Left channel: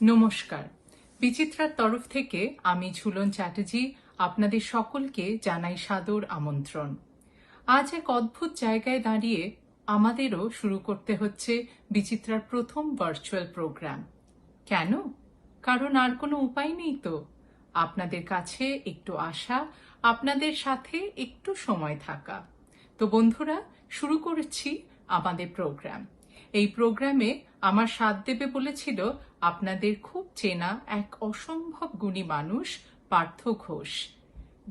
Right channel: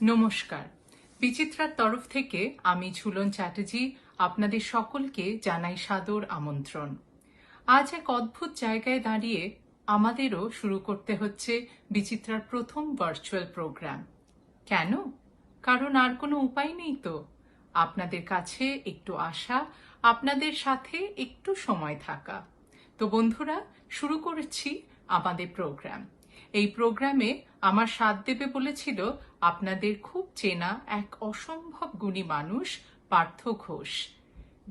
নমস্কার। বিচিত্রার তরফ থেকে আমি ঝুলন চ্যাটার্জি আপনাদের সকলকে জানাই সাদর আমন্ত্রণ। আজ এক অদ্ভুত জায়গায় দাঁড়িয়ে আমাদেরও শুরু করতে হচ্ছে বিচিত্রার প্রথম ভার্চুয়াল প্রোগ্রাম। কেন? কারণ আর কোনো উপায় নেই তো। আপনাদের কাছে একটু আসা, আপনাদের সাথে একটু সময় থাকা। তো বন্ধুরা, শুরু করেছি আমাদের প্রোগ্রাম। এই প্রোগ্রামে আমার সাথ দেবে বলেছিল আপনাদের খুব চেনা এক অসম্ভব গুণী মানুষ পার্থ ঘোষ।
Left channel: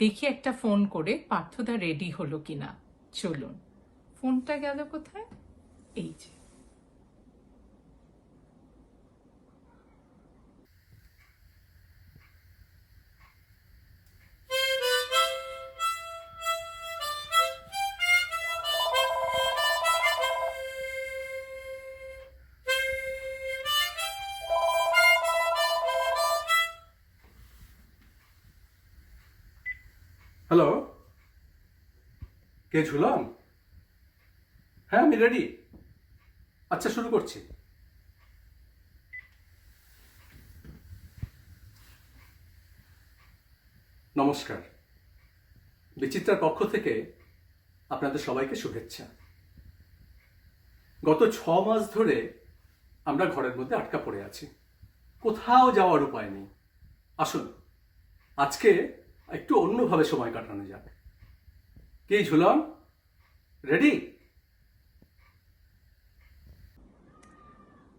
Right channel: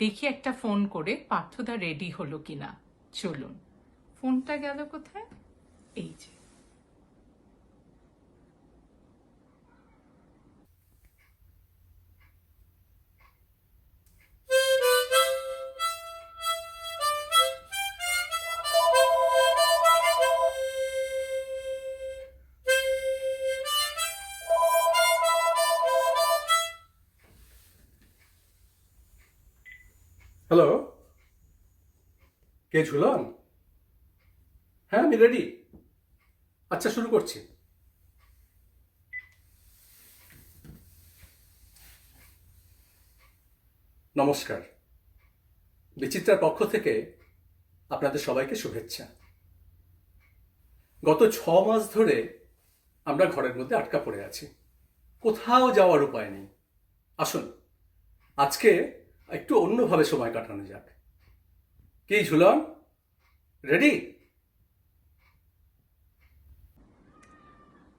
দেখি একটা ফোন করে পার্থদা রেডি হলো কিনা। চলুন। ফোনটা গেল কোথায়? এই যে। হ্যালো, কে ঝুলন? হ্যাঁ, আমি রেডি। আচ্ছা, শুরু করছি। নমস্কার। বিচিত্রার পক্ষ থেকে আপনাদের সবাইকে শুভেচ্ছা। গত 6 মাস ধরে আমরা ঘরের মধ্যে আটকা পড়ে আছি, কোথাও যাওয়ার উপায় নেই। আসুন, আজকে একটু অন্যভাবে সময় কাটানো যাবে। কি ঝুলন, রেডি?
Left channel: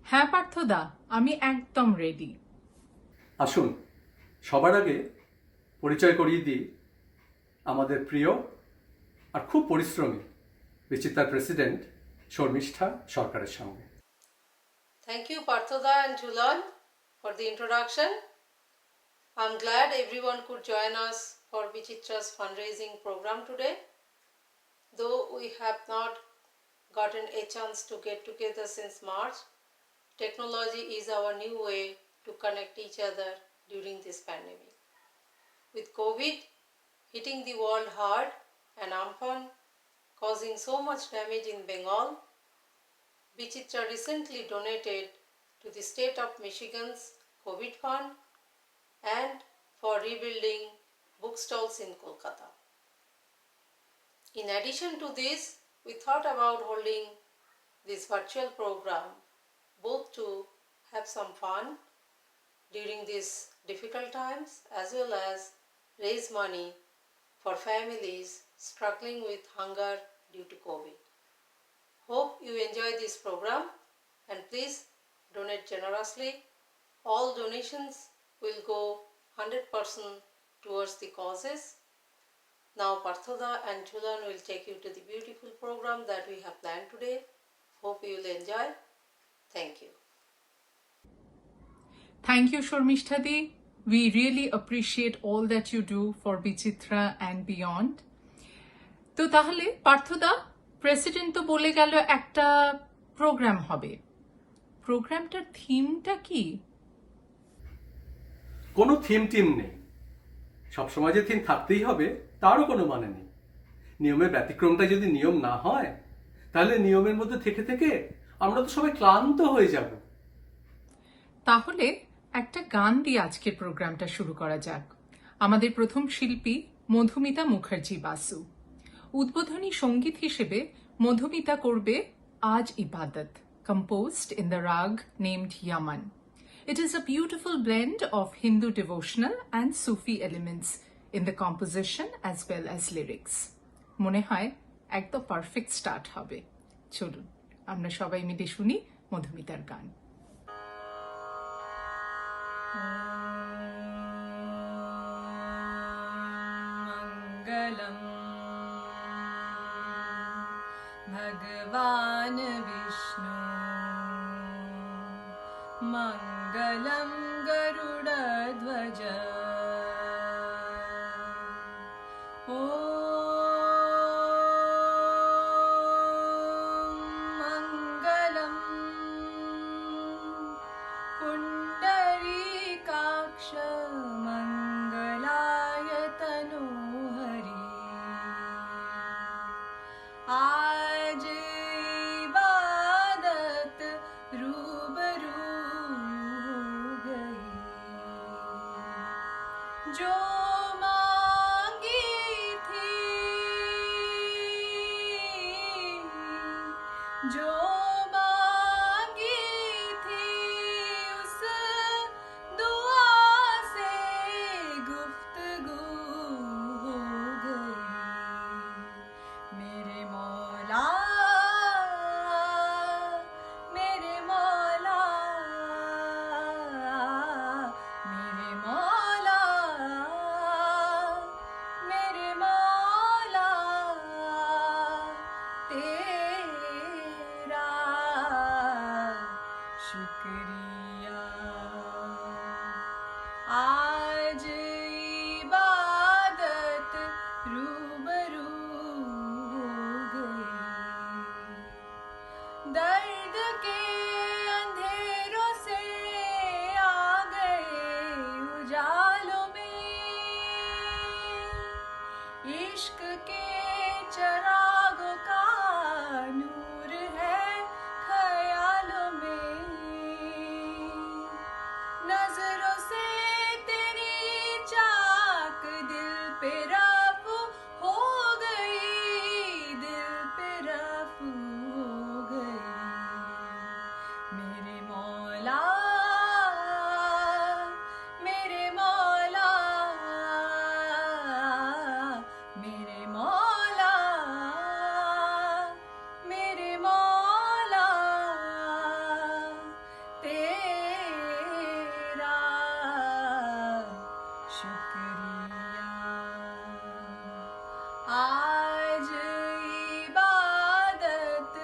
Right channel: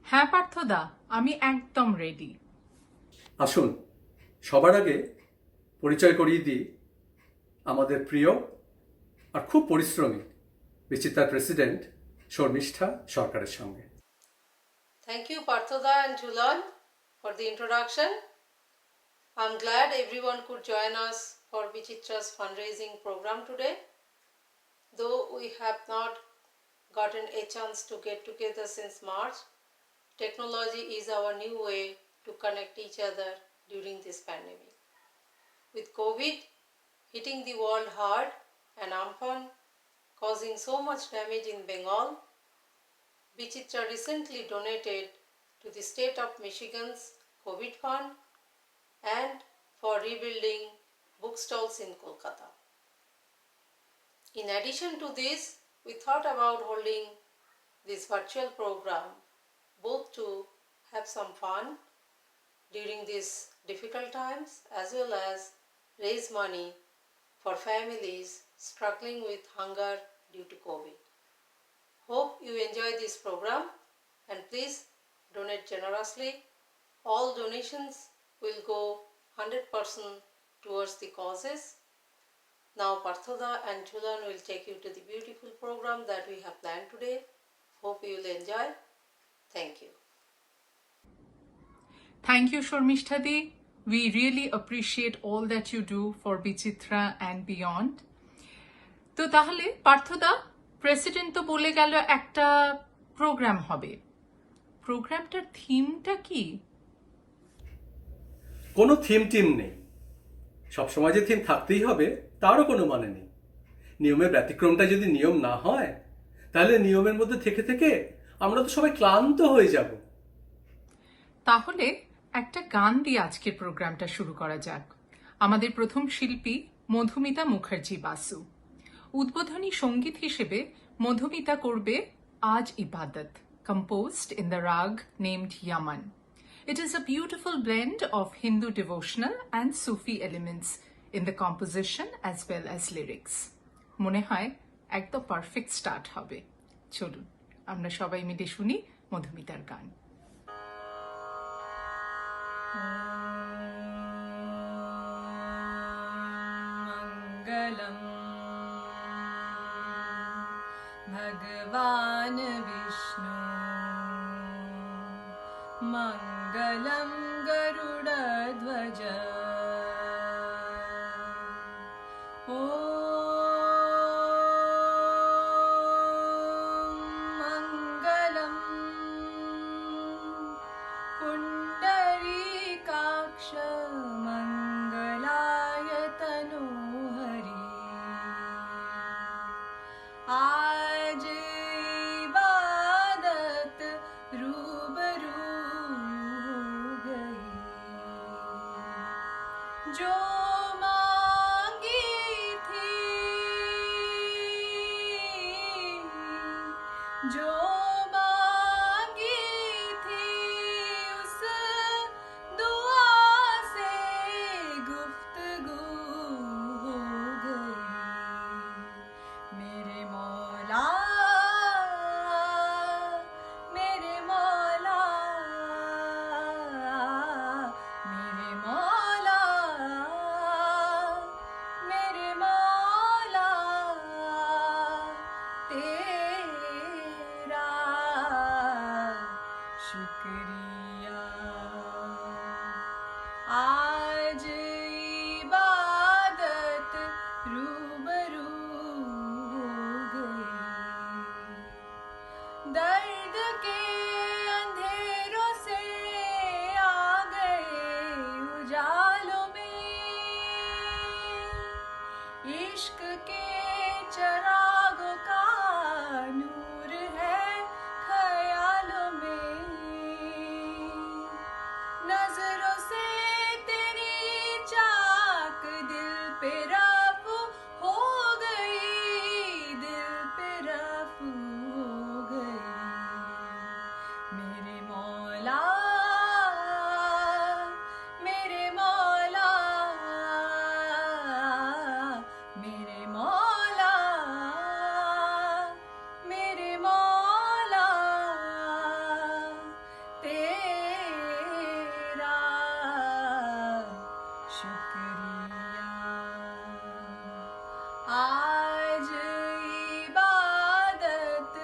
হ্যাঁ পার্থদা, আমি একদম রেডি। আসুন, সবার আগে পরিচয় করিয়ে দিই আমাদের প্রিয় আর খুব পরিশ্রমী বিচিত্রার প্রেসিডেন্ট শর্মিষ্ঠা সরকারের সঙ্গে। Thank you, Parthoda and Jhulan, for the introduction. I'm glad everyone could join us for Vichitra's fundraising program today. Though we have not gotten a chance to get together since March, technology is our new way to connect each other during this pandemic. With COVID hitting the world hard and Amphan causing so much damage in Bengal, Vichitra recently donated to the state of Michigan's COVID fund and for rebuilding bookstalls in Kolkata. In addition to this, we thought about holding this virtual program both to have some fun during these difficult times as well as raise money for families struggling with hunger due to COVID. Hope you enjoy this program and please donate generously. All donations will go 100% towards the causes. Now Parthoda and Jhulan will take you to the beautiful program that we have planned today. Hope you will enjoy. Thank you. Thank you, Shormishta Di. We really appreciate all that you do for Bichitra and beyond. তো তাহলে পার্থদা, president তো বলে গেল একটা programme হবে। প্রোগ্রামটার থিমটা কি? কোনো থিম নেই। সবসময় যে থিম থাকতেই হবে তারও কোনো মানে নেই। নিয়মের ব্যতিক্রমটা যদি নিয়ম না হয়, তাহলে নিয়মের মধ্যে থেকে থেকে আমরা তো সবাই ক্লান্ত হয়ে যাব। তাহলে একটা গান দিয়ে আজকের প্রোগ্রামটা শুরু করা যাক। আমাদের প্রথম শিল্পী মধুমিতা মুখার্জি বাসু। উদ্বোধনী সঙ্গীত হিসেবে মধুমিতা করবে আজ ইবাদত, composed in the rag named Yaman. It is a beautiful blend of Hindu devotional and Sufi elements in the composition as well as lyrics. মনে হয় একদম পারফেক্ট স্টার্ট হবে। চলুন আমরা সবাই মিলে শুনি মধুমিতার গান। मङ्गलम् भगवान् विष्णु मङ्गलं गरुडध्वज ॐ मङ्गलं पुण्डरीकाक्ष मङ्गलाय तनोहरि आज इबादत रूबरू जो मांगी थी, जो मांगी थी, उस दुआ से गुफ्तगू हो गई। मेरे मौला, मेरे मौला, मेरे मौला, मेरे मौला, तेरा शुक्रिया। आज इबादत रूबरू हो गई। दर्द के अंधेरों से आ गए उजालों में, इश्क के चरागों का नूर है ख्यालों में। नजरों से तेरी चाक दिल पे रफ़्त हो गई, दिल पे रफ़्त हो गई। मेरे मौला, मेरे मौला, मेरे मौला, मेरे मौला, तेरा शुक्रिया। आज इबादत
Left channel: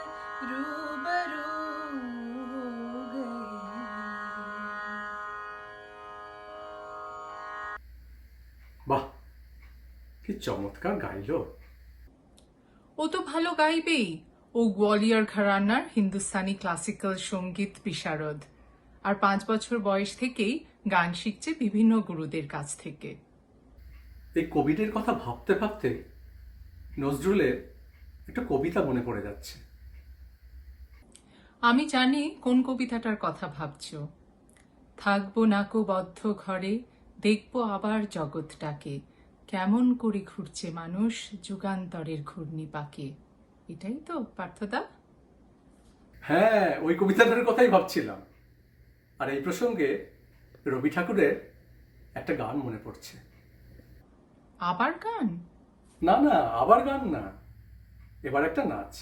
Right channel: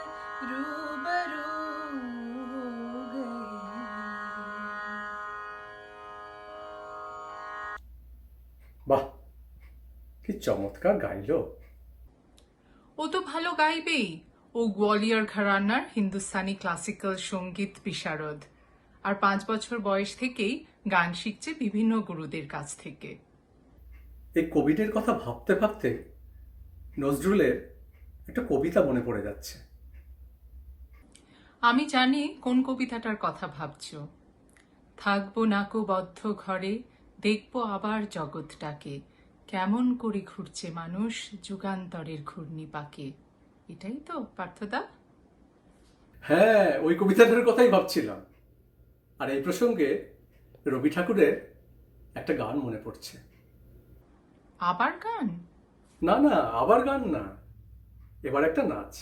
रूबरू हो गई। বাহ, কি চমৎকার গাইলো। ও তো ভালো গাইবেই। ও গোয়ালিয়র ঘরানার হিন্দুস্তানি ক্লাসিক্যাল সঙ্গীত বিশারদ, আর 5 বছর বয়স থেকেই গান শিখছে বিভিন্ন গুরুদের কাছ থেকে। এই কোভিডের কথা ভাবতে ভাবতে নজরুলের একটা কবিতা মনে পড়ে যাচ্ছে। আমি জানি কোন কবিতাটার কথা ভাবছো। থাকবো নাকো বদ্ধ ঘরে, দেখবো আবার জগৎটাকে, কেমন করে ঘুরছে মানুষ যুগান্তরের ঘূর্ণি পাকে। এটাই তো পার্থদা? হ্যাঁ, ওই কবিতাটার কথাই ভাবছিলাম। আর এই প্রসঙ্গে রবি ঠাকুরের একটা গান মনে পড়ছে। আবার গান? না না, আবার গান না, এবার একটা নাচ।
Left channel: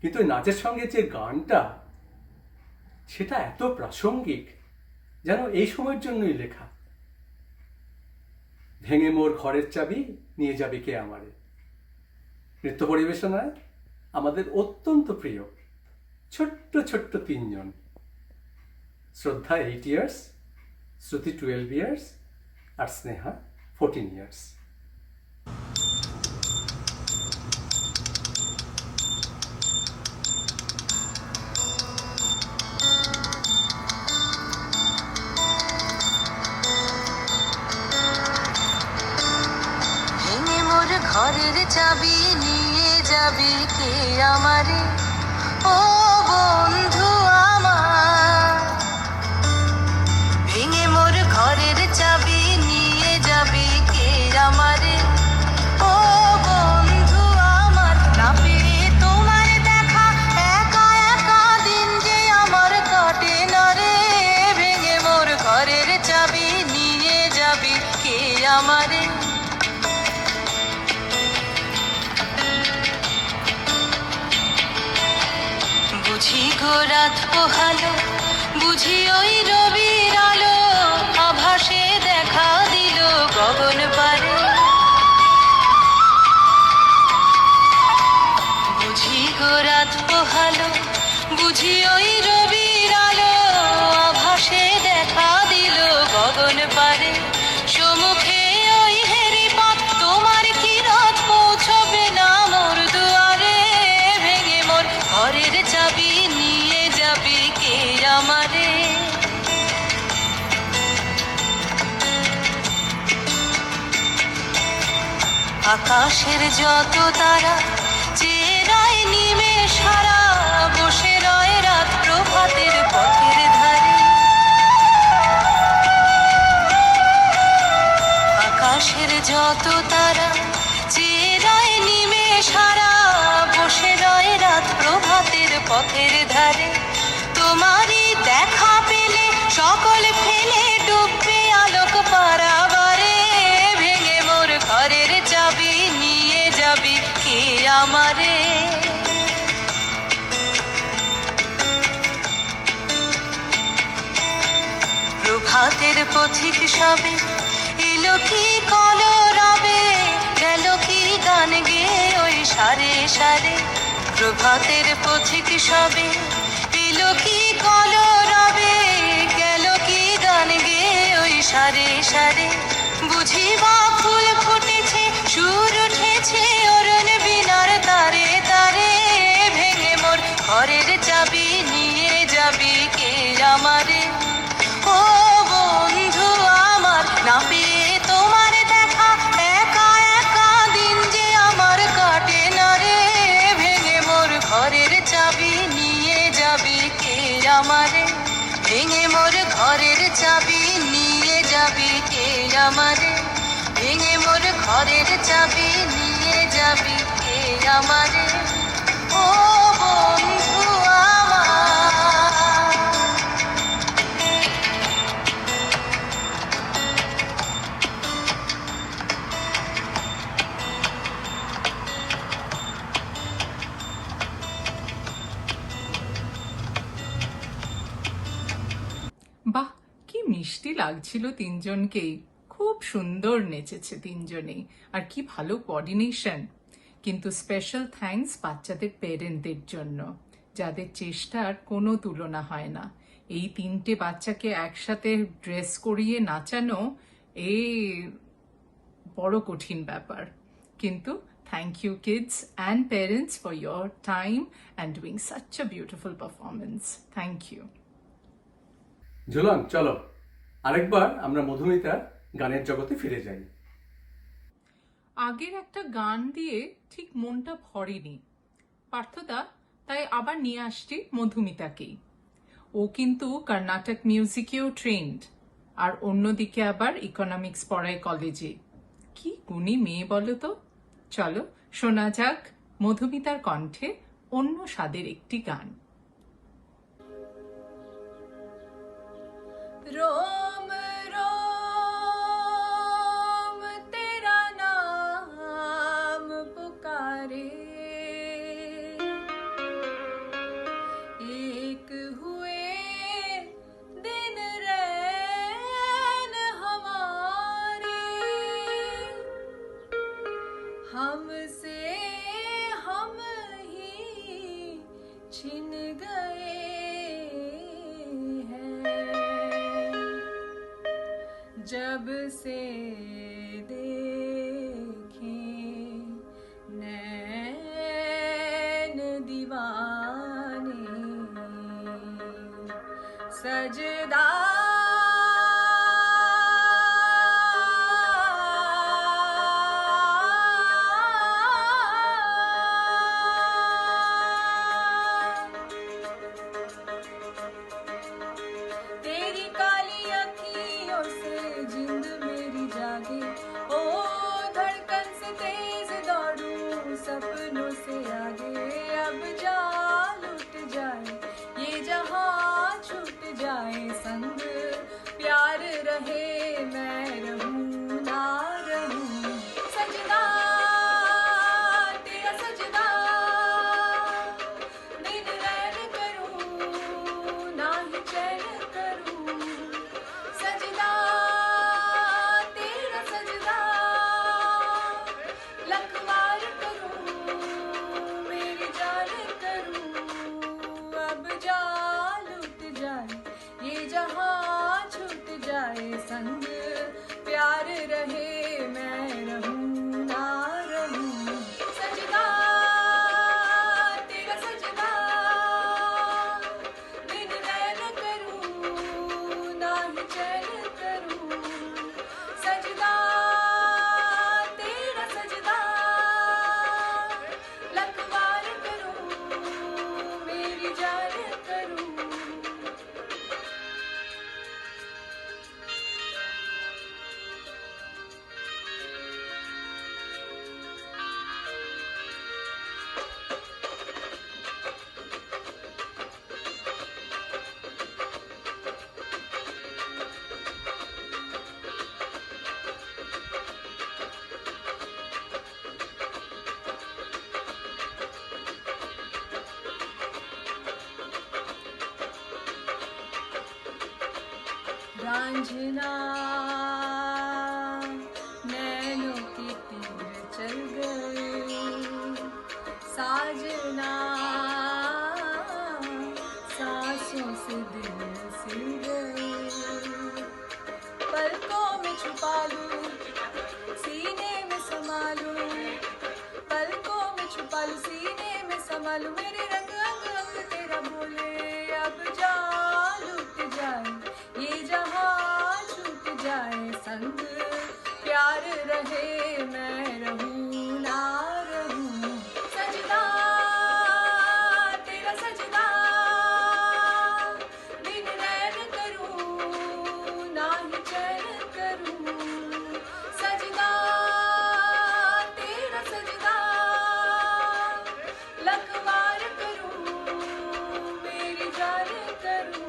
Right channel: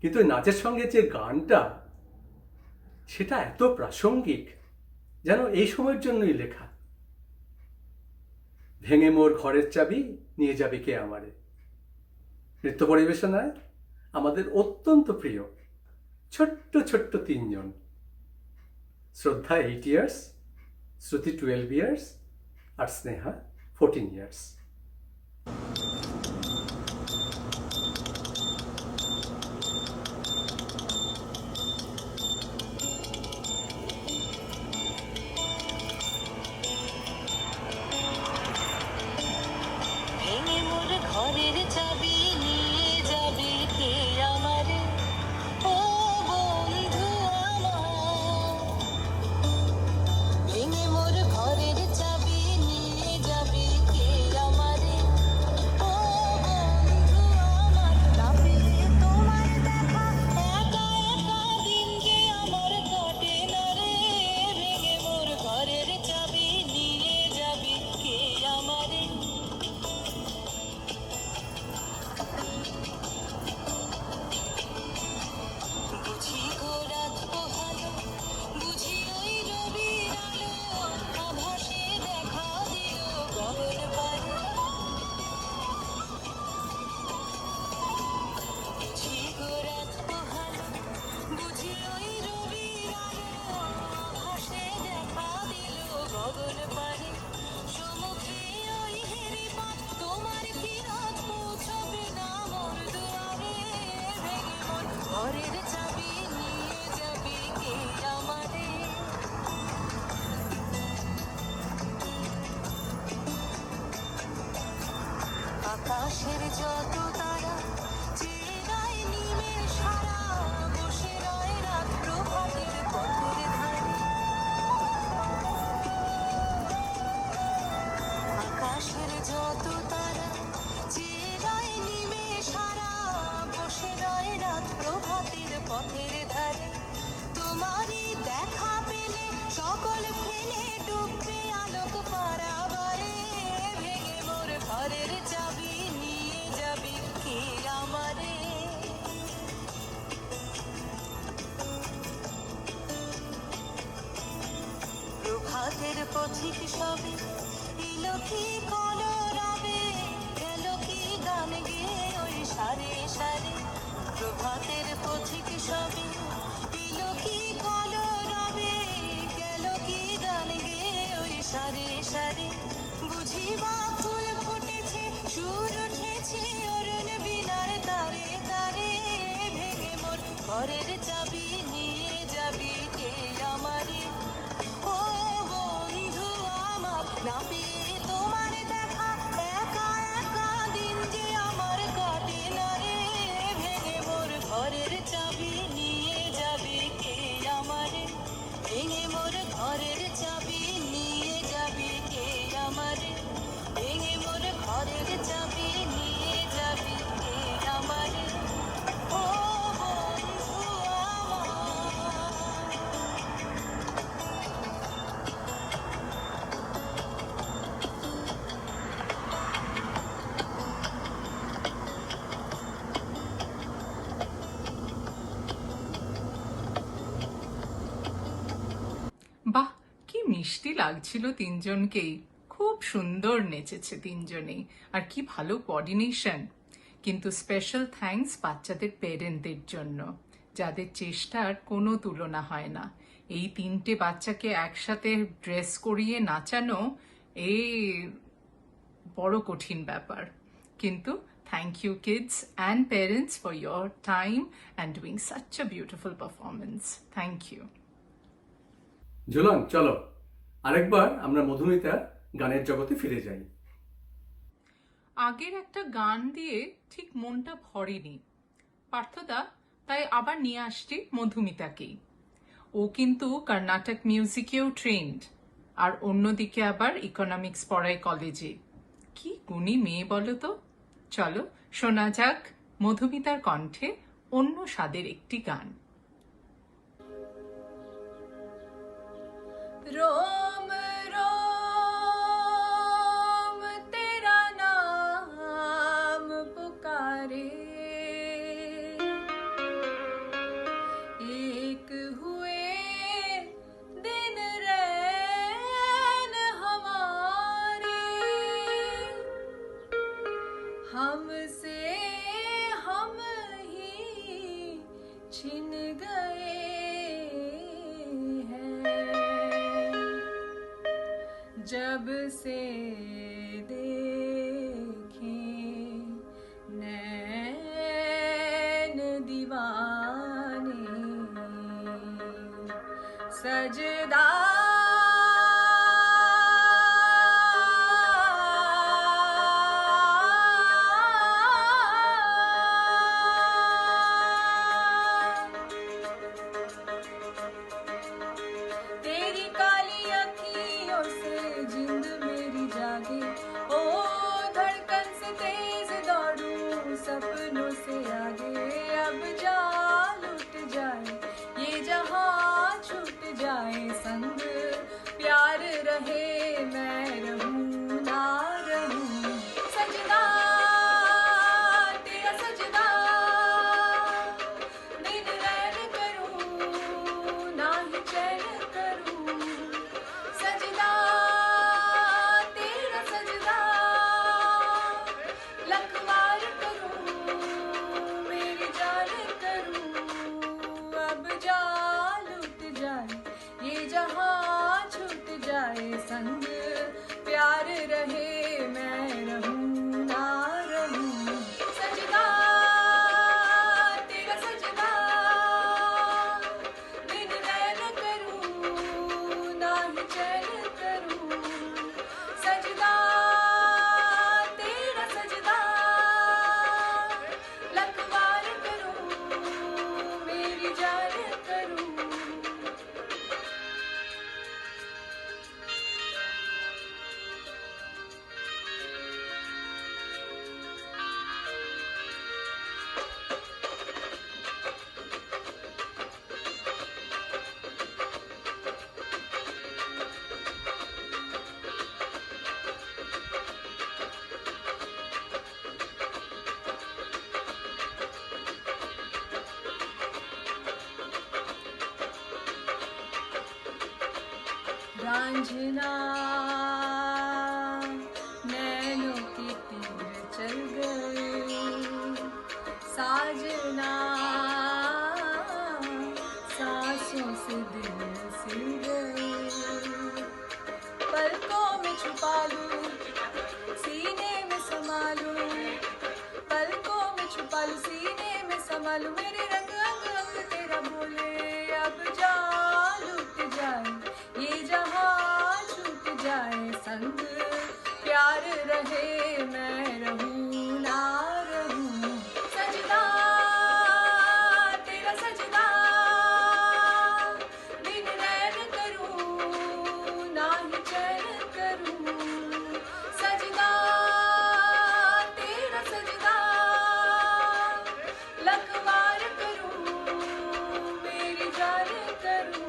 কিন্তু ওই নাচের সঙ্গে যে গানটা, সেটা এত প্রাসঙ্গিক, যেন এই সময়ের জন্যই লেখা। ভেঙে মোর ঘরের চাবি নিয়ে যাবে কে আমারে। নৃত্য পরিবেশনায় আমাদের অত্যন্ত প্রিয় ছোট্ট ছোট্ট 3 জন, শ্রদ্ধা 8 ইয়ার্স, শ্রুতি 12 ইয়ার্স, আর স্নেহা 14 ইয়ার্স। ভেঙে মোর ঘরের চাবি নিয়ে যাবি কে আমারে, ও বন্ধু আমার। ভেঙে মোর ঘরের চাবি নিয়ে যাবি কে আমারে, ও বন্ধু আমার। না পেয়ে তোমার দেখা একা একা দিন যে আমার কাটে না রে। ভেঙে মোর ঘরের চাবি নিয়ে যাবি কে আমারে। বুঝি গো রাত পোহালো, বুঝি ওই রবির আলো, আভাসে দেখা দিল গগন পারে। বুঝি গো রাত পোহালো, বুঝি ওই রবির আলো, আভাসে দেখা দিল গগন পারে। সম্মুখে ওই হেরি পথ, তোমার কি রাত পৌঁছবে না মোর দুয়ারে। ভেঙে মোর ঘরের চাবি নিয়ে যাবি কে আমারে। আকাশের যত তারা চেয়ে রয় নিমেষ হারা, বসে রয় রাত প্রভাতের পথের ধারে। কত তারা চেয়ে রয় নিমেষ হারা, বসে রয় রাত প্রভাতের পথের ধারে। তোমারই দেখা পেলে সকল ফেলে ডুববে আলোক পারাবারে। ভেঙে মোর ঘরের চাবি নিয়ে যাবি কে আমারে? প্রভাতের পথিক সবে এলো কি কলরবে, গেল কি গান গেয়ে ওই সারে সারে। প্রভাতের পথিক সবে এলো কি কলরবে, গেল কি গান গেয়ে ওই সারে সারে। বুঝি বা ফুল ফুটেছে, সুর উঠেছে অরুণ বিনার তারে তারে। ভেঙে মোর ঘরের চাবি নিয়ে যাবি কে আমারে? ও বন্ধু আমার, না পেয়ে তোমার দেখা, একা একা দিন যে আমার কাটে না রে। ভেঙে মোর ঘরের চাবি নিয়ে যাবি কে আমারে? ভেঙে মোর ঘরের চাবি নিয়ে যাবি কে আমারে? ভেঙে মোর ঘরের চাবি নিয়ে যাবি কে আমারে? ও বন্ধু আমার। বাহ, কি মিষ্টি লাগছিল তিনজনকেই। খুব সুন্দর নেচেছে তিনজনেই, আর কি ভালো কোঅর্ডিনেশন। কিন্তু স্পেশাল থ্যাঙ্কস বাচ্চাদের পেরেন্টদের জন্য, যাদের চেষ্টার কোনো তুলনা হয় না। এই তিনটে বাচ্চাকে একসাথে ড্রেস করিয়ে নাচানো এই বড় কঠিন ব্যাপার। কিন্তু thank you kids and parents for your time and doing such a beautiful performance. Thank you. Jhulan, চলো আরেকবার আমরা মধুমিতা গানের জগতে ফিরে যাই। আগের একটা গান দিয়ে ঠিক মনটা ভরেনি পার্থদা, তাই আবার নিয়ে আসছি মধুমিতাকেই। ও কিন্তু কর্ণাটক মিউজিকেও ট্রেন্ড, আর অন্যদিকে আবার ইকোনমিক্স পড়ায় কলেজে। কি গুণী মেয়ে বলো তো। চলো শোনা যাক মধুমিতার কণ্ঠে অন্য স্বাদের একটি গান। रोम रोम तेरा नाम पुकारे, एक हुए दिन रैन हमारे, हमसे हम ही छिन गए जब से देखे नैन दीवाने, सजदा तेरी काली अखियों से जिंद मेरी जागे, ओ धड़कन से तेज दौड़ूं सपनों से आगे। अब जान लुट जाए ये जहां, छूट जाए संग प्यार रहे, मैं रहूं ना रहूं। सजदा तेरा सजदा, दिन रैन करूं ना ही चैन करूं। सजदा तेरा सजदा, लख बार करूं मेरी जान करूं। अब जान लुट जाए ये जहां, छूट जाए संग रांझना नैनों के तीर चल गए, साजना सांसों से दिल सिल गए। पलकों में छुपा लूं, सीने में समा लूं, पलकों में छुपा लूं, सीने में समा लूं। मेरे रंग अंग अंग तेरा बोले, अब जा लुट जाए ये जहां, छूट जाए संग प्यार रहे, मैं रहूं ना रहूं। सजदा तेरा सजदा, दिन रैन करूं ना ही चैन करूं। सजदा तेरा सजदा, लखवार करूं मेरी जान करूं।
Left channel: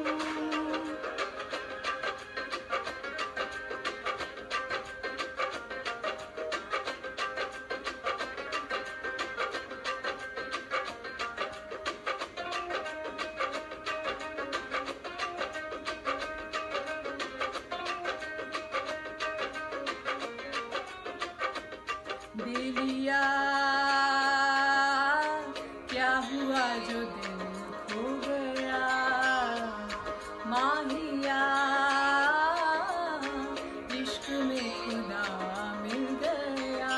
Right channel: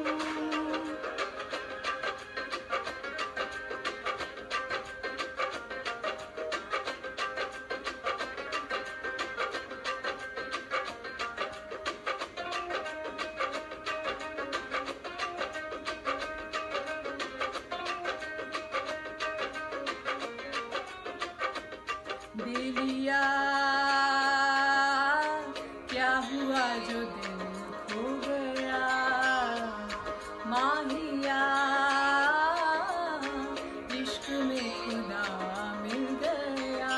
बेलिया क्या हुआ जो दिल खो गया, माहिया इश्क में खुदा मिल गया।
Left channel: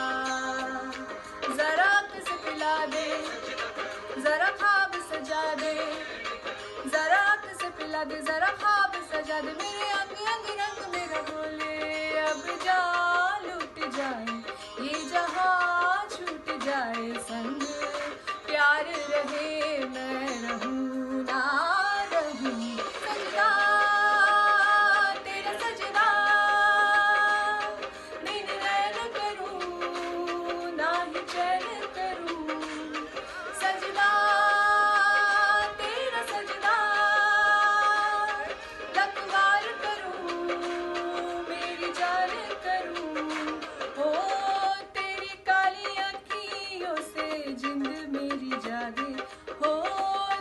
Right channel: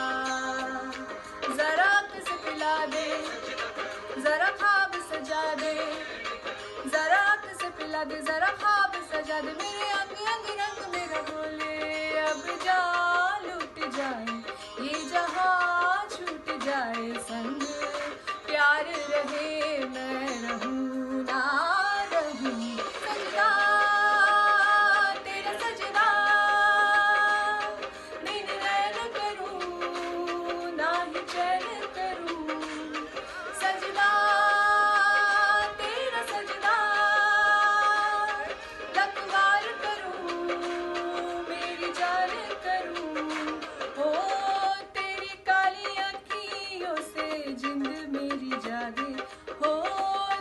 जरा किस पिला दे, जरा ख्वाब सजा दे, जरा किस पिला दे, जरा ख्वाब सजा दे। मेरे अंग अंग रंग मेरा बोले, अब जा लुट जाए ये जहां, छूट जाए संग प्यार रहे, मैं रहूं ना रहूं। सजदा तेरा सजदा, दिन रैन करूं ना ही चैन करूं। सजदा तेरा सजदा, लखवार करूं मेरी जान करूं। ओ तेरी काली आँखियों से जिंद मेरी जागे, हो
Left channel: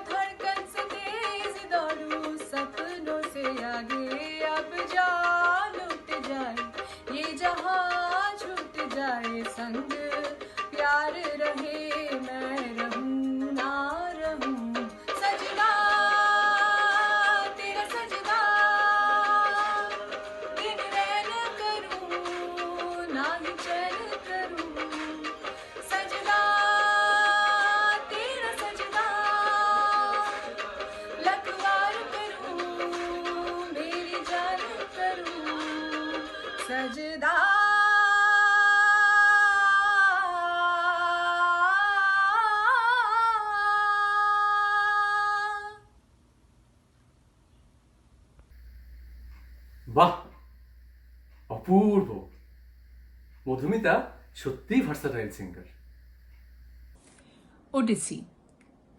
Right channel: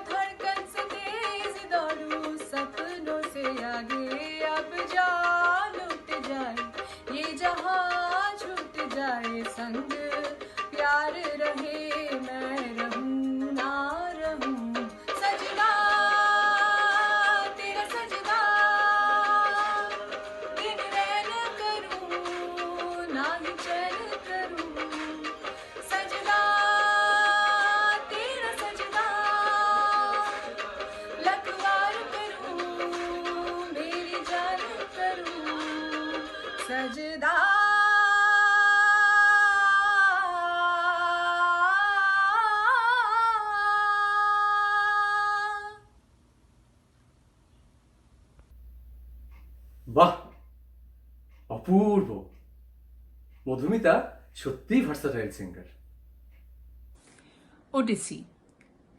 धड़कन से तेज दौड़ूं सपनों से आगे। अब जा लुट जाए ये जहां, छूट जाए संग प्यार रहे, मैं रहूं ना रहूं। सजदा तेरा सजदा, दिन रैन करूं ना ही चैन करूं। सजदा तेरा सजदा, लखवार करूं मेरी जान करूं। सजदा বাহ, অপূর্ব। মধুমিতা সত্যিই versatile singer. Odissi.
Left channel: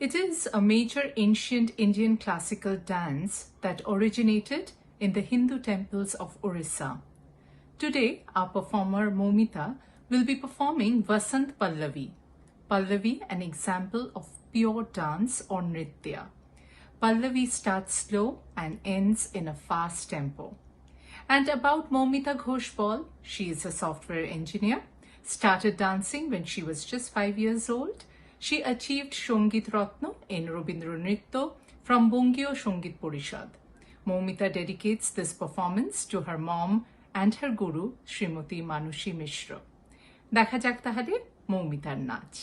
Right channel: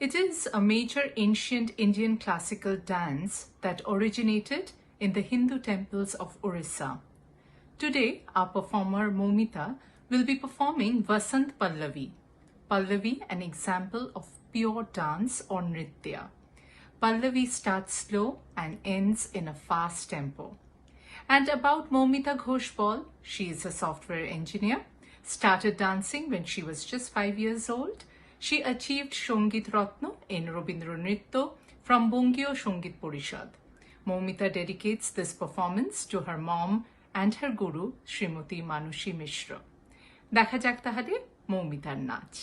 It is a major ancient Indian classical dance that originated in the Hindu temples of Orissa. Today, our performer Momita will be performing Vasant Pallavi. Pallavi, an example of pure dance or nritya. Pallavi starts slow and ends in a fast tempo. And about Momita Ghoshbal, she is a software engineer, started dancing when she was just 5 years old. She achieved Shongit Ratna in Robindra Nritya from Bongio Shongit Porishad. Momita dedicates this performance to her mom and her guru, Srimati Manushi Mishra. দেখা যাক তাহলে মৌমিতার নাচ।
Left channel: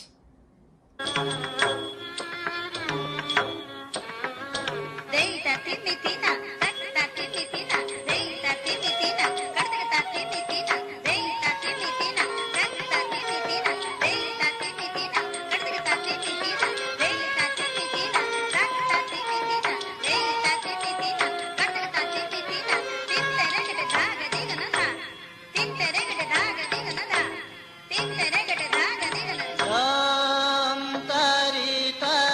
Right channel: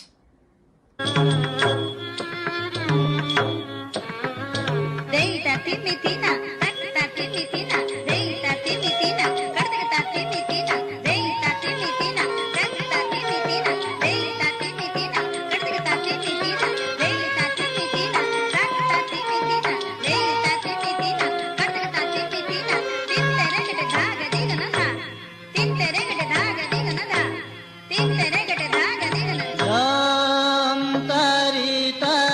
Om Tari Tari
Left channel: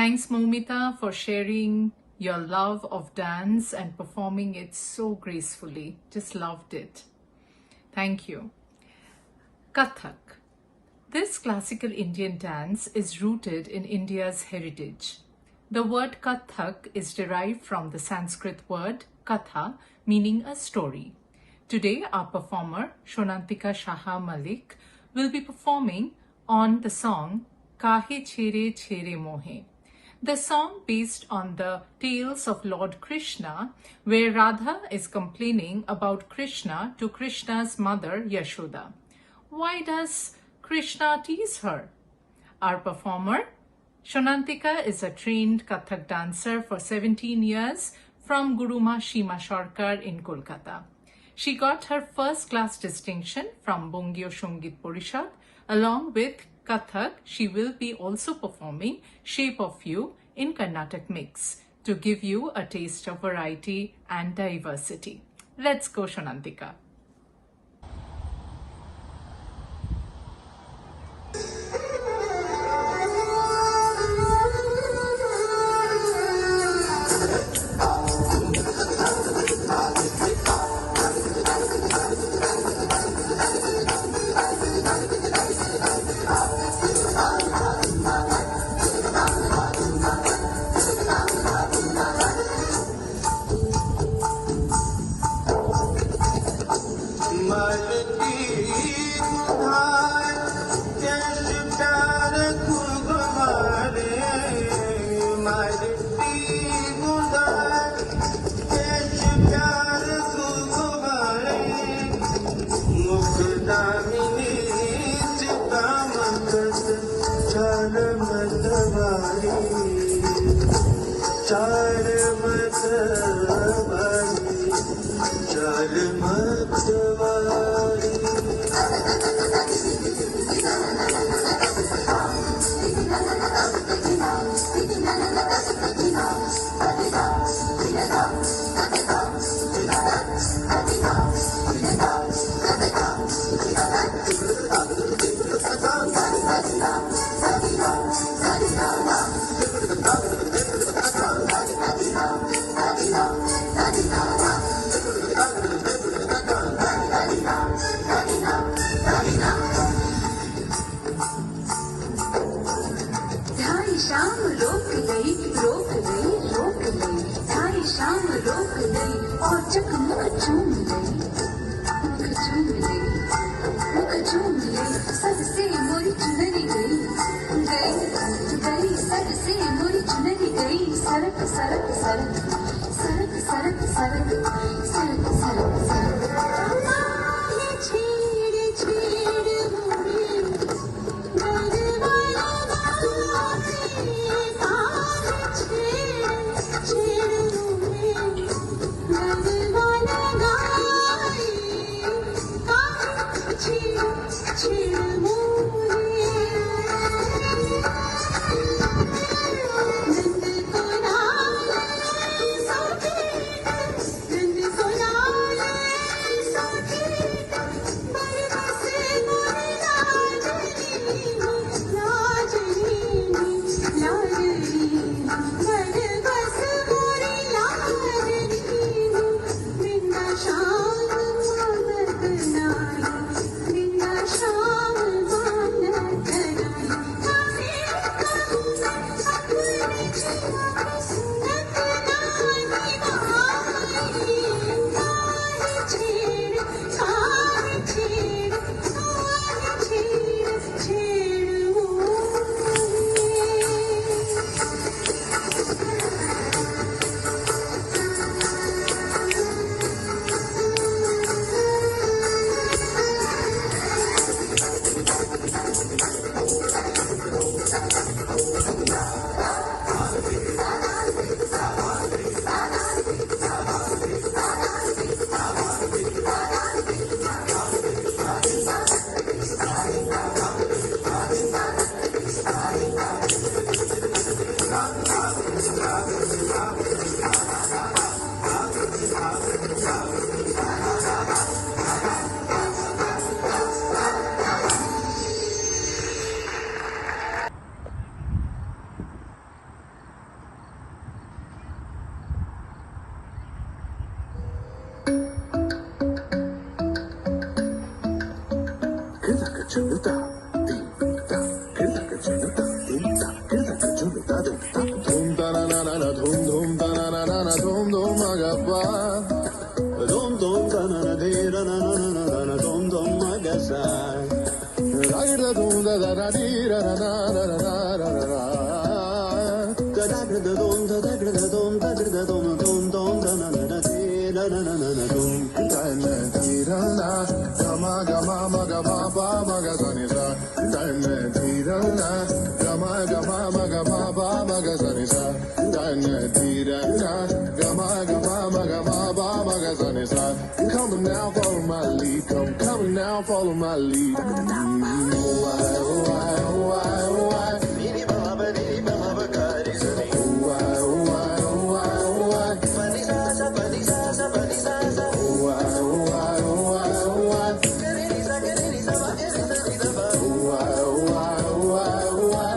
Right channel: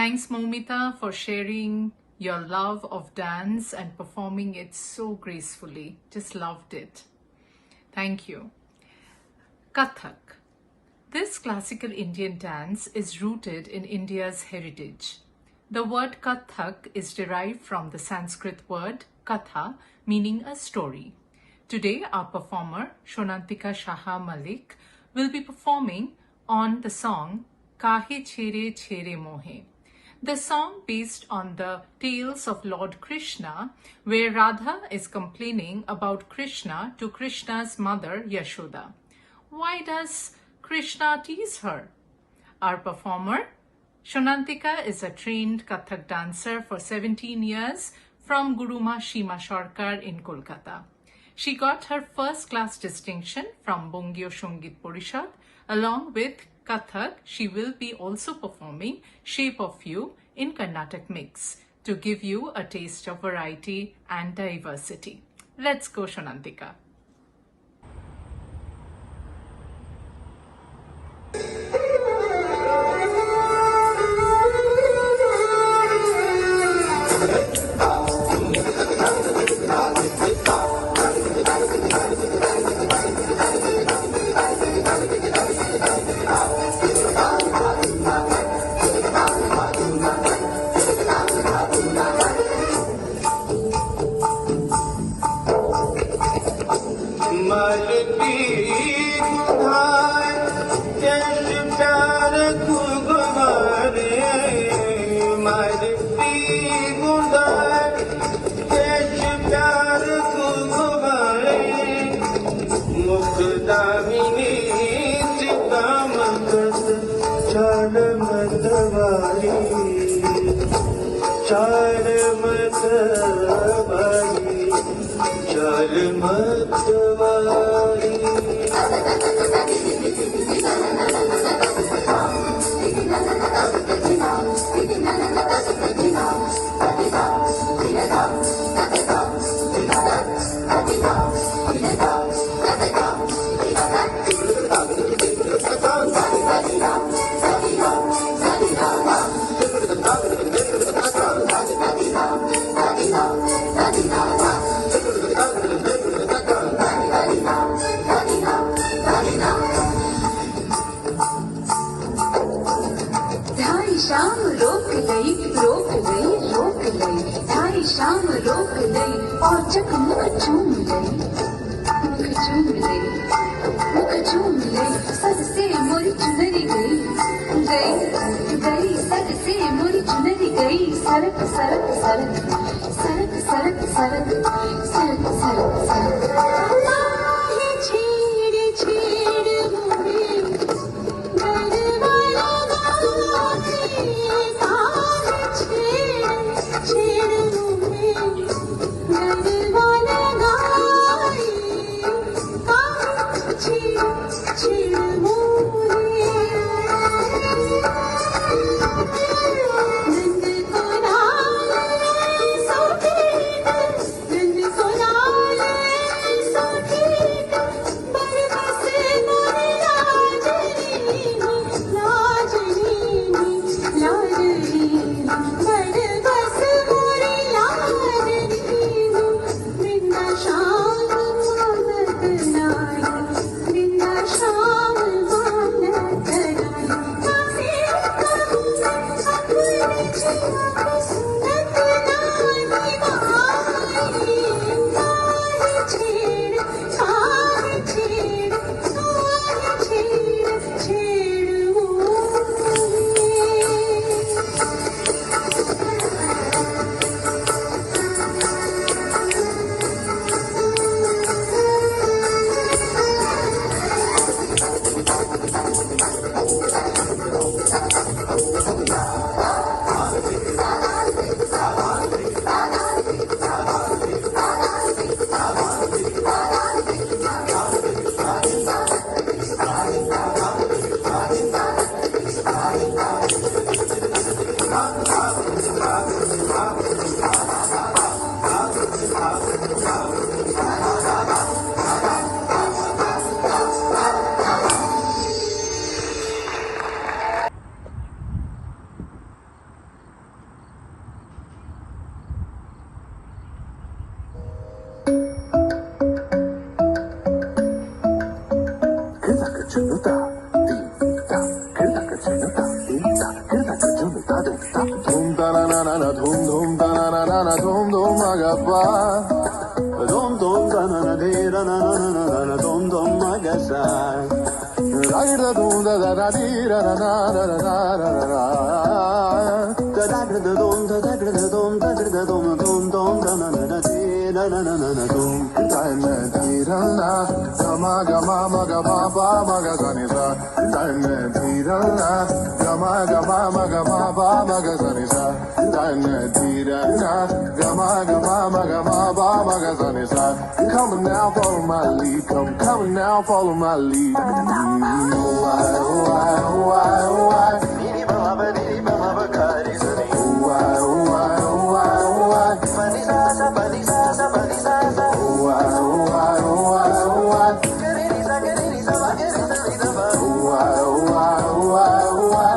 Thanks, Momita, for sharing your love of dance and performing it so gracefully. Just loved it. Thank you. Kathak. This classical Indian dance is rooted in India's heritage. The word Kathak is derived from the Sanskrit word Katha, meaning a story. Today, our performer, Shonantika Shaha Malik, will be performing on the song Kahe Chere Chere Mohe. The song based on the tales of Lord Krishna, where Radha is complaining about Krishna to Krishna's mother Yashoda. Why does Krishna tease her? Our performer, Shonantika, is a trained Kathak dancer for 17 years from Guruma Shima Sarkar in Kolkata. She got her first class distinction from Bongio Shongit Porishad. Along with Kathak, she will be also performing Shape of You in Carnatic mix to give you a taste of variety and diversity. Let's go, Shonantika. na na na dum dum magapa. Dum dum da na na de na na na na na na dum dum magasa. Da da dum da da da di da na na na na na na na. Da da da dum da da da dum da da dum dum dum da na na na di na na na na na dum. Da na di da na ma ga ma ba ma ga sa ni sa. Da na di da na ma ga ma ba ma ga sa ni sa. Da na di da na ma ba ma ga sa ni sa. Come now, follow my lead. Come now, follow my lead. Oh I, oh I, oh I, oh I. Ni ba ma ba ni ba ma ba ka ni sa ni. Oh I, oh I, oh I, oh I. Pa ni sa sa pa ni sa sa pa ni sa sa. Oh I, oh I, oh I, oh I. Ke ni sa ba ke ni sa ba. Oh I, oh I, oh I, oh I.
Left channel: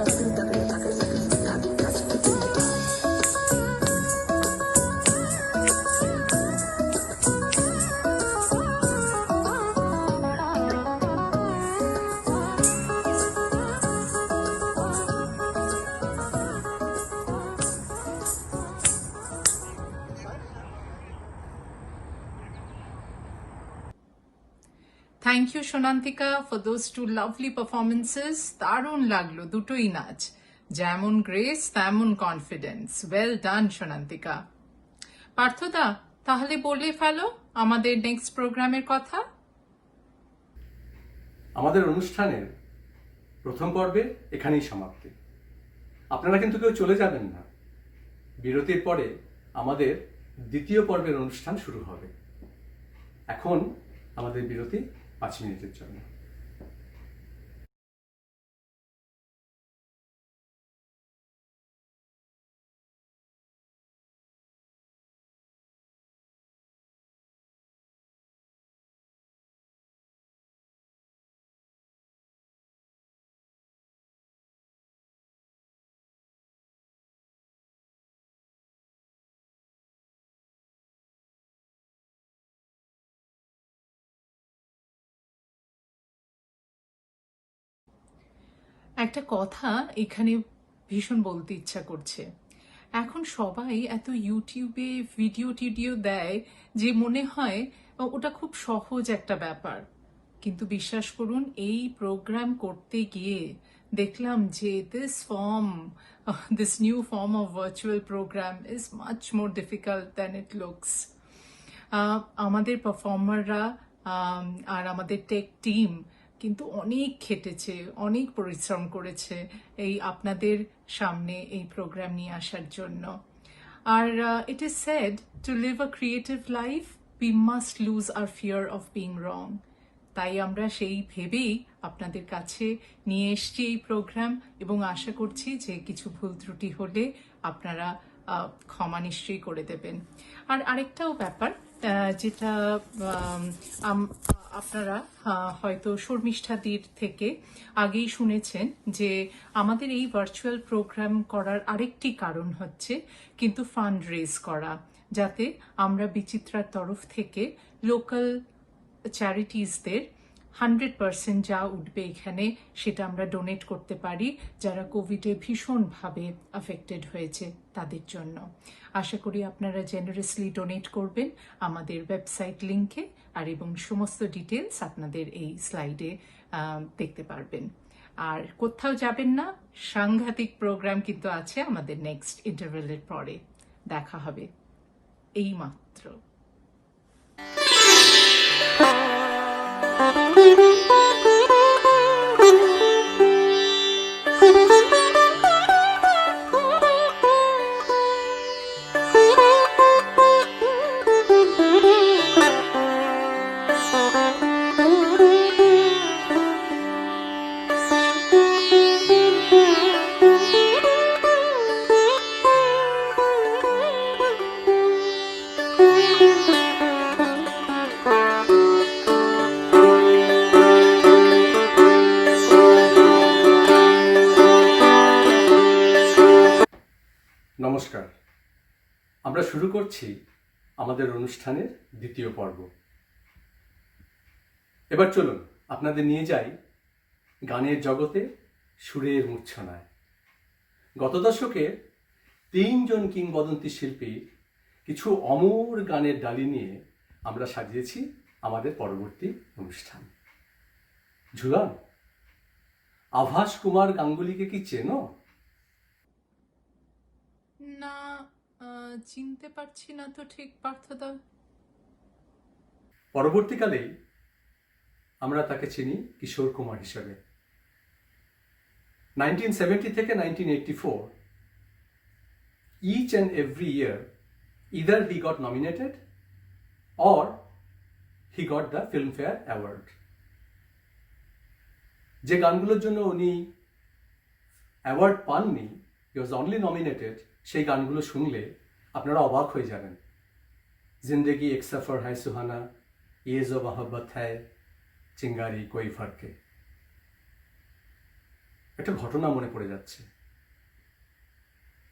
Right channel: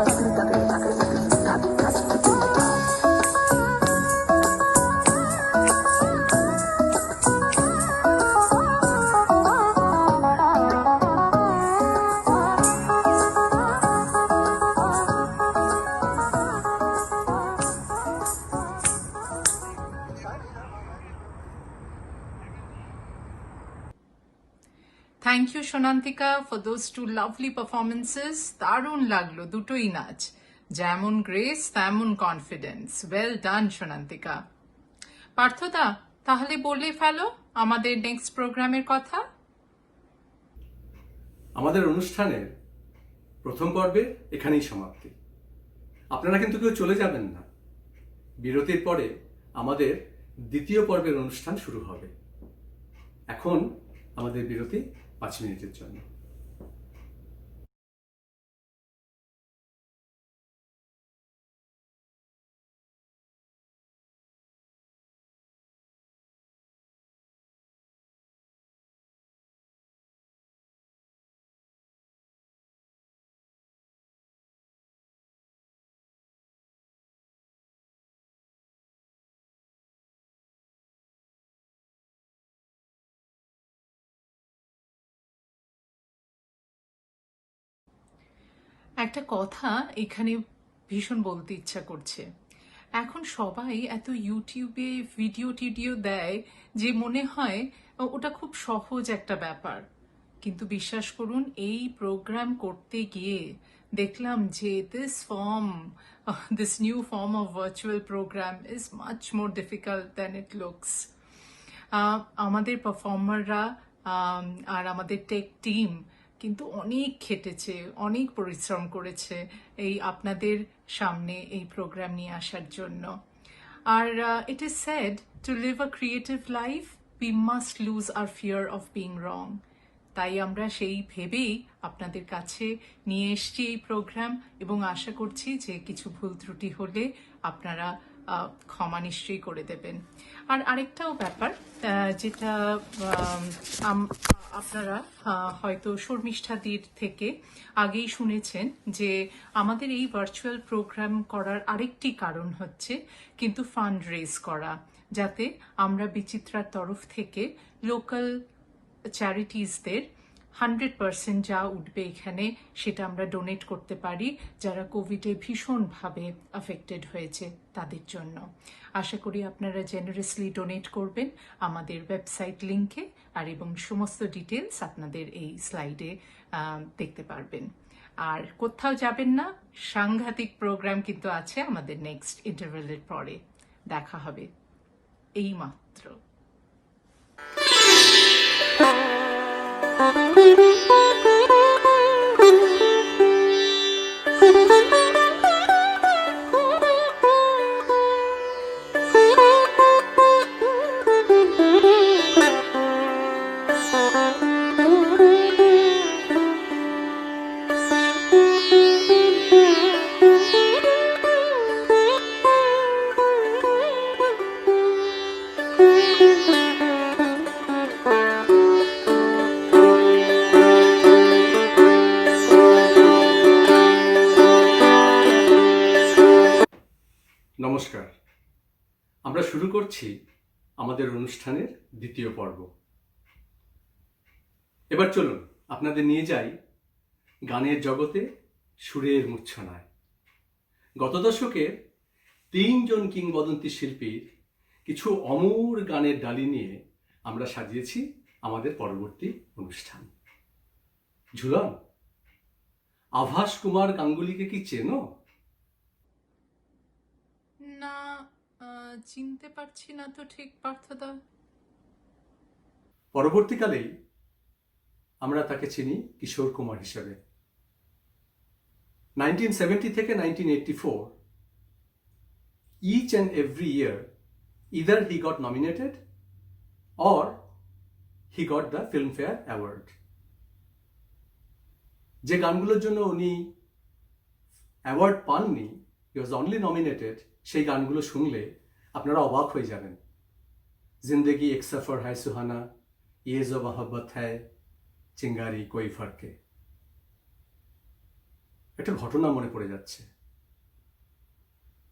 Thank you Sonantika for those two lovely performances. দারুণ লাগলো দুটোই নাচ, যেমন grace তেমন confidence. Well done সোনান্তিকা। পার্থদা, তাহলে বলে ফেলো আমাদের next প্রোগ্রামের কথা। আমাদের অনুষ্ঠানের প্রথম পর্বের এখানেই সমাপ্তি। আপনারা কিন্তু কেউ চলে যাবেন না। বিরতির পরে আমাদের দ্বিতীয় পর্বের অনুষ্ঠান শুরু হবে। এখন আমাদের বিরতি 5 মিনিটের জন্য। একটা কথা এখানে ভীষণ বলতে ইচ্ছা করছে। এখন সবাই এত ইউটিউবে ভিডিও টিডিও দেয় যে মনে হয় ওটা খুব সহজ একটা ব্যাপার, কিন্তু বিশ্বাস করুন এই প্রোগ্রাম করতে গিয়ে দেখলাম যে this new form of virtual program is much more difficult than it looks. আমাদের পারফর্মাররা আর আমাদের টেক টিম কিন্তু অনেক খেটেছে, অনেক পরিশ্রম করেছে এই আপনাদের সামনে এই প্রোগ্রাম নিয়ে আসার জন্য। আর it is said to live a creative life we must lose our fear of being wrong. তাই আমরা সেই ভেবেই আপনাদের কাছে নিয়ে এসছি এই প্রোগ্রাম, এবং আশা করছি যে কিছু ভুল ত্রুটি হলে আপনারা ক্ষমা নিশ্চয়ই করে দেবেন। আর আরেকটাও ব্যাপার যেটা আপনারা হয়তো শর্মিষ্ঠাদির থেকে আগেই শুনেছেন, যে আমাদের এই ভার্চুয়াল প্রোগ্রাম করার আরেকটি কারণ হচ্ছে কিন্তু ফান্ড রেজ করা, যাতে আমরা বিচিত্রার তরফ থেকে লোকাল চ্যারিটিসদের 100% যা উঠবে এখানে সেটা আমরা ডোনেট করতে পারি, যারা কোভিডে ভীষণভাবে অ্যাফেক্টেড হয়েছে তাদের জন্য। আশা করি আপনারা জেনারেসলি ডোনেট করবেন আমাদের ওয়েবসাইট লিংকে, আর এবং সমস্ত ডিটেলস আপনাদের এই স্লাইডে দেখতে পারবেন। আর কোথাও যাবেন না, সাংঘাতিক প্রোগ্রাম কিন্তু আছে আমাদের নেক্সট ইন্টারভেলের পরে। দেখা হবে এই মাত্র। নমস্কার, আমরা শুরু করছি আমাদের অনুষ্ঠানের দ্বিতীয় পর্ব। এবার চলুন আপনাদের নিয়ে যাই গানের জগতে সুরের মূর্ছনায়। গত দশকের 3 জন কিংবদন্তি শিল্পীর কিছু অমর গানের ডালি নিয়ে আমরা সাজিয়েছি আমাদের পরবর্তী অনুষ্ঠান। ঝুলন, আভাস কুমার গাঙ্গুলিকে কি চেনো? না, চিনতে পারছি না তো ঠিক পার্থদা। পরবর্তীকালেই আমরা তাকে চিনি কিশোর কুমার হিসেবে। 1970 থেকে 1984, each and every year, either he got nominated or he got the Filmfare Award. যে গানগুলোর জন্য উনি অ্যাওয়ার্ড পাননি, he was only nominated, সেই গানগুলো শুনলে আপনারা অবাক হয়ে যাবেন। জিন্দেগি এক সফর হ্যায় সুহানা, ইয়ে জো মোহব্বত হ্যায়, চিঙ্গারি কোই ফারকে। একটা ঘটনা মনে পড়ে যাচ্ছে।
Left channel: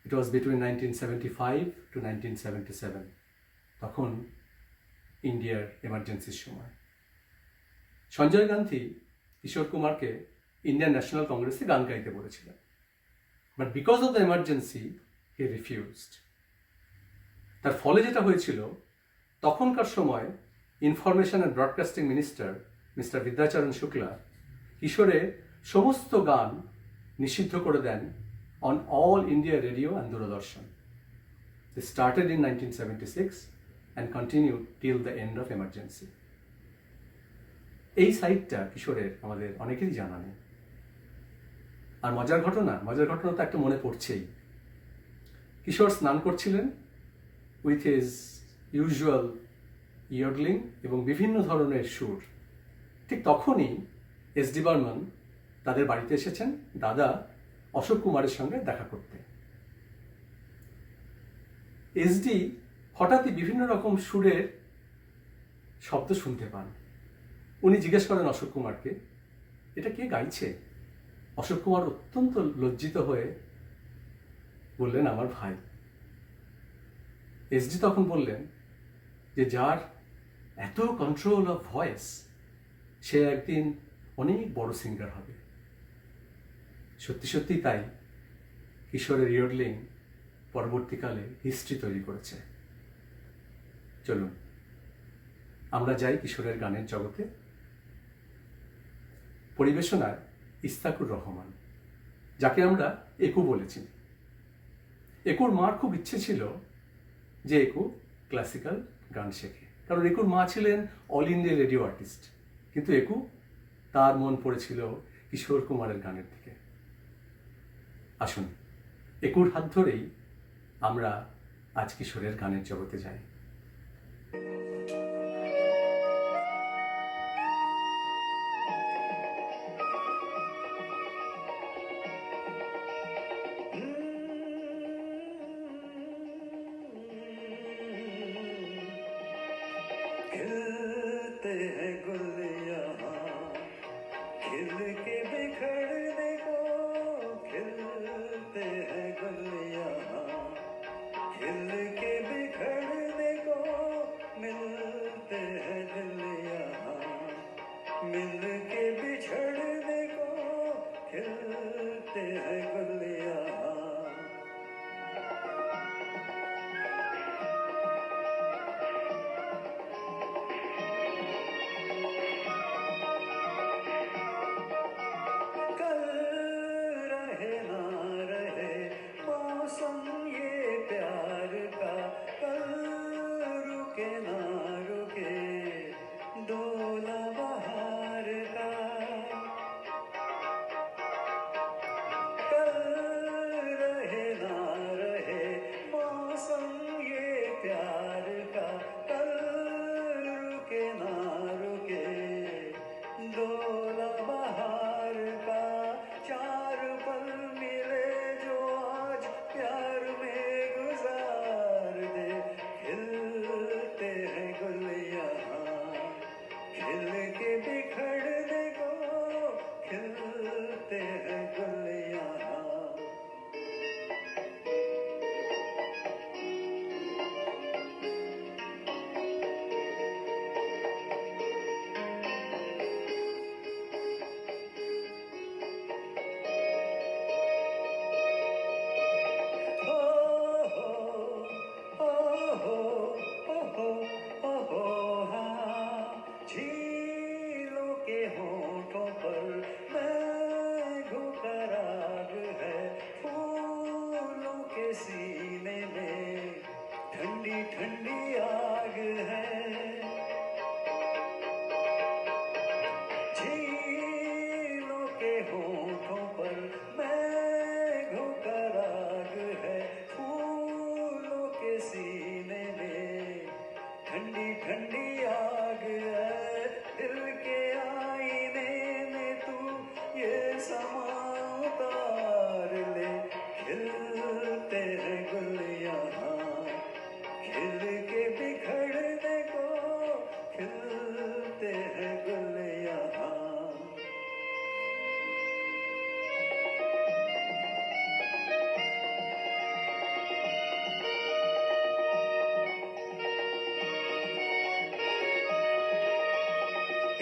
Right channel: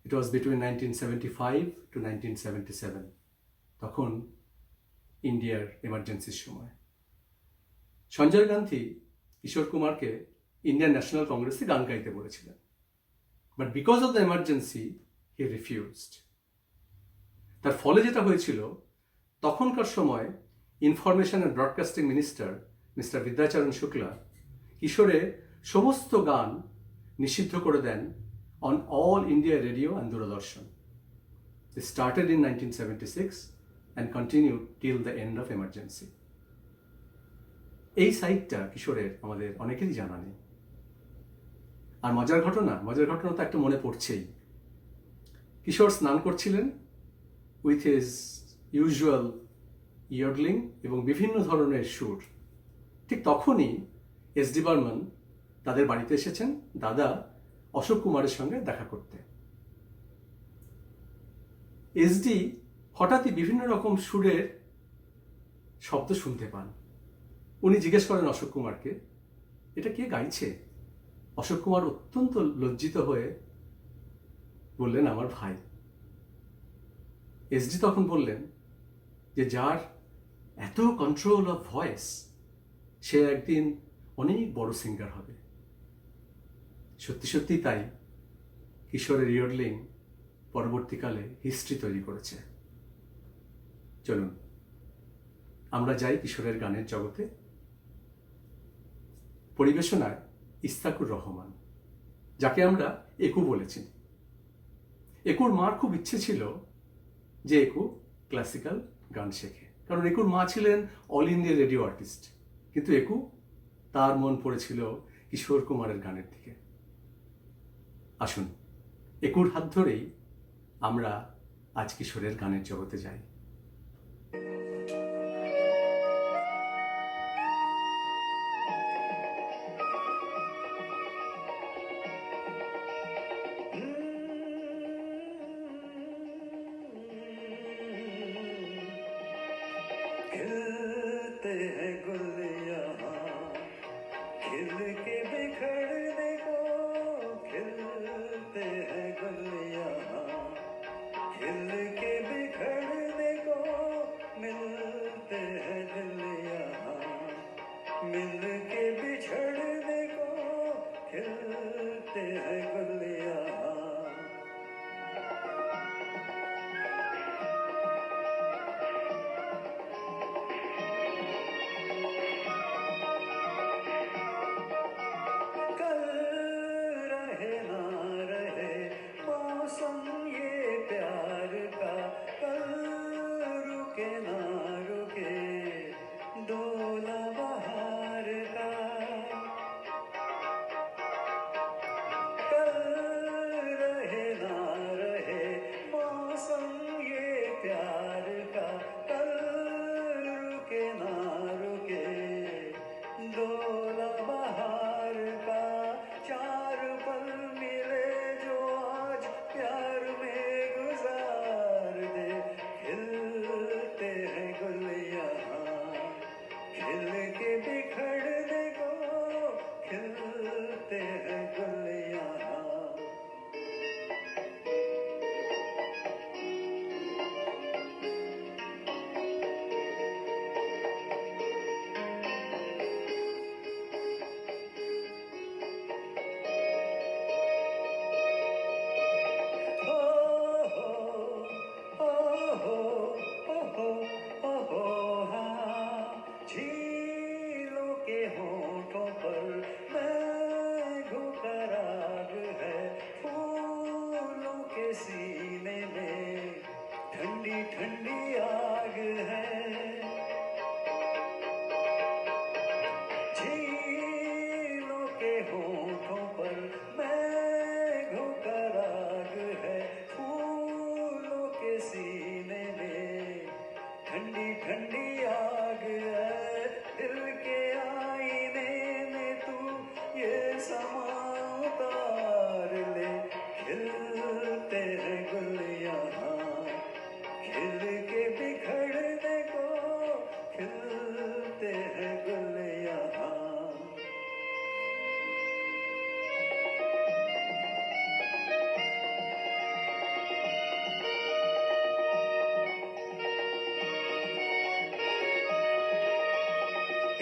ইট ওয়াজ বিটুইন 1975 to 1977, তখন ইন্ডিয়ার এমার্জেন্সির সময়। সঞ্জয় গান্ধী কিশোর কুমারকে ইন্ডিয়ান ন্যাশনাল কংগ্রেসে গান গাইতে বলেছিলেন, but because of the emergency he refused. তার ফলে যেটা হয়েছিল, তখনকার সময় information and broadcasting minister mister Vidyacharan Shukla কিশোরের সমস্ত গান নিষিদ্ধ করে দেন on all India radio and Doordarshan. They started in 1976 and continued till the end of emergency. এই সাইটটা কিশোরের আমাদের অনেকেরই জানা নেই। আর মজার ঘটনা তো একটা মনে পড়ছেই। কিশোর স্নান করছিলেন উইথ হিজ ইউজুয়াল ইয়ডলিং এবং বিভিন্ন ধরনের সুর। ঠিক তখনই এস.ডি. বর্মন তাদের বাড়িতে এসেছেন দাদা অশোক কুমারের সঙ্গে দেখা করতে। এস.ডি. হঠাৎই বিভিন্ন রকম সুরের শব্দ শুনতে পান। উনি জিজ্ঞেস করেন অশোক কুমারকে, এটা কে গাইছে? অশোক কুমার অত্যন্ত লজ্জিত হয়ে বললেন, আমার ভাই। এস.ডি. তখন বললেন যে যার এত কন্ট্রোল অফ ভয়েস, সে একদিন অনেক বড় সিঙ্গার হবে। সত্যি সত্যি তাই, কিশোরের ইয়ডলিং পরবর্তীকালে হিস্ট্রি তৈরি করেছে। চলুন আমরা যাই কিশোরের গানের জগতে। পরিবেশনায় ইস্তাকুর রহমান, যাকে আমরা একু বলেছি। একুর মার খুব ইচ্ছে ছিল যে একু ক্লাসিক্যাল গান শেখে, কারণ একুর মা ছিলেন অল ইন্ডিয়া রেডিও আর্টিস্ট, কিন্তু একু তার মন পড়েছিল কিশোর কুমারের গানের দিকে। আসুন একুর হাত ধরেই আমরা আজ কিশোরের গানের জগতে যাই। खिलते हैं गुल यहाँ, खिल के बिखरने को, खिलते हैं गुल यहाँ, खिल के बिखरने को, मिलते हैं दिल यहाँ, मिल के बिछड़ने को, खिलते हैं गुल यहाँ। कल रहे ना रहे मौसम ये प्यार का, कल रुके ना रुके डोला बहार का, कल रहे ना रहे मौसम ये प्यार का, कल रुके ना रुके डोला बहार का। चार पल मिले जो आज प्यार में गुजार दे, खिलते हैं ओहो ओहो ओहो हाँ झीलों के होठों पर मैघों का राग है फूलों के सीने में ठंडी ठंडी आग है झीलों के होठों पर मैघों का राग है फूलों के सीने में ठंडी ठंडी आग है दिल के आईने में तू ये समा उतार ले खिलते हैं गुल यहाँ खिल के बिखरने को खिलते हैं गुल यहाँ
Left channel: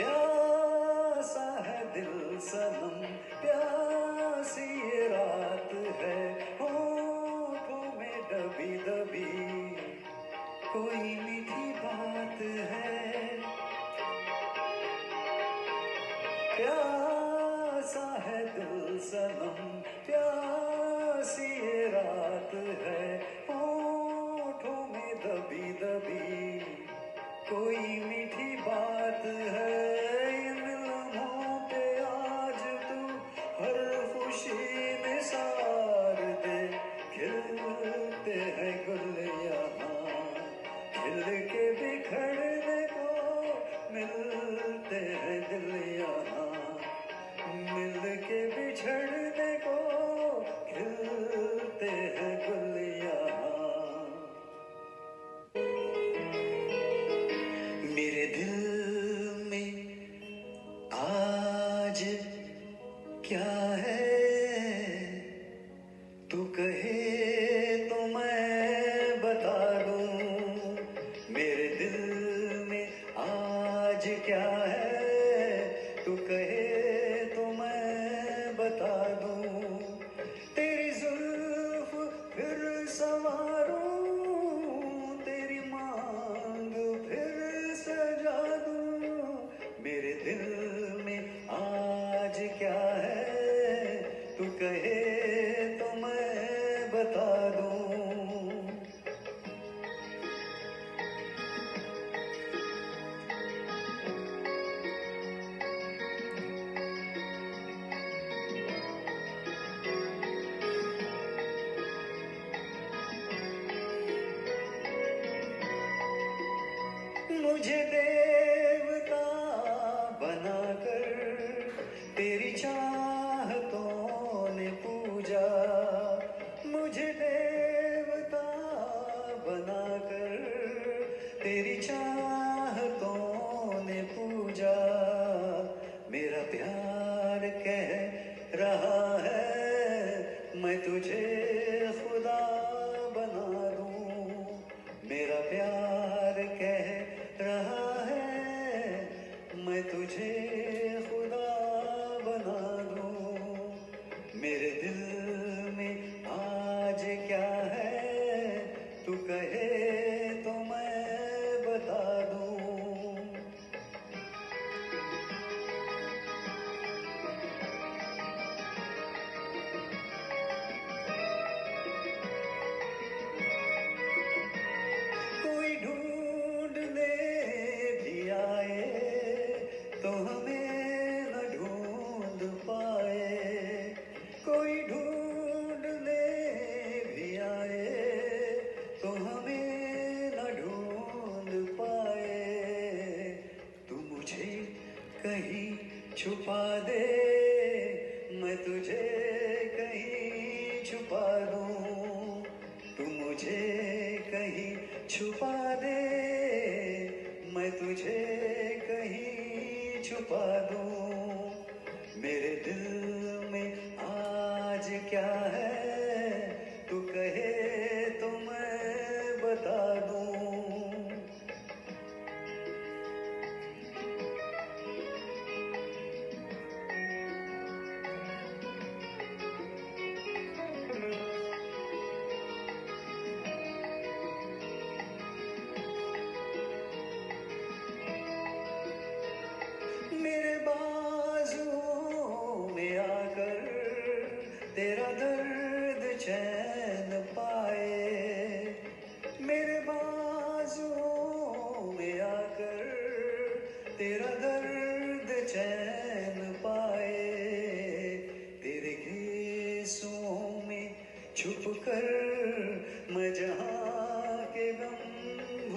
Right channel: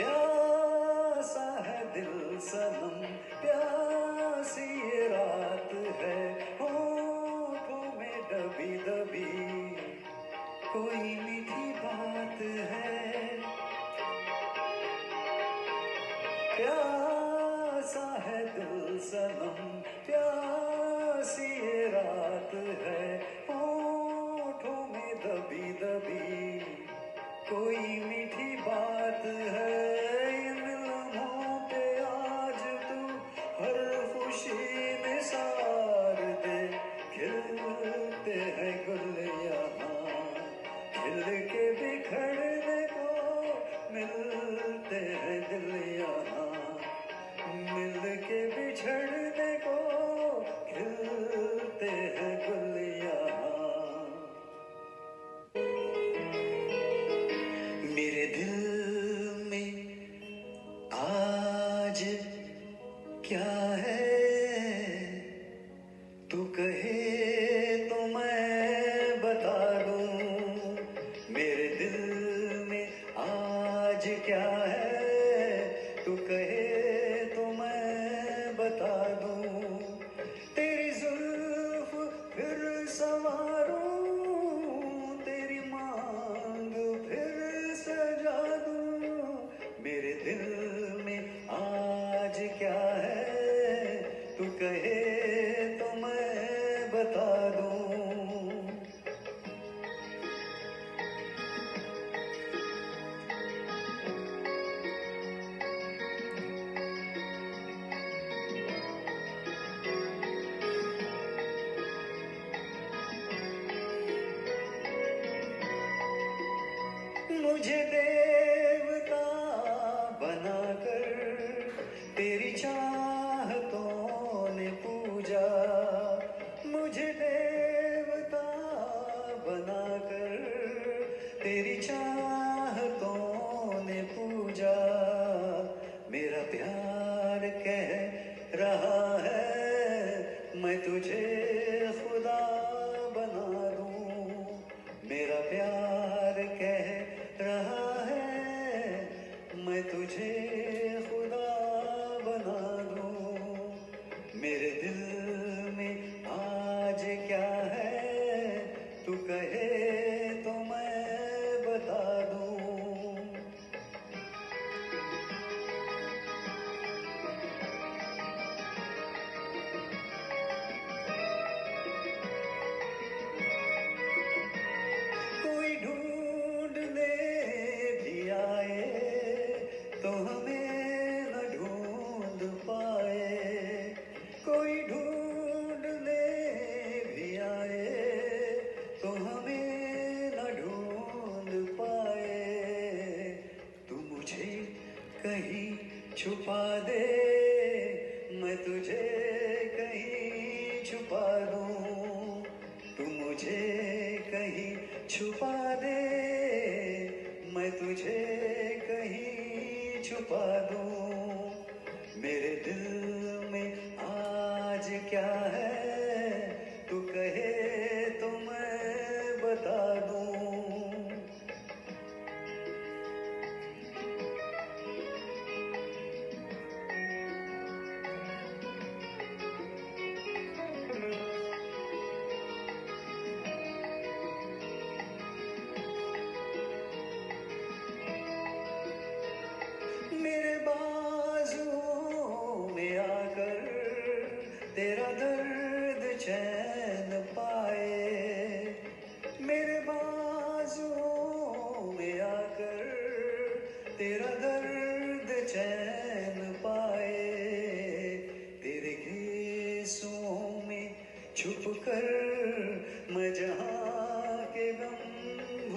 प्यासा है दिल सनम प्यासी ये रात है होठों में दबी दबी कोई मीठी बात है प्यासा है दिल सनम प्यासी ये रात है होठों में दबी दबी कोई मीठी बात है इन लम्हों पे आज तू हर खुशी निसार दे खिलते हैं गुल यहाँ खिल के बिखरने को मिलते हैं दिल यहाँ मिल के बिछड़ने को खिलते हैं गुल यहाँ मेरे दिल में आज क्या है तू कहे तो मैं बता दूं मेरे दिल में आज क्या है तू कहे तो मैं बता दूं तेरी जुल्फ फिर संवारूं तेरी मांग फिर सजा दूं मेरे दिल में आज क्या है तू कहे तो मैं बता दूं मुझे देवता बनाकर तेरी चाहतों ने पूजा मुझे देवता बनाकर तेरी चाहतों ने पूजा मेरा प्यार कह रहा है मैं तुझे खुदा बना दूं मेरा प्यार कह रहा है मैं तुझे खुदा बना दूं मेरे दिल में आज क्या है तू कहे तो मैं बता दूं कोई ढूंढने भी आए तो हमें न ढूंढ पाए कोई ढूंढने भी आए तो हमें न ढूंढ पाए तू मुझे कहीं छुपा दे मैं तुझे कहीं छुपा दूं तू मुझे कहीं छुपा दे मैं तुझे कहीं छुपा दूं मेरे दिल में आज क्या है तू कहे तो मैं बता दूं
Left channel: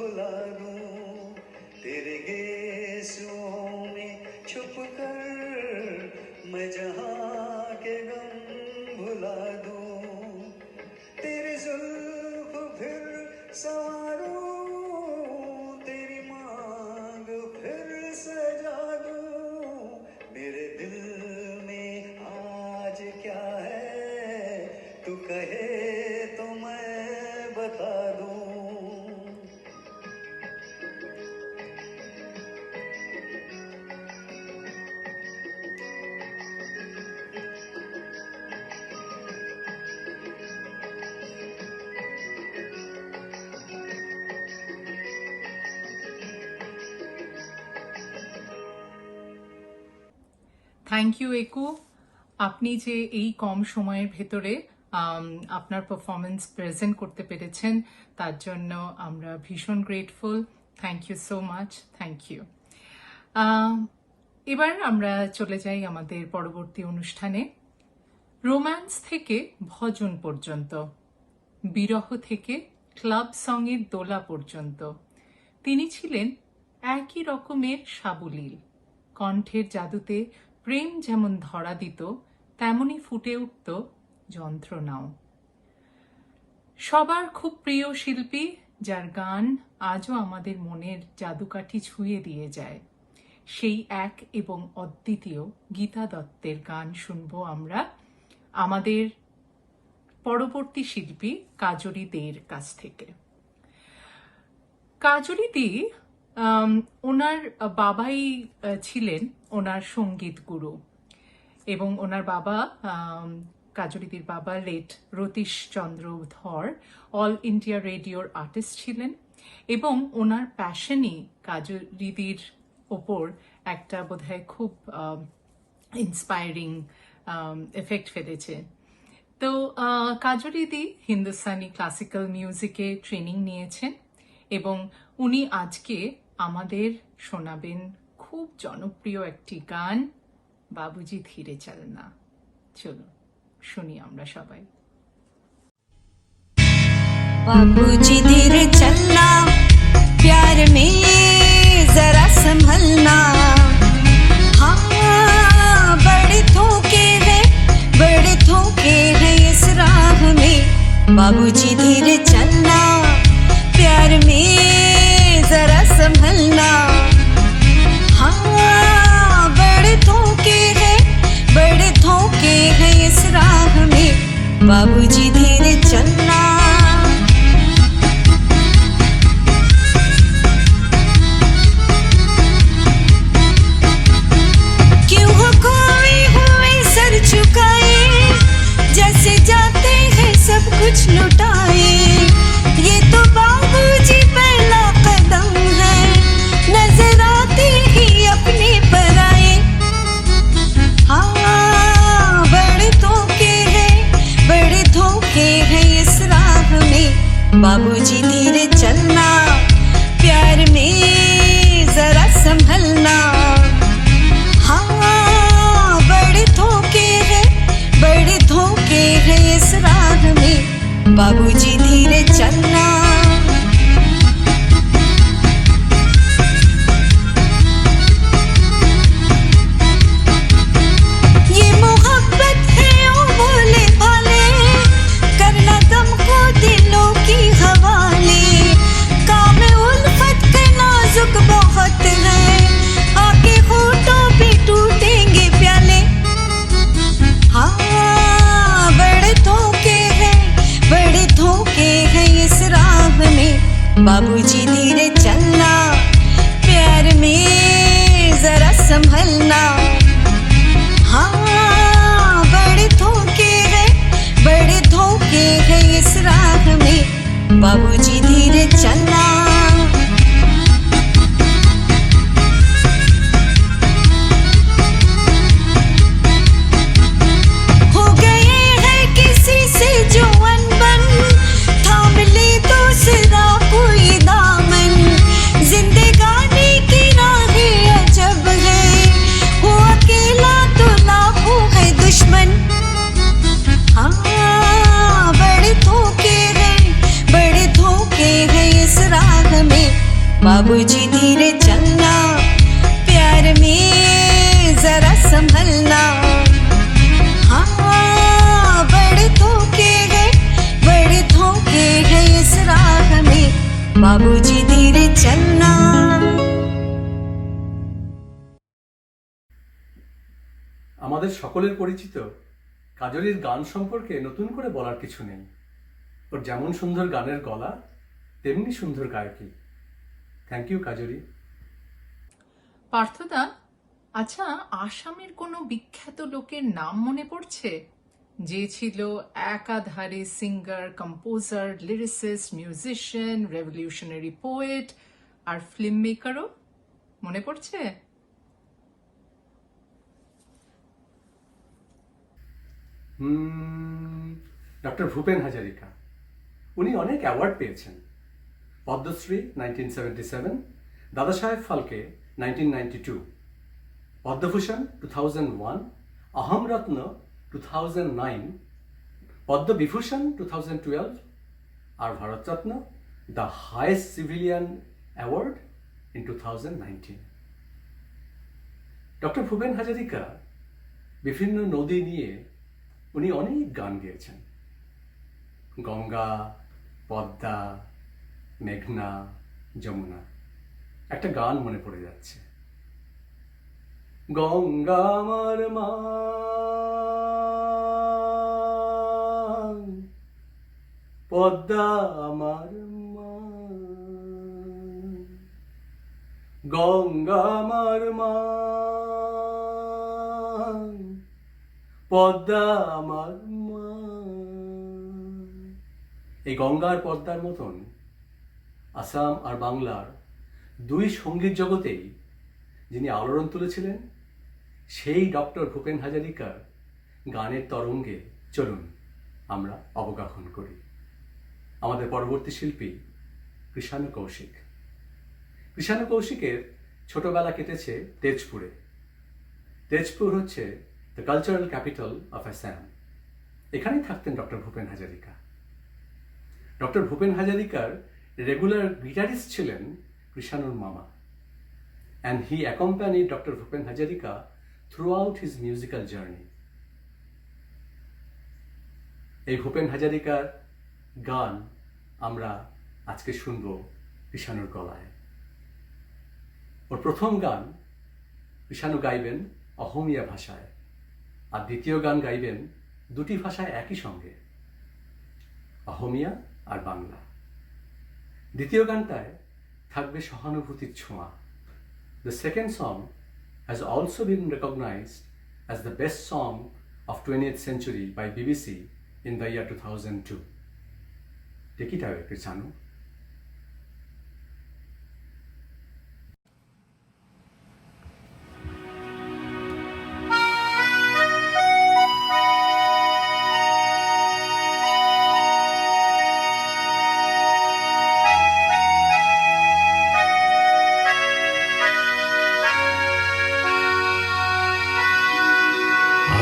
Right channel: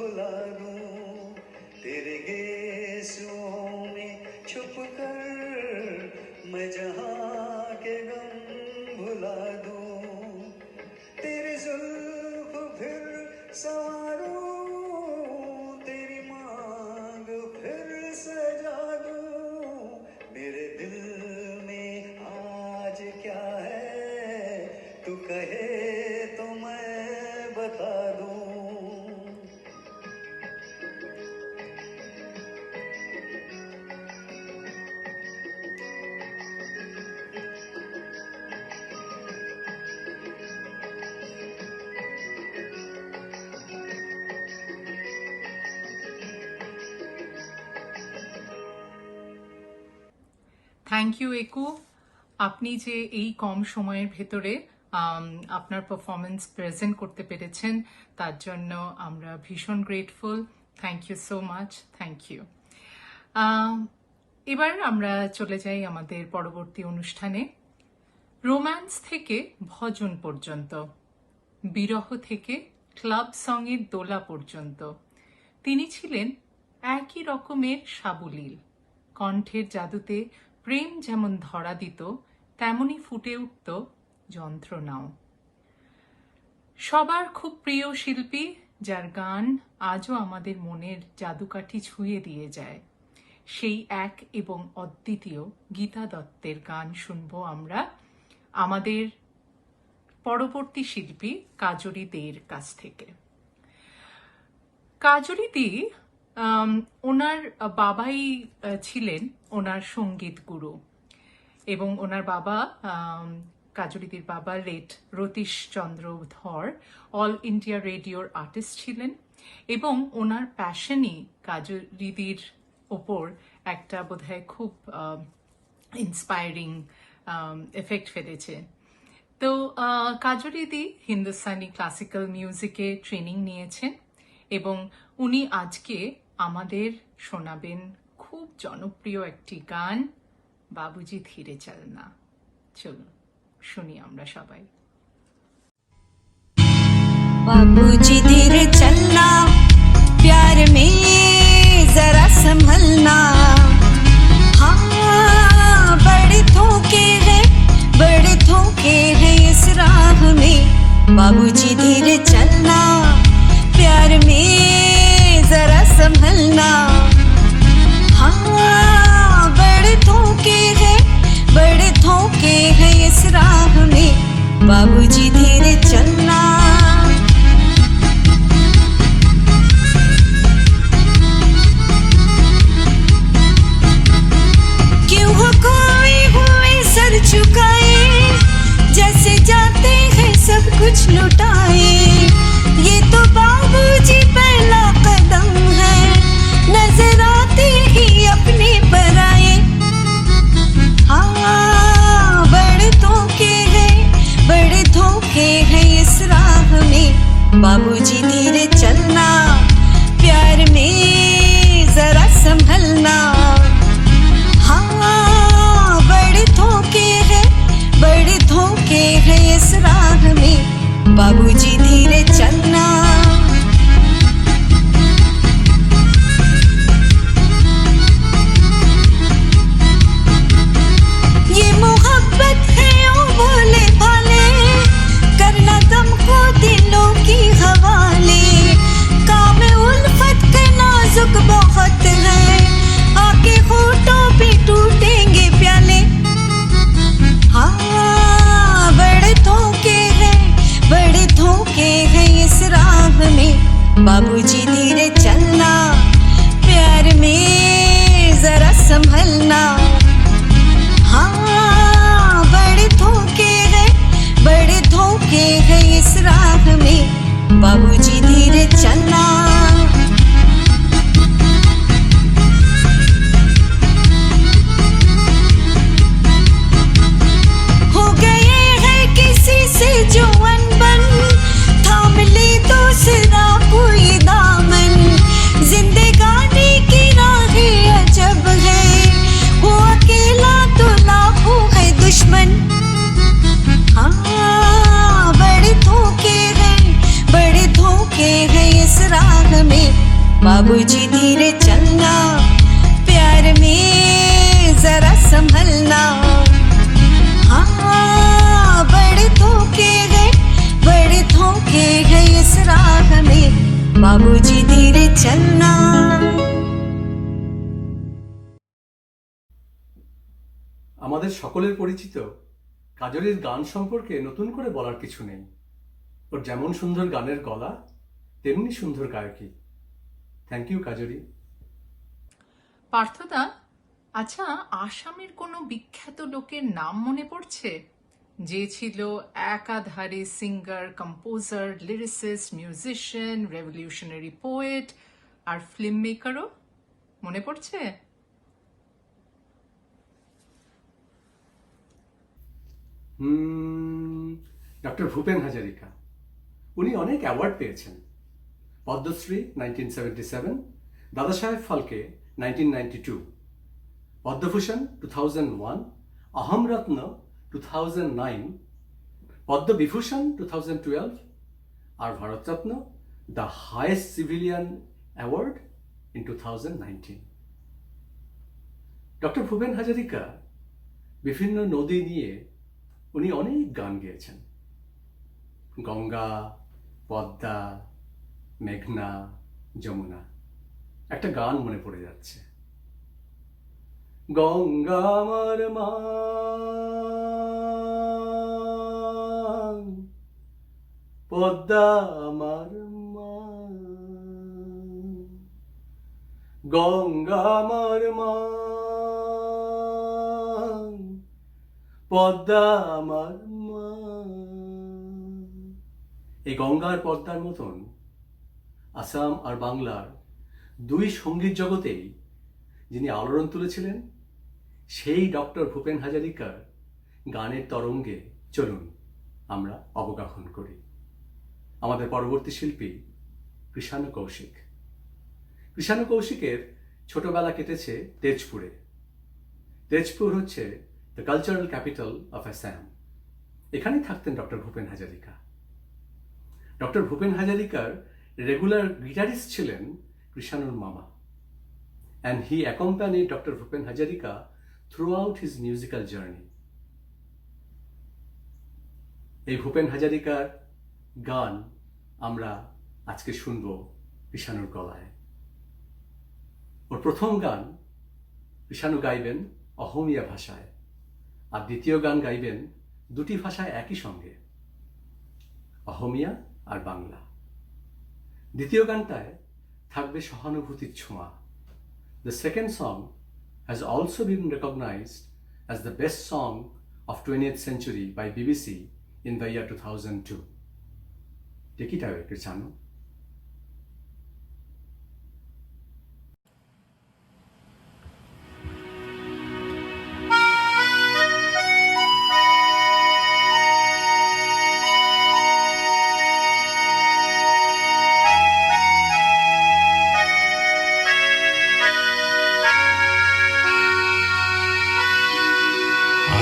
भुला दूं तेरे गेसुओं में छुप कर मैं जहां के गम भुला दूं तेरी जुल्फ फिर संवारूं तेरी मांग फिर सजा दूं मेरे दिल में आज क्या है तू कहे तो मैं बता दूं থ্যাংক ইউ একু, আপনি যে এই কম সময়ের ভেতরে আপনার পারফরমেন্স প্রেজেন্ট করতে পেরেছেন তার জন্য আমরা ভীষণ grateful. Thank you so much, thank you. এবার আমরা চলে যাই আমাদের পরবর্তী অনুষ্ঠানে। রোম্যান্স থেকে ভজন পর্যন্ত, বিরহ থেকে ক্লাব সঙ্গের দোলা পর্যন্ত তিনি ছিলেন একই রকমের সাবলীল। কণ্ঠের জাদুতে প্রেম যেমন ধরা দিত তেমনি ফুটে উঠত যন্ত্রণাও। সবার খুব প্রিয় শিল্পী, যার গান আজও আমাদের মনের জাদুকাঠি ছুঁয়ে দিয়ে যায়, সেই এক এবং অদ্বিতীয় গীতা দত্তের গান শুনবো আমরা আমাদের পরবর্তী শিল্পী কাজরি দে'র কাছ থেকে। কাজরি দি ওনার বাবাই ছিলেন ওনার সঙ্গীত গুরু, এবং ওনার বাবা কাজরিদির বাবা লেট রতীশ চন্দ্র ধর অল ইন্ডিয়া রেডিওর আর্টিস্ট ছিলেন, এবং ওনার প্যাশনই কাজরিদির ওপর একটা বোধহয় খুব ইন্সপায়ারিং এফেক্ট ফেলেছে। তো কাজরিদি হিন্দুস্তানি ক্লাসিক্যাল মিউজিকে ট্রেনিং নিয়েছেন, এবং উনি আজকে আমাদের শোনাবেন খুব জনপ্রিয় একটি গান, বাবুজি ধীরে চলনা। চলুন শুনি আমরা সবাই। बाबूजी धीरे चलना, प्यार में जरा संभलना, हाँ बड़े धोखे हैं इस राह में। बाबूजी धीरे चलना, प्यार में जरा संभलना, हाँ बड़े धोखे हैं इस राह में। बाबूजी धीरे चलना। क्यों हो खोए हुए सर झुकाए, जैसे जाते हैं सब कुछ लुटाए। ये तो बाबूजी पहला कदम है, नजर आते ही अपने पर आए। हाँ बड़े धोखे हैं इस राह में। बाबूजी धीरे चलना, प्यार में जरा संभलना, हाँ बड़े धोखे हैं इस राह में। बाबूजी धीरे चलना। ये मोहब्बत है ओ भोले भाले, करना दम को दिलों की हवाले। काम उल्फत के नाजुक बहुत है, आके होठों पे टूटेंगे प्याले। हाँ बड़े धोखे हैं इस राह में। बाबूजी धीरे चलना, प्यार में जरा संभलना, हाँ बड़े धोखे हैं इस राह में। बाबूजी धीरे चलना। हो गए हैं किसी से जो अनबन, थाम ले दूसरा कोई दामन। बाबूजी धीरे चलना, प्यार में जरा संभलना। हाँ, बड़े धोखे हैं इस राह में, बाबूजी धीरे चलना। আমাদের সকলের পরিচিত কাজরির গান সম্পর্কে নতুন করে বলার কিছু নেই। ওর যেমন সুন্দর গানের গলা, তেমনি সুন্দর গায়কী। Thank you Kajri. পার্থদা, আচ্ছা, আসামের কোনো বিখ্যাত লোকের নাম মনে পড়ছে যে ছিল একাধারে singer, composer, lyricist, musician, revolutionary poet আর ফিল্ম মেকারও? মনে পড়ছে? ডক্টর ভূপেন হাজারিকা। উনি অনেক অ্যাওয়ার্ড পেয়েছেন। পদ্মশ্রী 1977, দাদা সাহেব ফালকে 1992, পদ্মভূষণ 2001, অহমরত্ন 2009, পদ্মবিভূষণ 2012 আর Bharatratna, the highest civilian award in 2019। Doctor Bhupen Hazarika বিভিন্ন নদী নিয়ে উনি অনেক গান গেয়েছেন। গঙ্গা, পদ্মা, মেঘনা, যমুনা। একটা গান মনে পড়ে যাচ্ছে, গঙ্গা আমার মা, পদ্মা আমার মা, গঙ্গা আমার মা, পদ্মা আমার মা। এই গঙ্গার পদ্মার মতন আসাম আর বাংলার দুই সঙ্গীত জগতেই যিনি আলোড়ন তুলেছিলেন, সেই ডক্টর ভূপেন হাজারিকার গানের তরঙ্গে চলুন আমরা অবগাহন করি। আমাদের পরবর্তী শিল্পী কৃষাণু কৌশিক। কৃষাণু কৌশিকের ছোটবেলা কেটেছে তেজপুরে। তেজপুর হচ্ছে the cultural capital of Assam. এখানেই থাকতেন ডক্টর ভূপেন হাজারিকা। ডক্টর ভূপেন হাজারিকার রেগুলার গিটারিস্ট ছিলেন কৃষাণুর মামা, and he accompanied Dr. Bhupen Hajarika throughout his musical journey. এই ভূপেন হাজারিকার গান আমরা আজকে শুনব কৃষাণুর গলায়। ওর প্রথম গান কৃষাণু গাইবেন অহমিয়া ভাষায়, আর দ্বিতীয় গান গাইবেন দুটি ভাষায় একই সঙ্গে, অহমিয়া আর বাংলা। দ্বিতীয় গানটায় থাকবে সহানুভূতির ছোঁয়া। The second song has also been recognized as the best song of 20th century by BBC in the year 2002. Take it away, Kৃষাণু।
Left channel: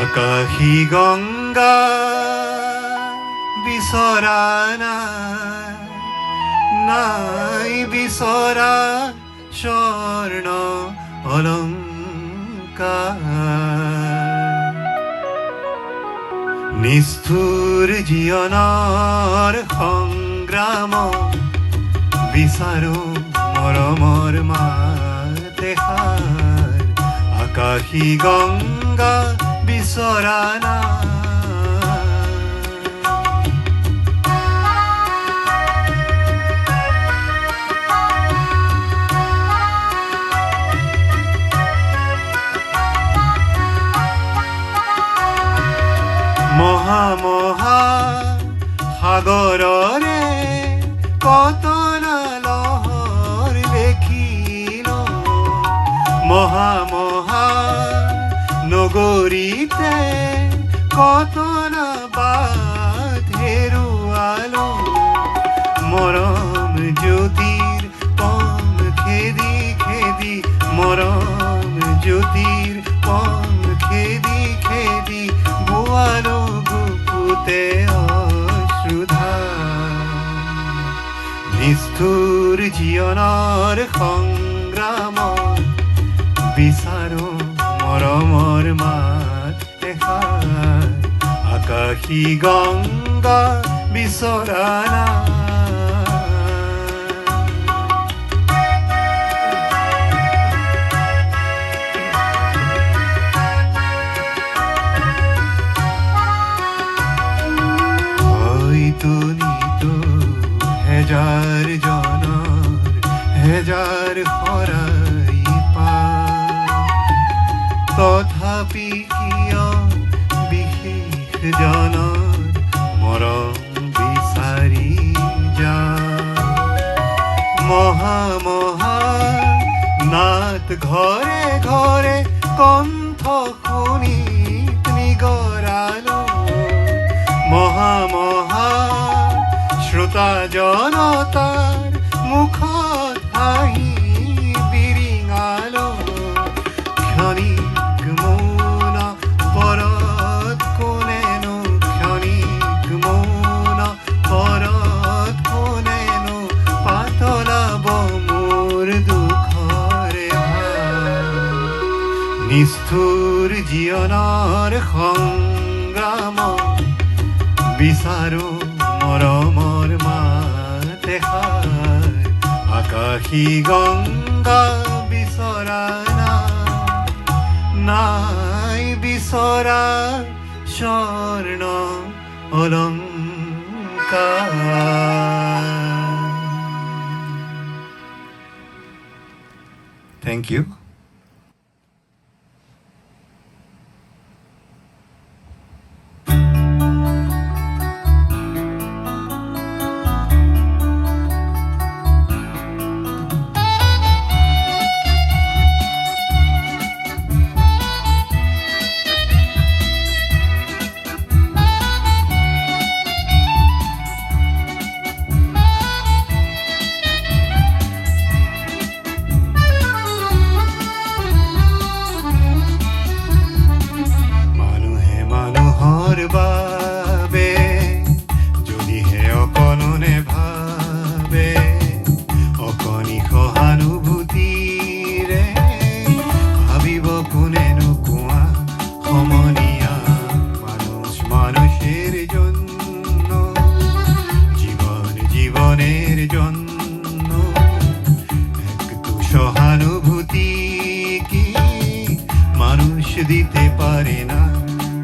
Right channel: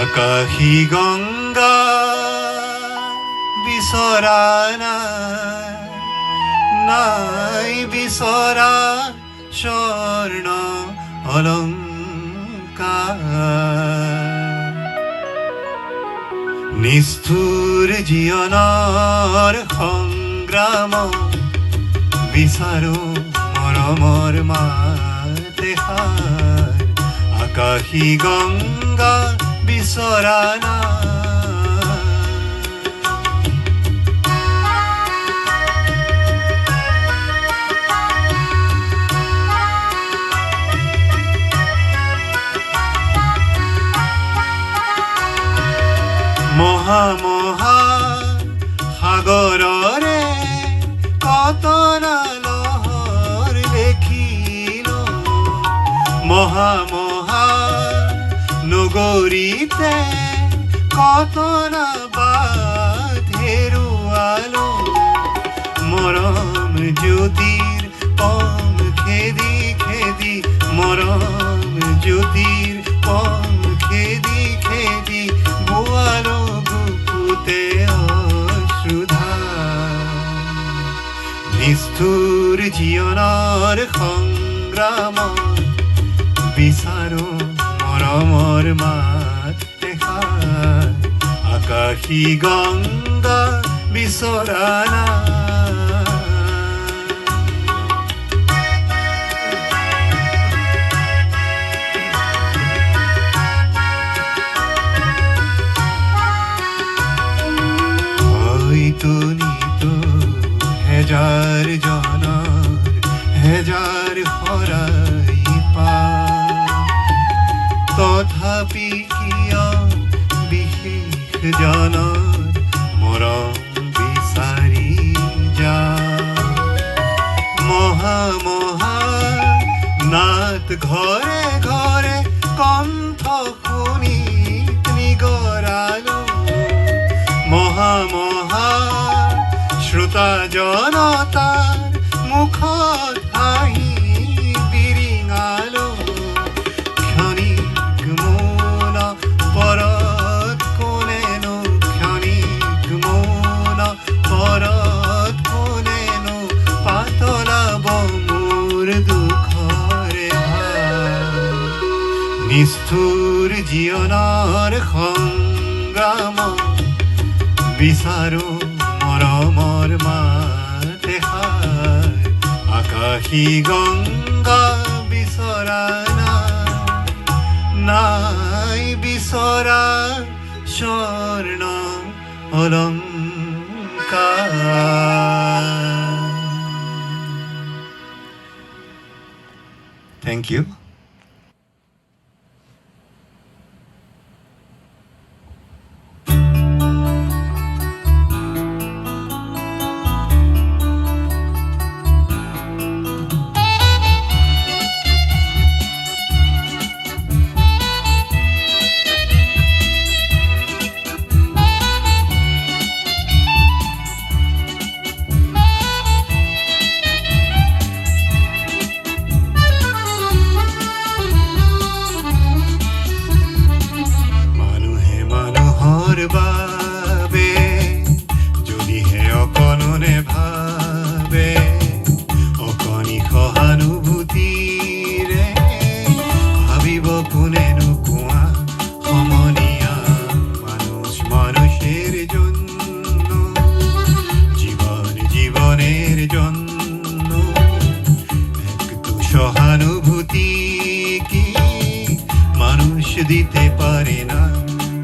আকাশী গঙ্গা বিচৰা নাই বিচৰা স্বৰ্ণ অলংকাৰ, নিষ্ঠুৰ জীৱনৰ সংগ্ৰাম বিচাৰো মৰমৰ মাতেষাৰ। আকাশী গঙ্গা বিচৰা মহা মহা সাগৰৰে কতনা লহৰ দেখিল, মহা মহা নগৰীতে কতনা বাট হেৰুৱালো, মৰম জ্যোতিৰ পম খেদি খেদি, মৰম জ্যোতিৰ পম খেদি খেদি, বোৱালো বুকুতে অশ্ৰুধাৰ। নিষ্ঠুৰ জীৱ জীৱনৰ সংগ্ৰাম বিচাৰো মৰমৰ মাত এষাৰ আকাশী গংগা বিচৰা নাই। হয়তো নিতো হেজাৰ জনৰ হেজাৰ শৰাই পাম, তথাপি কিয় বিশেষ জনৰ মৰম বিচাৰি যাম। মহা মহা নাট ঘৰে ঘৰে কণ্ঠ শুনি নিগৰালো, মহা মহা শ্ৰোতা জনতাৰ মুখত হাঁহি বিৰিঙালো। ক্ষণিক মৌন পৰত কোনেনো, ক্ষণিক মৌন পৰত কোনেনো পাতলাব মোৰ দুখৰে ভাৰ। নিষ্ঠুৰ জীৱনৰ সংগ্ৰাম বিচাৰো মৰমৰ মাত এষাৰ আকাশী গংগা বিচৰা নাই বিচৰা স্বৰ্ণ অলংকাৰ। Thank you. বাবে যদিহে অকণনে ভাবে অকণি সহানুভূতিৰে ভাবিব কোনেনো কোৱা সমনীয়া মানুষ মানুষের জন্য জীবন জীবনের জন্য একটু সহানুভূতি কি মানুষ দিতে পারে না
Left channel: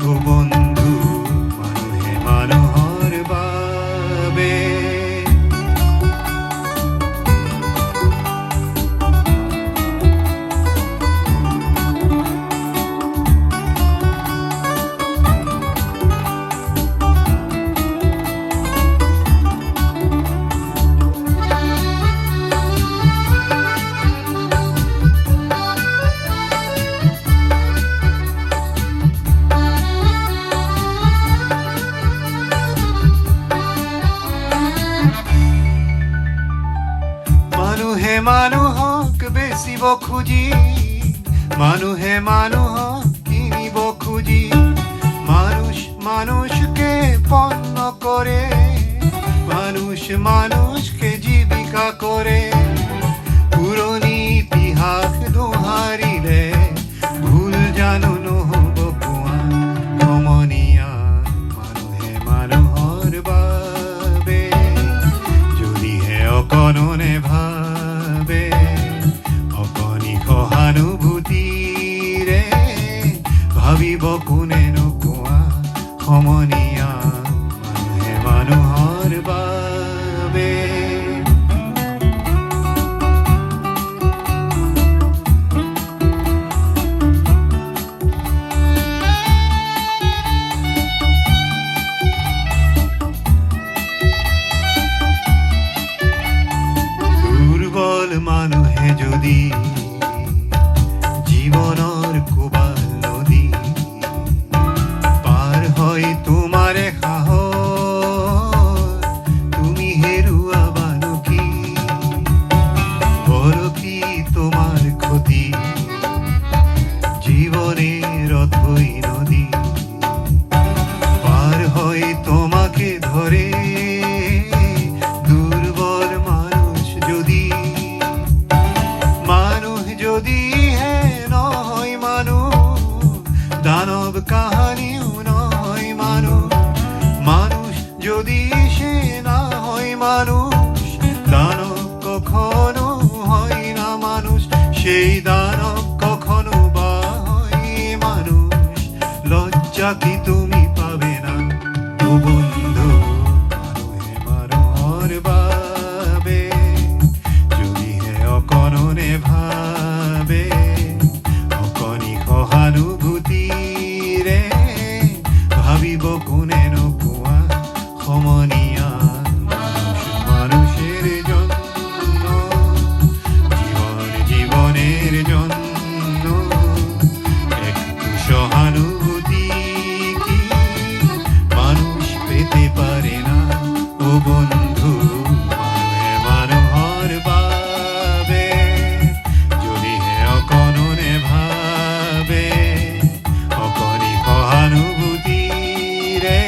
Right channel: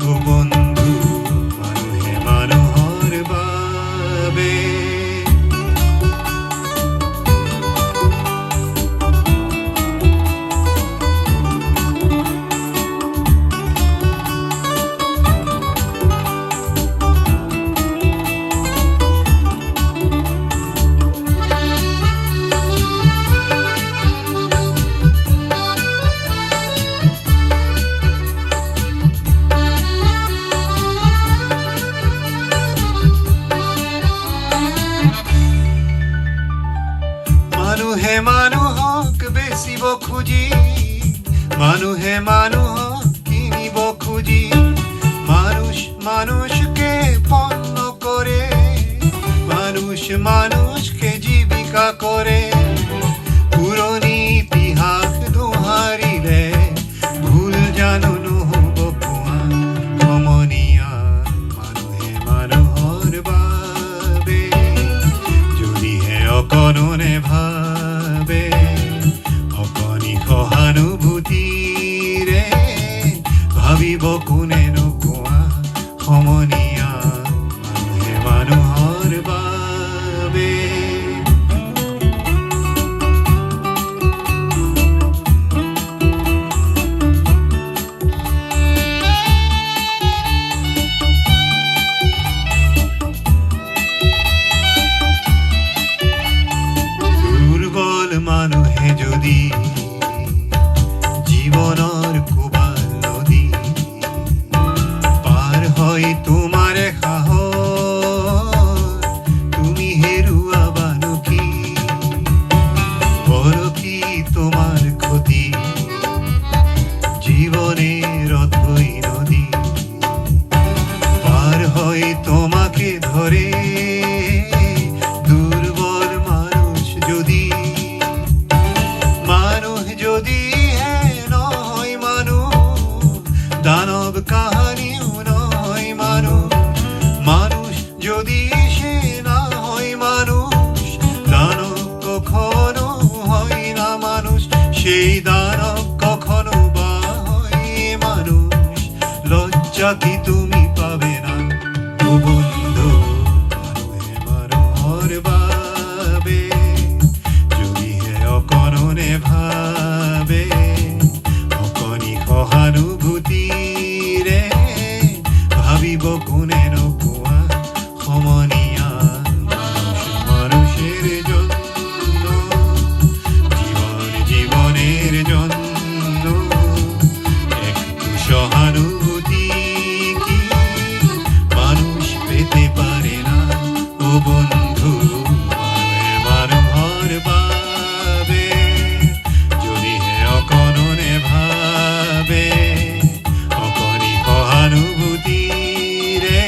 ও বন্ধু। মানুহে মানুহৰ বাবে মানুহে মানুহক বেচিব খুজি, মানুহে মানুহক কিনিব খুজি, মানুষ মানুষকে পণ্য করে, মানুষ মানুষকে জীবিকা করে। পুরনি ইতিহাস দোহারিলে ভুল জানো নহব কোৱা সমনীয়া মানুহে মানুহৰ বাবে যদিহে অকণনে ভাবে অকণি সহানুভূতিৰে ভাবিব কোনেনো কোৱা সমনীয়া মানুহে মানুহৰ বাবে। দুৰ্বল মানুহে যদি জীৱনৰ কোবাল নদী পাৰ হয় তোমাৰে সাহস তুমি হেৰুৱাবানো কি পৰকি তোমাৰ ক্ষতি জীবনের অথৈ নদী পার হয় তোমাকে ধরে দুর্বল মানুষ যদি সেই দানব কখনো বা হয় মানুষ, লজ্জা কি তুমি পাবে না ও বন্ধু, মনোহর ভাবে যদি হে অকরণে ভাবে, অকণি সহানুভূতি রে ভাবিব কোনে নোপোৱা সমনীয়া মানুষ মানুষের জন্য, জীবন জীবনের জন্য একটু সহানুভূতি কি মানুষ পেতে পারে না ও বন্ধু, মনোহর ভাবে যদি হে অকরণে ভাবে, অকণি সহানুভূতি রে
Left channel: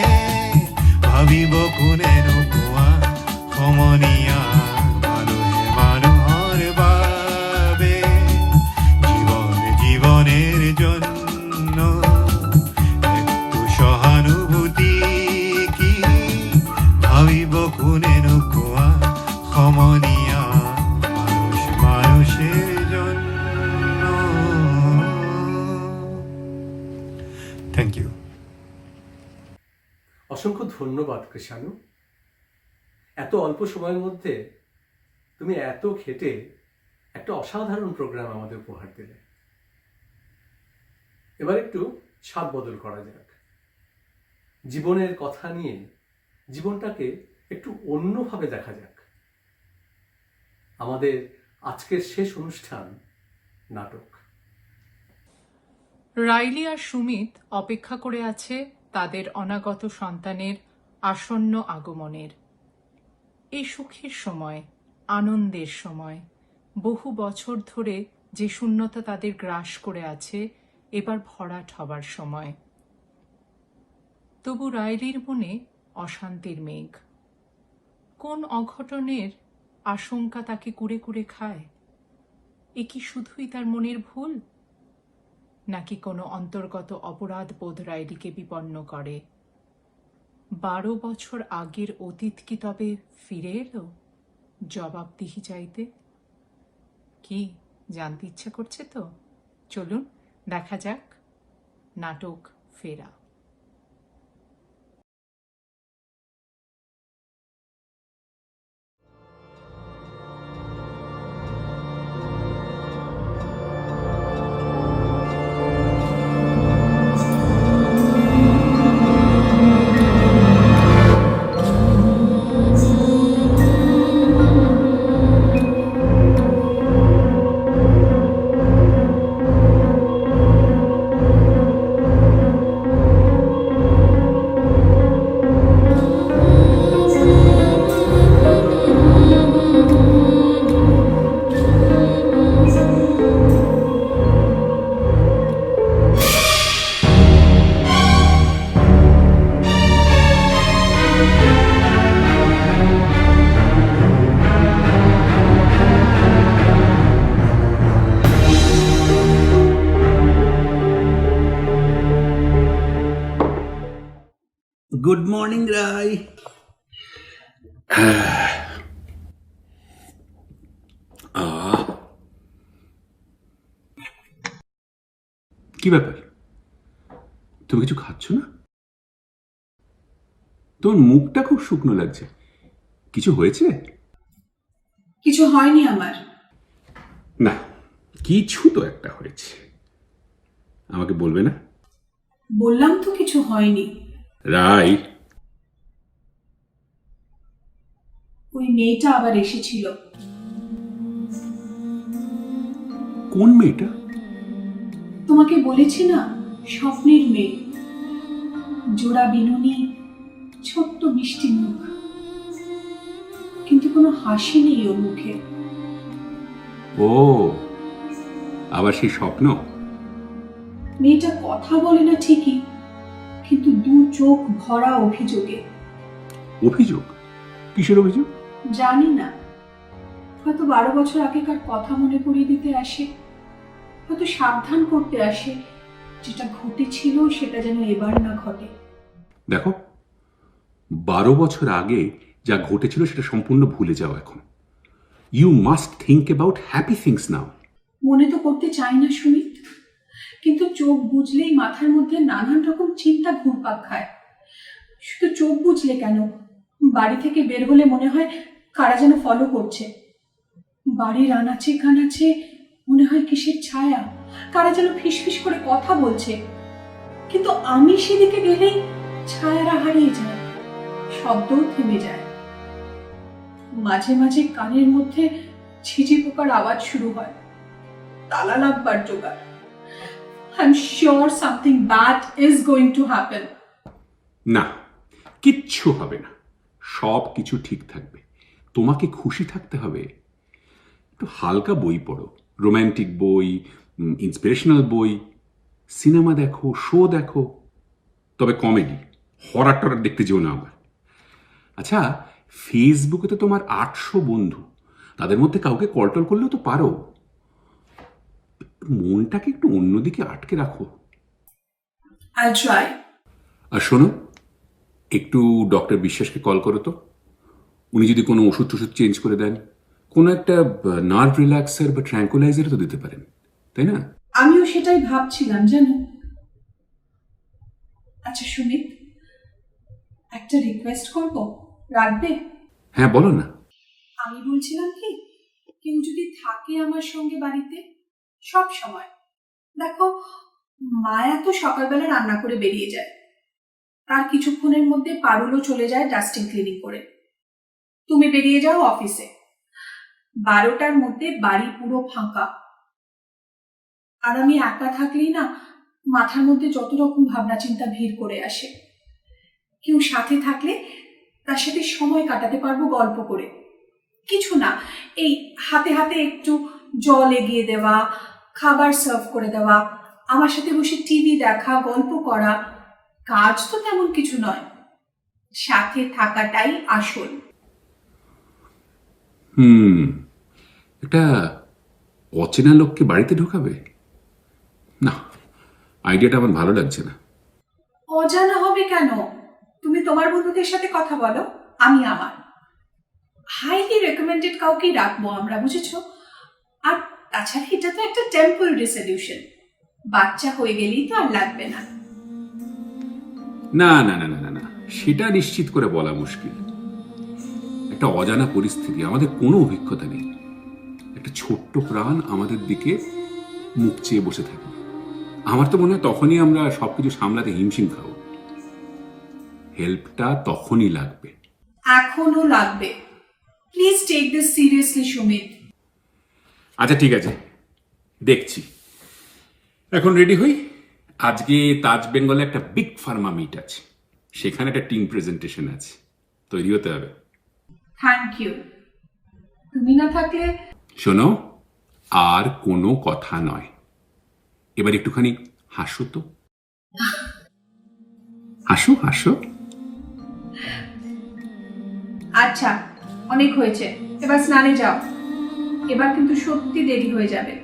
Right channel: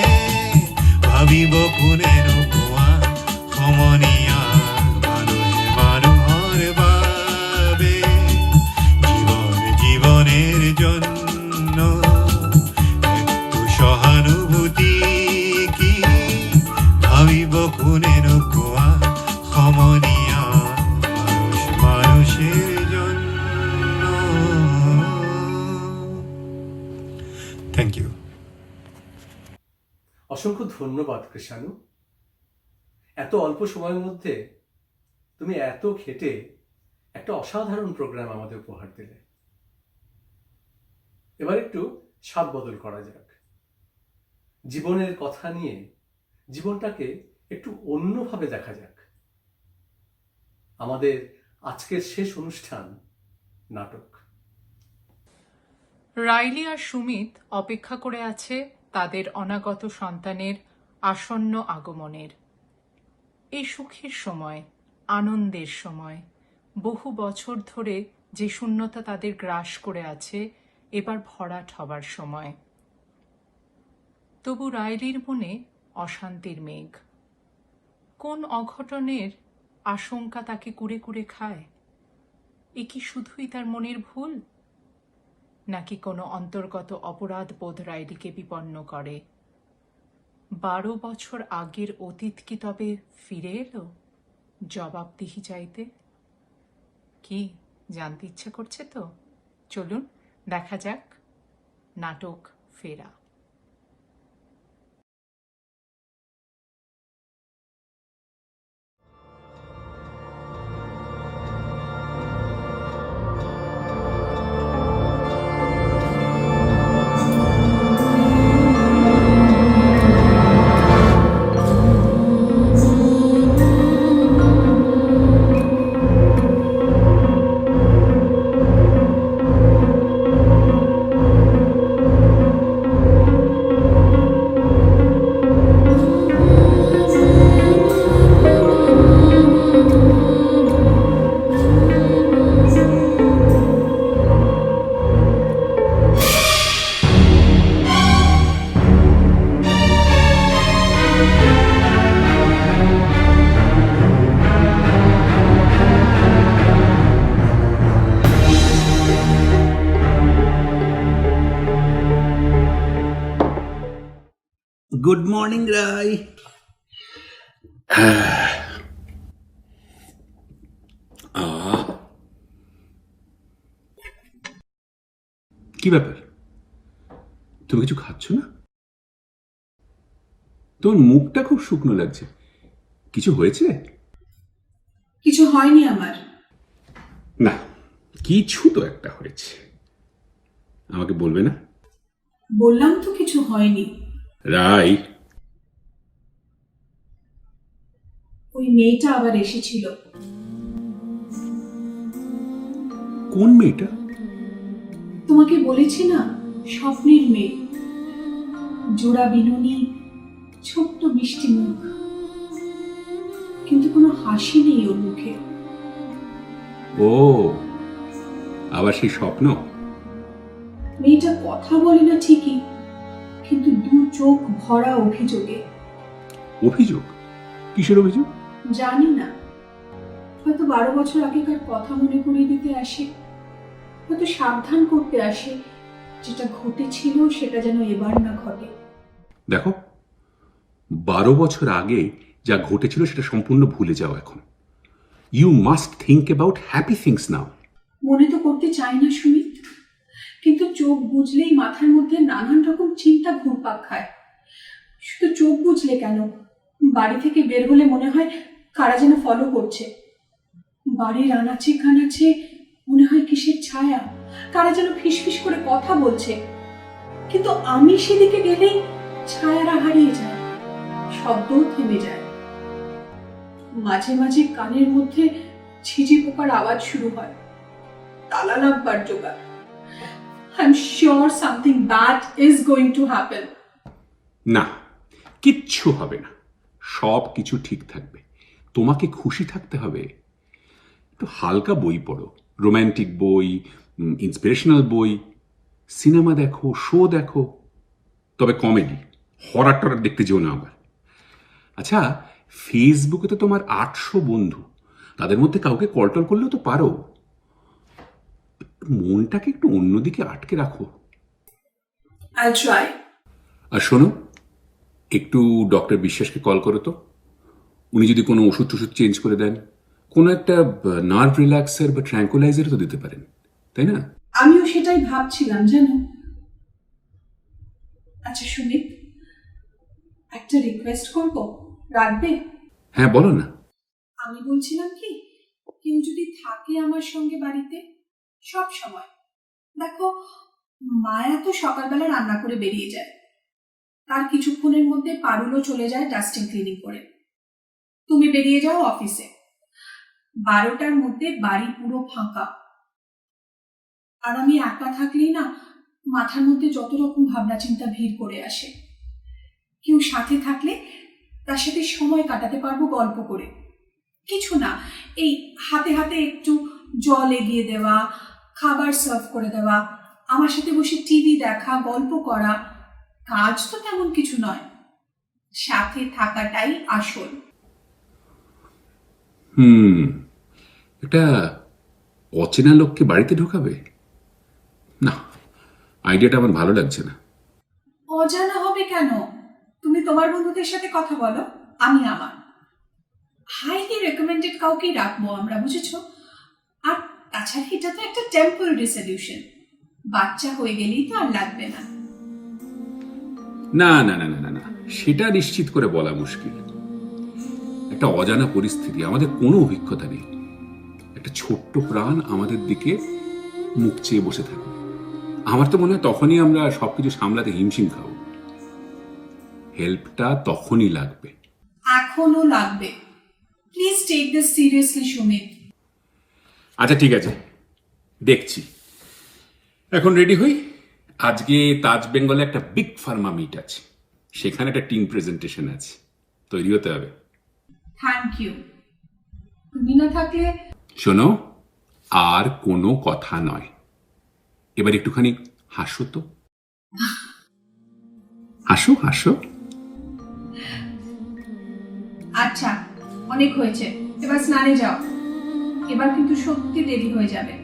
ভাবিব কোনে নোপোৱা সমনীয়া মানুহে মানুহৰ বাবে, জীবন জীবনের জন্য একটু সহানুভূতি কি ভাবিব কোনে নোপোৱা সমনীয়া মানুষ মানুষের জন্য। Thank you. অসংখ্য ধন্যবাদ কৃষাণু। এত অল্প সময়ের মধ্যে তুমি এত খেটে একটা অসাধারণ প্রোগ্রাম আমাদের উপহার দিলে। এবার একটু স্বাদ বদল করা যাক, জীবনের কথা নিয়ে জীবনটাকে একটু অন্যভাবে দেখা যাক। আমাদের আজকের শেষ অনুষ্ঠান নাটক। রাইলি আর সুমিত অপেক্ষা করে আছে তাদের অনাগত সন্তানের আসন্ন আগমনের। এই সুখের সময়, আনন্দের সময়, বহু বছর ধরে যে শূন্যতা তাদের গ্রাস করে আছে এবার ভরাট হবার সময়। তবু রাইলির মনে অশান্তির মেঘ। কোন অঘটনের আশঙ্কা তাকে কুরে কুরে খায়? এ কি শুধুই তার মনের ভুল, নাকি কোনো অন্তর্গত অপরাধ বোধ রাইলিকে বিপন্ন করে? 12 বছর আগের অতীত কি তবে ফিরে এলো জবাবদিহি চাইতে? কি জানতে ইচ্ছে করছে তো? চলুন দেখা যাক নাটক ফেরা। Good morning, Rai. কি ব্যাপার, তুমি কিছু খাচ্ছ না? তোমার মুখটা খুব শুকনো লাগছে, কিছু হয়েছে? কিছু হয়নি আমার। না, কিছু তো একটা হয়েছে, আমাকে বলবে না? বললাম তো কিছু হয়নি। রাই, ওই মেয়েটা আবার এসেছিল। কোন মেয়েটা? তোমাকে বলেছি না, স্বপ্নের মেয়ে, জোড়া বিনুনি, ছোট্ট মিষ্টি মুখ, কিন্তু কোনো হাসি নেই ওর মুখে। ও, আবার সেই স্বপ্ন? মেয়েটা কথা বলে না ঠিকই, কিন্তু দু চোখ ভরা অভিযোগে। অভিযোগ? কিসের অভিযোগ? জানি না, হয়তো 12 বছর আগেকার কথা মনে করিয়ে দিতে আসে, হয়তো সাবধান করতে আসে, যেটা ঘটেছিল সেটা যেন এবার না ঘটে। দেখো, 12 বছর আগে যা ঘটেছিল সেটা সম্পূর্ণ ভুলে যাও এখন। You must think about happy things now. মনে তো করতে চাই না সুমিত, কিন্তু চোখ বুঝলেই মাথার মধ্যে নানান রকম চিন্তা ঘুরপাক খায়। শুধু চোখ বুঝলে কেন, বাড়ি থেকে বের হলে মনে হয় কারা যেন ফলো করছে। বাড়ির আনাচে কানাচে মনে হয় কিসের ছায়া, কারা যেন ফিসফিস করে কথা বলছে। কিন্তু আমি সেদিকে গেলেই ছায়ারা হারিয়ে যায়, শব্দও থেমে যায়। মাঝে মাঝে কানের মধ্যে ঝিঝি পোকার আওয়াজ শুরু হয়, তালা লাগবার জোগাড়। I'm sure something bad is going to happen. না, কিচ্ছু হবে না, সব কিছু ঠিক থাকবে। তোমাকে খুশি থাকতে হবে। একটু হালকা বই পড়ো, রোম্যান্টিক বই, ইন্সপিরেশনাল বই, সিনেমা দেখো, শো দেখো, তবে কমেডি, হরর টরর দেখতে যেও না আবার। আচ্ছা, ফেসবুকে তো তোমার 800 বন্ধু, তাদের মধ্যে কাউকে কলটল করলেও তো পারো। মনটাকে একটু অন্যদিকে আটকে রাখো। I'll try. আর শোনো, একটু ডক্টর বিশ্বাসকে কল করো তো। উনি যদি কোনো ওষুধ টষুধ চেঞ্জ করে দেন, কোনো একটা নার্ভ রিল্যাক্সার বা ট্র্যাঙ্কুলাইজার তো দিতে পারেন, তাই না? আমিও সেটাই ভাবছিলাম জানো। আচ্ছা সুমিত, একটা রিকোয়েস্ট করব, রাখবে? হ্যাঁ, বলো না। আমি বলছিলাম কি, কেউ যদি থাকে আমার সঙ্গে বাড়িতে সব সময়। দেখো, মায়া তো সকালবেলা রান্না করে বেরিয়ে যায়, তার কিছুক্ষণের মধ্যে পারুলও চলে যায় ডাস্টিং ক্লিনিং করে। তুমি বেরিয়ে যাও অফিসে, 12টার মধ্যে বাড়ি পুরো ফাঁকা। আর আমি একা থাকলেই না মাথার মধ্যে যত রকম ভাবনা চিন্তা ভিড় করে আসে। কেউ সাথে থাকলে তার সাথে সময় কাটাতে পারবো গল্প করে। কিছু না, এই হাতে হাতে একটু জল এগিয়ে দেওয়া, খাবার সার্ভ করে দেওয়া, আমার সাথে বসে টিভি দেখা, গল্প করা। কাজ তো তেমন কিছু নয়, সাথে থাকাটাই আসল। একটা অচেনা লোককে বাড়িতে ঢোকাবে না, আইডিয়াটা আমার ভালো লাগছে না। অজানা হবে কেন? তুমি তোমার বন্ধুদের সাথে কথা বলো, আমি আমার। হাইলি রেকমেন্ডেড কাউকেই রাখবো আমরা, বুঝেছো? আর তাছাড়া এটা তো একটা টেম্পোরারি সলিউশন, বাচ্চা হয়ে গেলেই তো আর লাগবে না। না না না না না না, সেটা নিশ্চিত করে বলা মুশকিল। একটা অজানা পরিস্থিতি, আমাদের কোনো অভিজ্ঞতা নেই, একটা ছোট্ট প্রাণ আমাদের দিকে মুখ চেয়ে বসে থাকে। আমার তো মনে হয় তখনই আমরা সবকিছু সামলাতে হিমশিম খাবো। হেল্পটা তখনই লাগবে, এখনো লাগবে। Please take this seriously Sumit. আচ্ছা ঠিক আছে, দেখছি। এখন রেডি হই। আজকে তাজ বেঙ্গলে একটা বিগ ফার্মা মিট আছে, সেখানে একটা টিম প্রেজেন্টেশন আছে, তৈরি হতে হবে। Thank you. তুমি না থাকলে। শোনো, আর কোনো কথা নয়, এবার একটুখানি হাসো তো। হাসো হাসো। আচ্ছা, অনেক হয়েছে, এবার স্নানে যাও। এবার কিন্তু সত্যি দেরি হয়ে যাবে।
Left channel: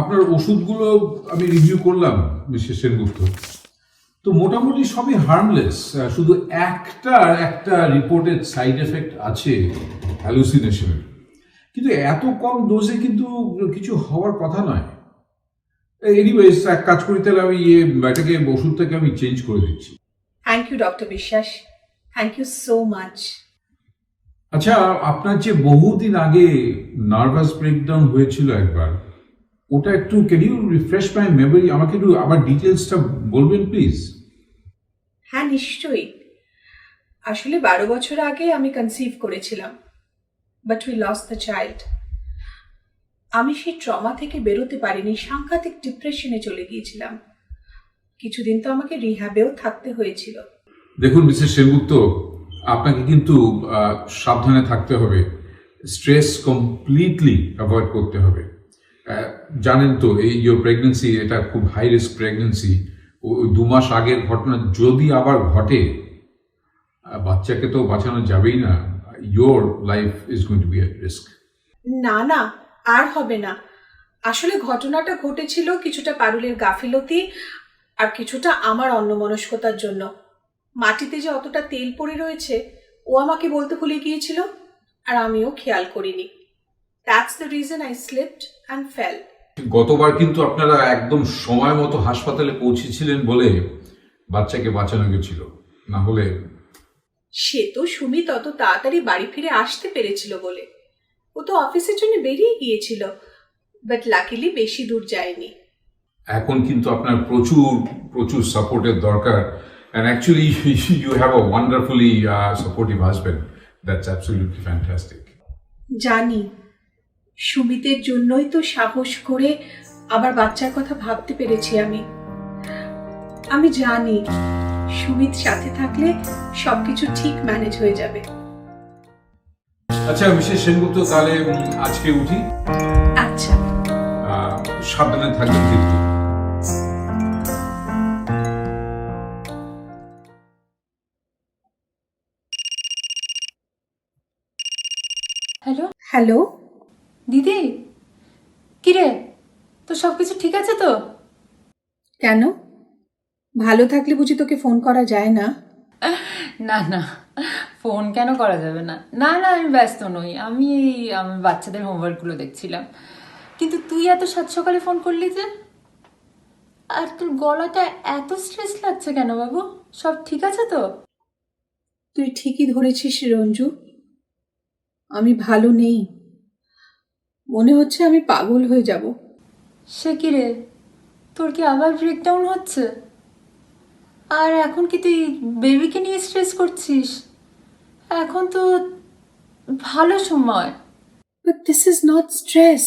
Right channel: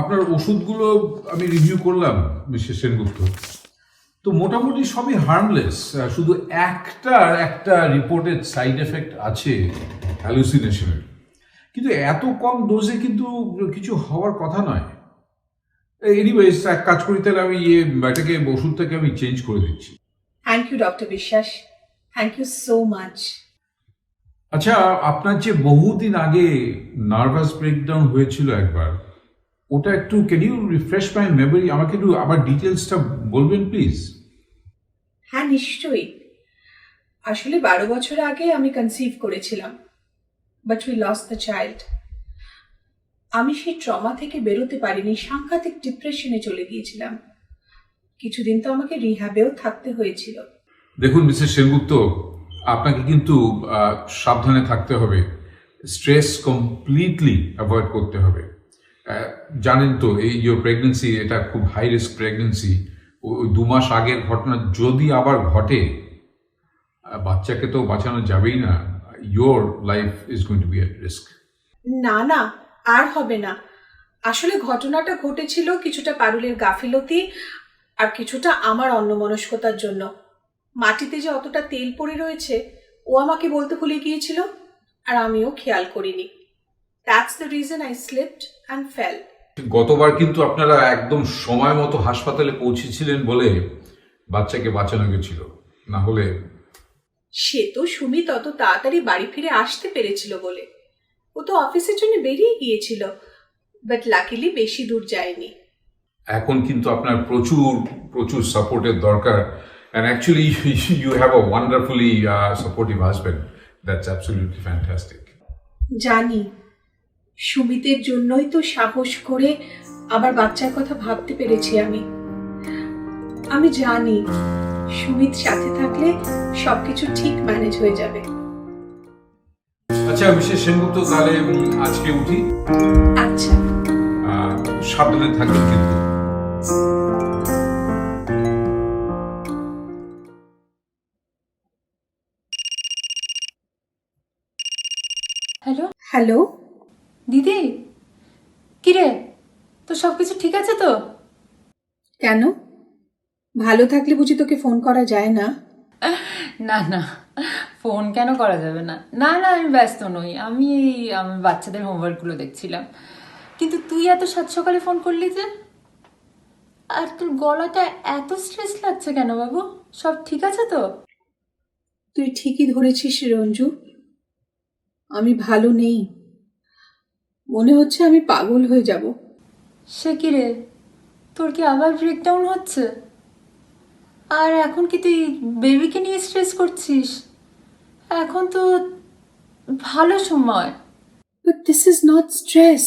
আপনার ওষুধগুলো আমি রিভিউ করলাম মিস্টার সেনগুপ্ত, তো মোটামুটি সবই হার্মলেস। শুধু একটা রিপোর্টেড সাইড এফেক্ট আছে, হ্যালুসিনেশনের, কিন্তু এত কম ডোজে কিন্তু কিছু হওয়ার কথা নয়। এনিওয়েজ, এক কাজ করি তাহলে, আমি এটাকে ওষুধটাকে আমি চেঞ্জ করে দিচ্ছি। থ্যাংক ইউ ডক্টর বিশ্বাস, থ্যাংক ইউ সো মাচ। আচ্ছা, আপনার যে বহুদিন আগে নার্ভাস ব্রেকডাউন হয়েছিল একবার, ওটা একটু can you refresh my memory? আমাকে একটু আবার ডিটেলসটা বলবেন প্লিজ। হ্যাঁ নিশ্চয়ই। আসলে 12 বছর আগে আমি কনসিভ করেছিলাম, but we lost the child. আমি সেই ট্রমা থেকে বেরোতে পারিনি, সাংঘাতিক ডিপ্রেশনে চলে গিয়েছিলাম। কিছুদিন তো আমাকে রিহ্যাবেও থাকতে হয়েছিল। দেখুন মিসেস সেনগুপ্ত, আপনাকে কিন্তু সাবধানে থাকতে হবে, স্ট্রেস কমপ্লিটলি অ্যাভয়েড করতে হবে। জানেন তো, এই ইয়োর প্রেগনেন্সি, এটা খুব হাই রিস্ক প্রেগনেন্সি। ওই 2 মাস আগের ঘটনা যদি আবার ঘটে, বাচ্চাকে তো বাঁচানো যাবেই না। Your life is going to be at risk. না না, আর হবে না। আসলে ঘটনাটা ঘটেছিল কিছুটা পারুলের গাফিলতি আর কিছুটা আমার অন্যমনস্কতার জন্য। মাটিতে যে অতটা তেল পড়ে রয়েছে ও আমাকে বলতে ভুলে গিয়েছিল, আর আমিও খেয়াল করিনি। That's the reason I slipped and fail. গতবার কিন্তু আপনারা একদম সময় মতো হাসপাতালে পৌঁছেছিলেন বলে বাচ্চাকে বাঁচানো গেছিল, না হলে। সে তো সুমিত অত তাড়াতাড়ি বাড়ি ফিরে আসতে পেরেছিল বলে। ও তো অফিসের জন্য বেরিয়ে গিয়েছিল, বাট লাকিলি বেশি দূর যায়নি। এখন কিন্তু আপনার প্রচুর প্রচুর সাপোর্টের দরকার, and actually you have a wonderfully supportive husband. That's absolutely fantastic. জানি, সুমিতের জন্যই তো সাহস করে আবার বাচ্চার কথা ভাবতে পেরেছি আমি জানি সুমিত সাথে থাকলে সবকিছু ঠিক ম্যানেজ হয়ে যাবে। আচ্ছা মিসেস সেনগুপ্ত, তাহলে আজকে উঠি। আচ্ছা, সাবধানে থাকবেন কিন্তু। হ্যালো হ্যালো দিদি, কিরে তো সব কিছু ঠিক আছে তো? কেন, ভালো থাকলে বুঝি তোকে ফোন করা যায় না? না না, ফোন কেন করা যাবে না? না না, আমি ব্যস্ত নই, আমি আমার বাচ্চাদের হোমওয়ার্কগুলো দেখছিলাম। কিন্তু তুই এত সাত সকালে ফোন করলি যে? আর তোর গলাটা এত স্ট্রেস লাগছে কেন বাবু? সব ঠিক আছে তো? তুই ঠিকই ধরেছিস রঞ্জু, আমি ভালো নেই। মনে হচ্ছে আমি পাগল হয়ে যাব। সে কি রে, তোর কি আবার ব্রেকডাউন হচ্ছে? আর এখন কি তুই বেবিকে নিয়ে স্ট্রেস করছিস? এখন তো ভালো সময়। But this is not stress.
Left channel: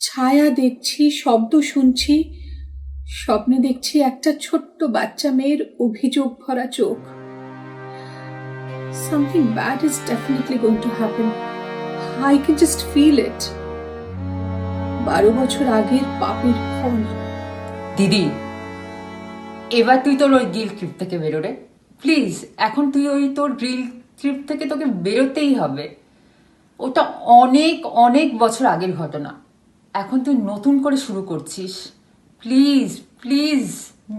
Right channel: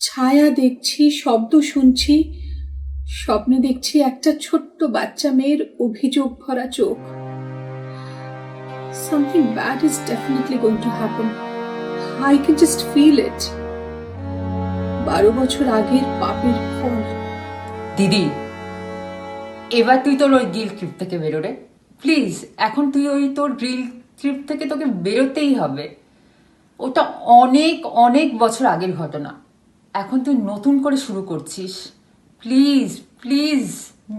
ছায়া দেখছি, শব্দ শুনছি, স্বপ্নে দেখছি একটা ছোট্ট বাচ্চা মেয়ের অভিযোগ ভরা চোখ। Something bad is definitely going to happen. I can just feel it. 12 বছর আগের পাপের ফল। দিদি, এবার তুই তোর ওই গিল্ট ট্রিপ থেকে বেরো রে প্লিজ। এখন তুই ওই তোর গিল্ট ট্রিপ থেকে তোকে বেরোতেই হবে। ওটা অনেক অনেক বছর আগের ঘটনা, এখন তুই নতুন করে শুরু করছিস। Please please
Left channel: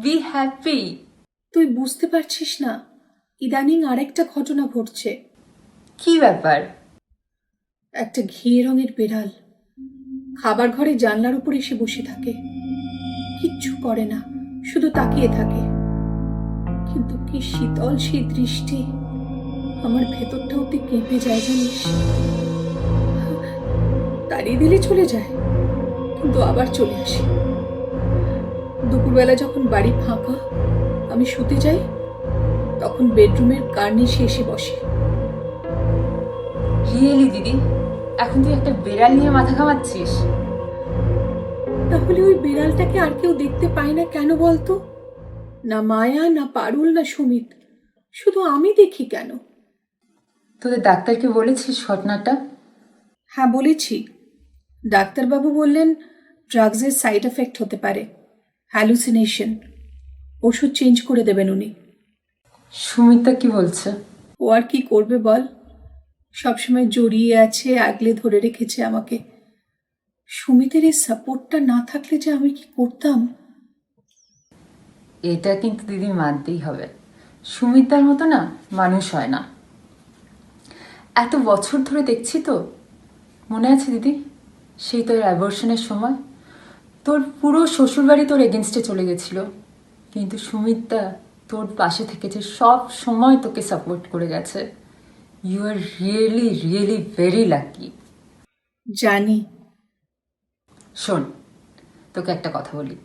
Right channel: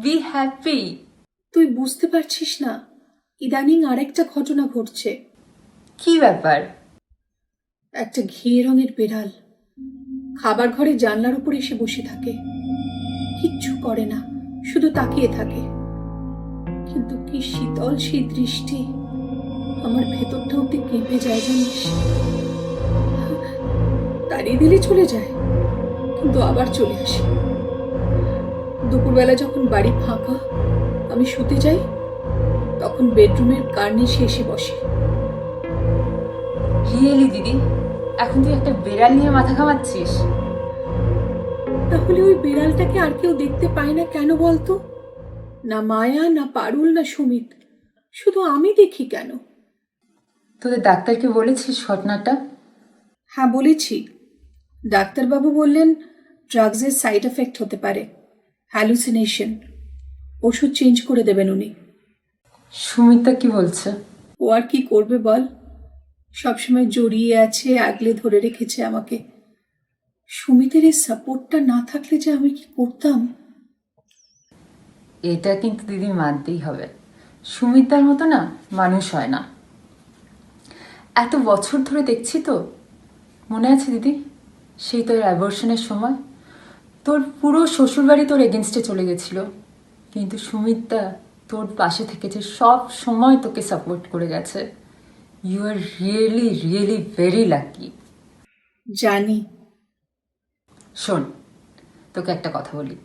be happy. তুই বুঝতে পারছিস না, ইদানিং আরেকটা ঘটনা ঘটছে। কি ব্যাপার? একটা ঘিয়ে রঙের বেড়াল খাবার ঘরে জানলার উপর এসে বসে থাকে, কিচ্ছু করে না, শুধু তাকিয়ে থাকে। কিন্তু কি শীতল সেই দৃষ্টি, আমার ভেতরটা ওতে কেঁপে যায় জানিস। তাড়িয়ে দিলে চলে যায়, কিন্তু আবার চলে আসে। দুপুরবেলা যখন বাড়ি ফাঁকা, আমি শুতে যাই, তখন বেডরুমের কার্নিশে এসে বসে। রিয়েলি দিদি, এখন তুই একটা বেড়াল নিয়ে মাথা ঘামাচ্ছিস? তাহলে ওই বিড়ালটাকে আর কেউ দেখতে পায় না কেন বলতো? না মায়া, না পারুল, না সুমিত, শুধু আমি দেখি কেন? তোদের ডাক্তারকে বলেছিস ঘটনাটা? হ্যাঁ বলেছি, ডাক্তারবাবু বললেন ড্রাগসের সাইড এফেক্ট হতে পারে, হ্যালুসিনেশন, ওষুধ চেঞ্জ করে দেবেন উনি। সুমিতা কি বলছে? ও আর কি করবে বল, সবসময় জড়িয়ে আছে, আগলে ধরে রেখেছে আমাকে। সুমিতের এই সাপোর্টটা না থাকলে যে আমি কি করতাম। এটা কিন্তু দিদি মানতেই হবে, সুমিতার মতো না মানুষ হয় না। এত বছর ধরে দেখছি তো, মনে আছে দিদি সেই তোর অ্যাবর্শনের সময় তোর পুরো শ্বশুরবাড়ি তোর এগেনস্টে চলে গেছিল, কিন্তু সুমিতা তোর পাশে থেকেছে, সব সময় তোকে সাপোর্ট করে গেছে। You are really really very lucky. জানি। শোন, তোকে একটা কথা বলি,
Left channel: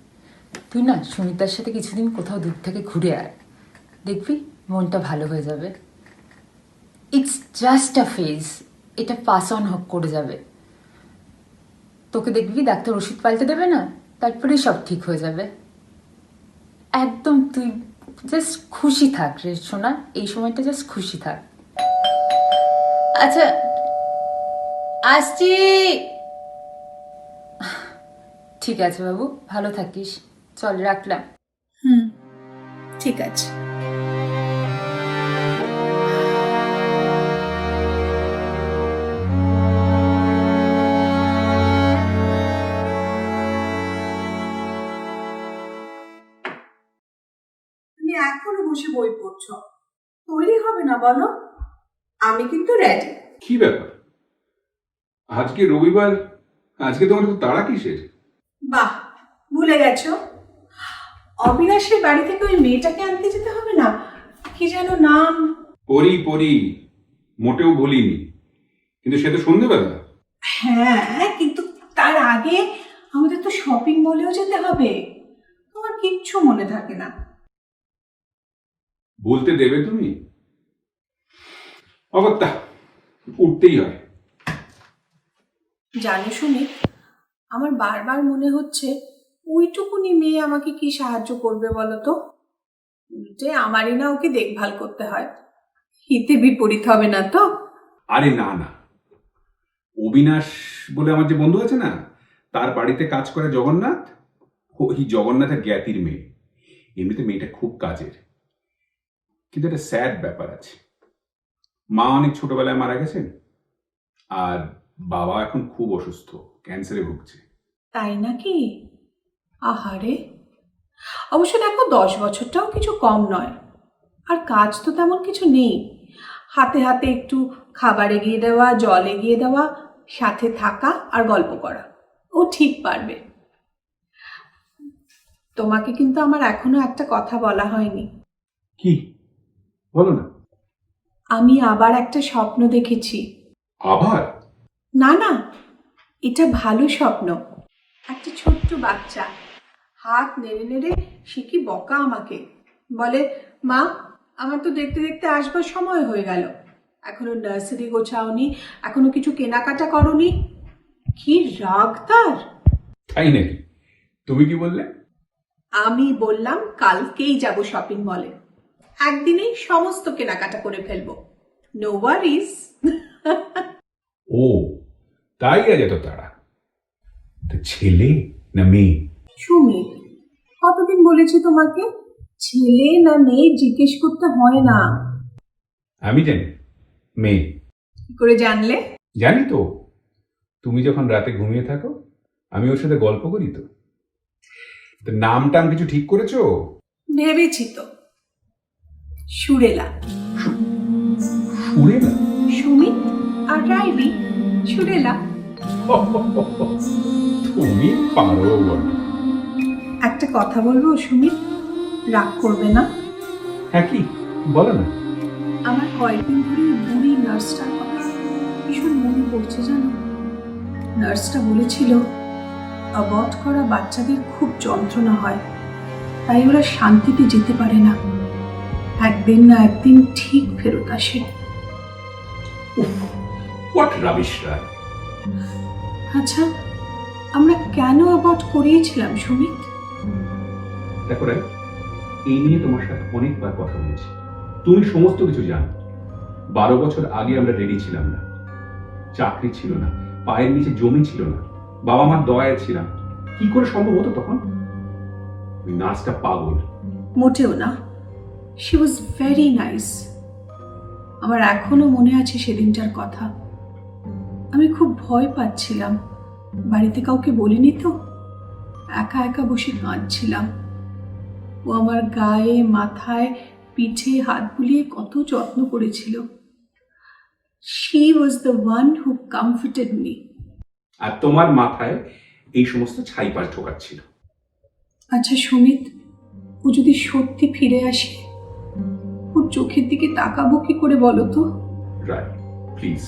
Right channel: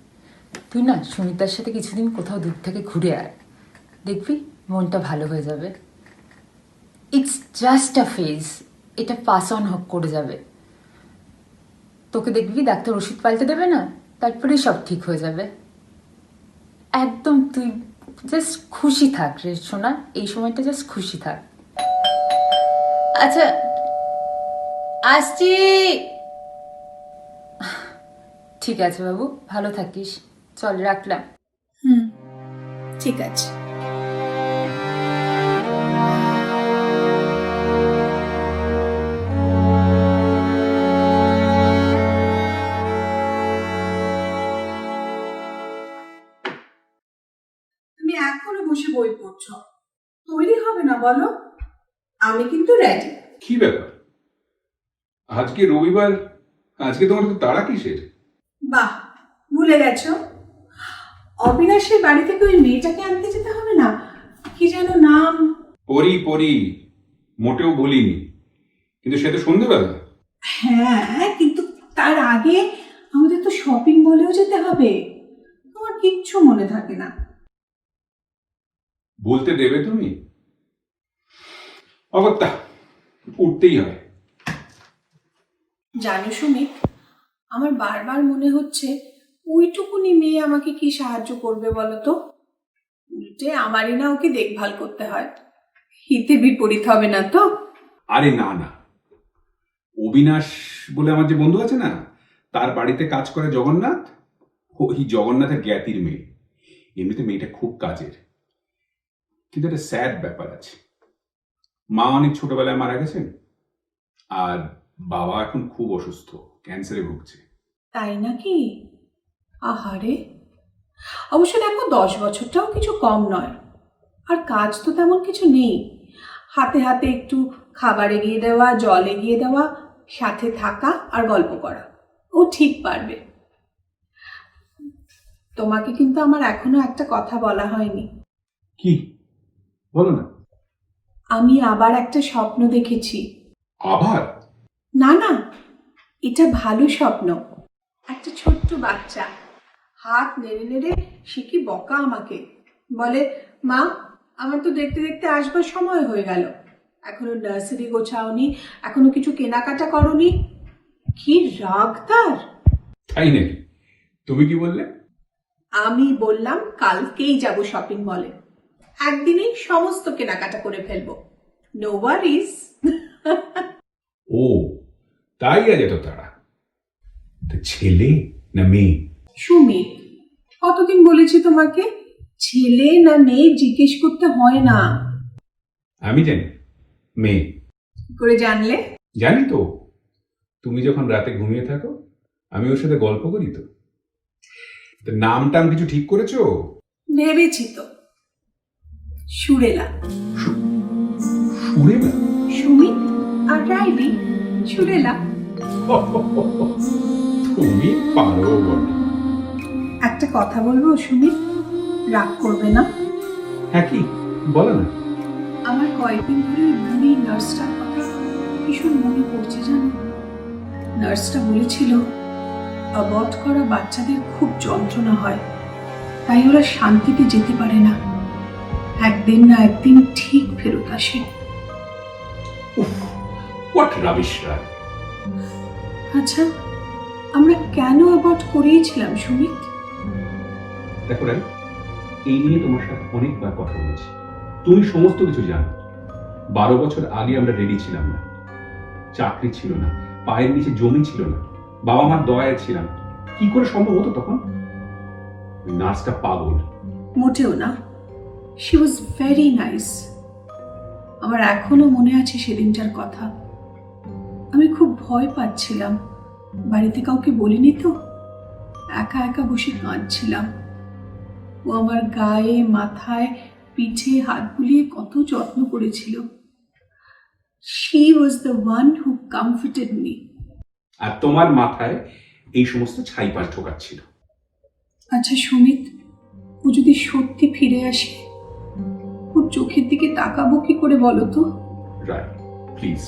তুই না সুমিতার সাথে কিছুদিন কোথাও দূর থেকে ঘুরে আয়, দেখবি মনটা ভালো হয়ে যাবে। ইটস জাস্ট আ ফেজ, এটা পাস অন করে যাবে। তোকে দেখবি ডাক্তার ওষুধ পাল্টে দেবে না, তারপরেই সব ঠিক হয়ে যাবে। একদম তুই জাস্ট খুশি থাক রে সোনা, এই সময়টা জাস্ট খুশি থাক। আচ্ছা আসছি। ঠিক আছে বাবু, ভালো থাকিস, চল রাখলাম। ঠিক আছে। তুমি এখনো বসে বই পড়ছো, তৈরি হবে না বলো? আমি কিন্তু রেডি। কি ব্যাপার, আজকে রবিবার, আজকে তোমার তো তাড়া কিসের? বাহ, ভুলে গেছো? অবিনাশের বাড়ি থেকে ওই মেয়েটাকে আনতে যেতে হবে না? কি যেন নাম? পরি, মোটেও ভুলিনি, কিন্তু সে তো সন্ধ্যেবেলা। হ্যাঁ, কিন্তু তার আগে আমাদের তো শপিং মলেও যেতে হবে। তোমার কিচ্ছু মনে থাকে না। বলতে দেবে তুমি? অগত্যা, উঠতেই হয়। জানো সুমিত, আমার বারবার মনে হচ্ছে ওইটুকুনি মেয়ে আমাকে কি সাহায্য করবে বলো তো? উল্টে আমারই না ওকে দেখভাল করতে হয়। হিতে বিপরীত হবে না তো? আরে না, অবিনাশ বলে আমার যে বন্ধু আছে না, তার বাড়িতে কাজ করে জগন্নাথ। ওই জগন্নাথের জ্ঞাতির মেয়ে। এমনিতে মেয়েটা খুব কাজের, কিন্তু একটা স্যাড ব্যাপার আছে। মা অনেক ছোটবেলায় মারা গেছেন, আর বাবা এখন খুব অসুস্থ, ক্যান্সারে ভুগছে। তাই নাকি? আহারে, অবশ্য দেখো 10 বছরটাও কিছু কম নয়। আর কাজ তো তেমন কিছু নেই, হাতে হাতে একটু খাবার এগিয়ে দেওয়া, জল এগিয়ে দেওয়া, সাথে থাকা আর গল্প করা। ও ঠিক পারবে। তোমাকে কিন্তু আমার এখনো একটা কথা বলা হয়নি। কি? বলো না। আমি আবার একটা স্বপ্ন দেখেছি। আবার? না, এটা ভালো স্বপ্ন। একটা ছোট্ট বাচ্চা হাত নেড়ে নেড়ে সে কি বকা আমাকে, বলে, মা আমার তো দেখতে দেখতে আসবার সময় হয়ে গেল, এখনো নার্সারি গোছাওনি, এখনো কিছু কেনাকাটা করনি। কি রাগ তার! তাই নাকি? তুমি কি বললে? আমি বললাম কালকেই যাব শপিং মলে, একদিনেই সমস্ত কেনাকাটা করে ফেলবো, নো ওয়ারিজ। ও তাই, আজ এত তাড়া? ছেলে না মেয়ে? সুমি, কতদিন বলেছি তোমাকে ছেলে না মেয়ে জিজ্ঞেস করতে হয় না। আমি জানি মেয়ে। কি করে জানলে? জানি তো, তুমি যখন রাতে ঘুমিয়ে থাকো আমি ওর সাথে গল্প করি তো। নাম টাম কিছু ঠিক করেছো? ভেবেছি তো, সুরেলা। সুরেলা? সুমিত আর রাইলি, সুরেলা। তুমি পারো বলো। একটা কথা বলবো সুমিত, রাগ করবে না? হ্যাঁ, কি বলো না। আমার কয়েকদিন ধরে বুড়ি নার্সটার কথা ভীষণ মনে পড়ছে জানো। নার্সটা বলেছিল অ্যাবর্ট করা বাচ্চাদের খুব যন্ত্রণা হয়, তাই ওরা শান্তিতে যেতে পারে না, একদিন না একদিন ঠিক ফেরত আসে। হোয়াট রাবিশ রায়। আচ্ছা, আমরা কেন অ্যাবর্ট করিয়েছিলাম সুমিত? দেখো রাই, এই নিয়ে তোমার সাথে অনেকবার কথা বলেছি, তুমি সমস্ত কিছু জানো। 12 বছর আগে আমরা রেডি ছিলাম না, চাকরি ছিল না, পায়ের নিচে জমি ছিল না, বাবা মার দয়ায় ছিলাম। কি করে সম্ভব হতো তখন? ওই নার্সটা পাগল। মোটেও না, শি ওয়াজ ভেরি নাইস। আমার এখনো মনে আছে সেদিনটার কথা। আমি খুব ভয় পাচ্ছিলাম, বাড়িতে কাউকে বলিনি তো, একা একা বসে কাঁদছিলাম। ও আমার গায়ে, মাথায়, পিঠে হাত বুলিয়ে কত যত্ন করেছিল। She was the one who comforted me. আর তোমার মাথায় এই সমস্ত ছাইপাশ ঢোকাচ্ছিল। আচ্ছা সুমিত, ও যদি সত্যি ফিরে আসে, ওর চোখের দিকে তাকাবো কি করে বলো তো? রাই প্লিজ,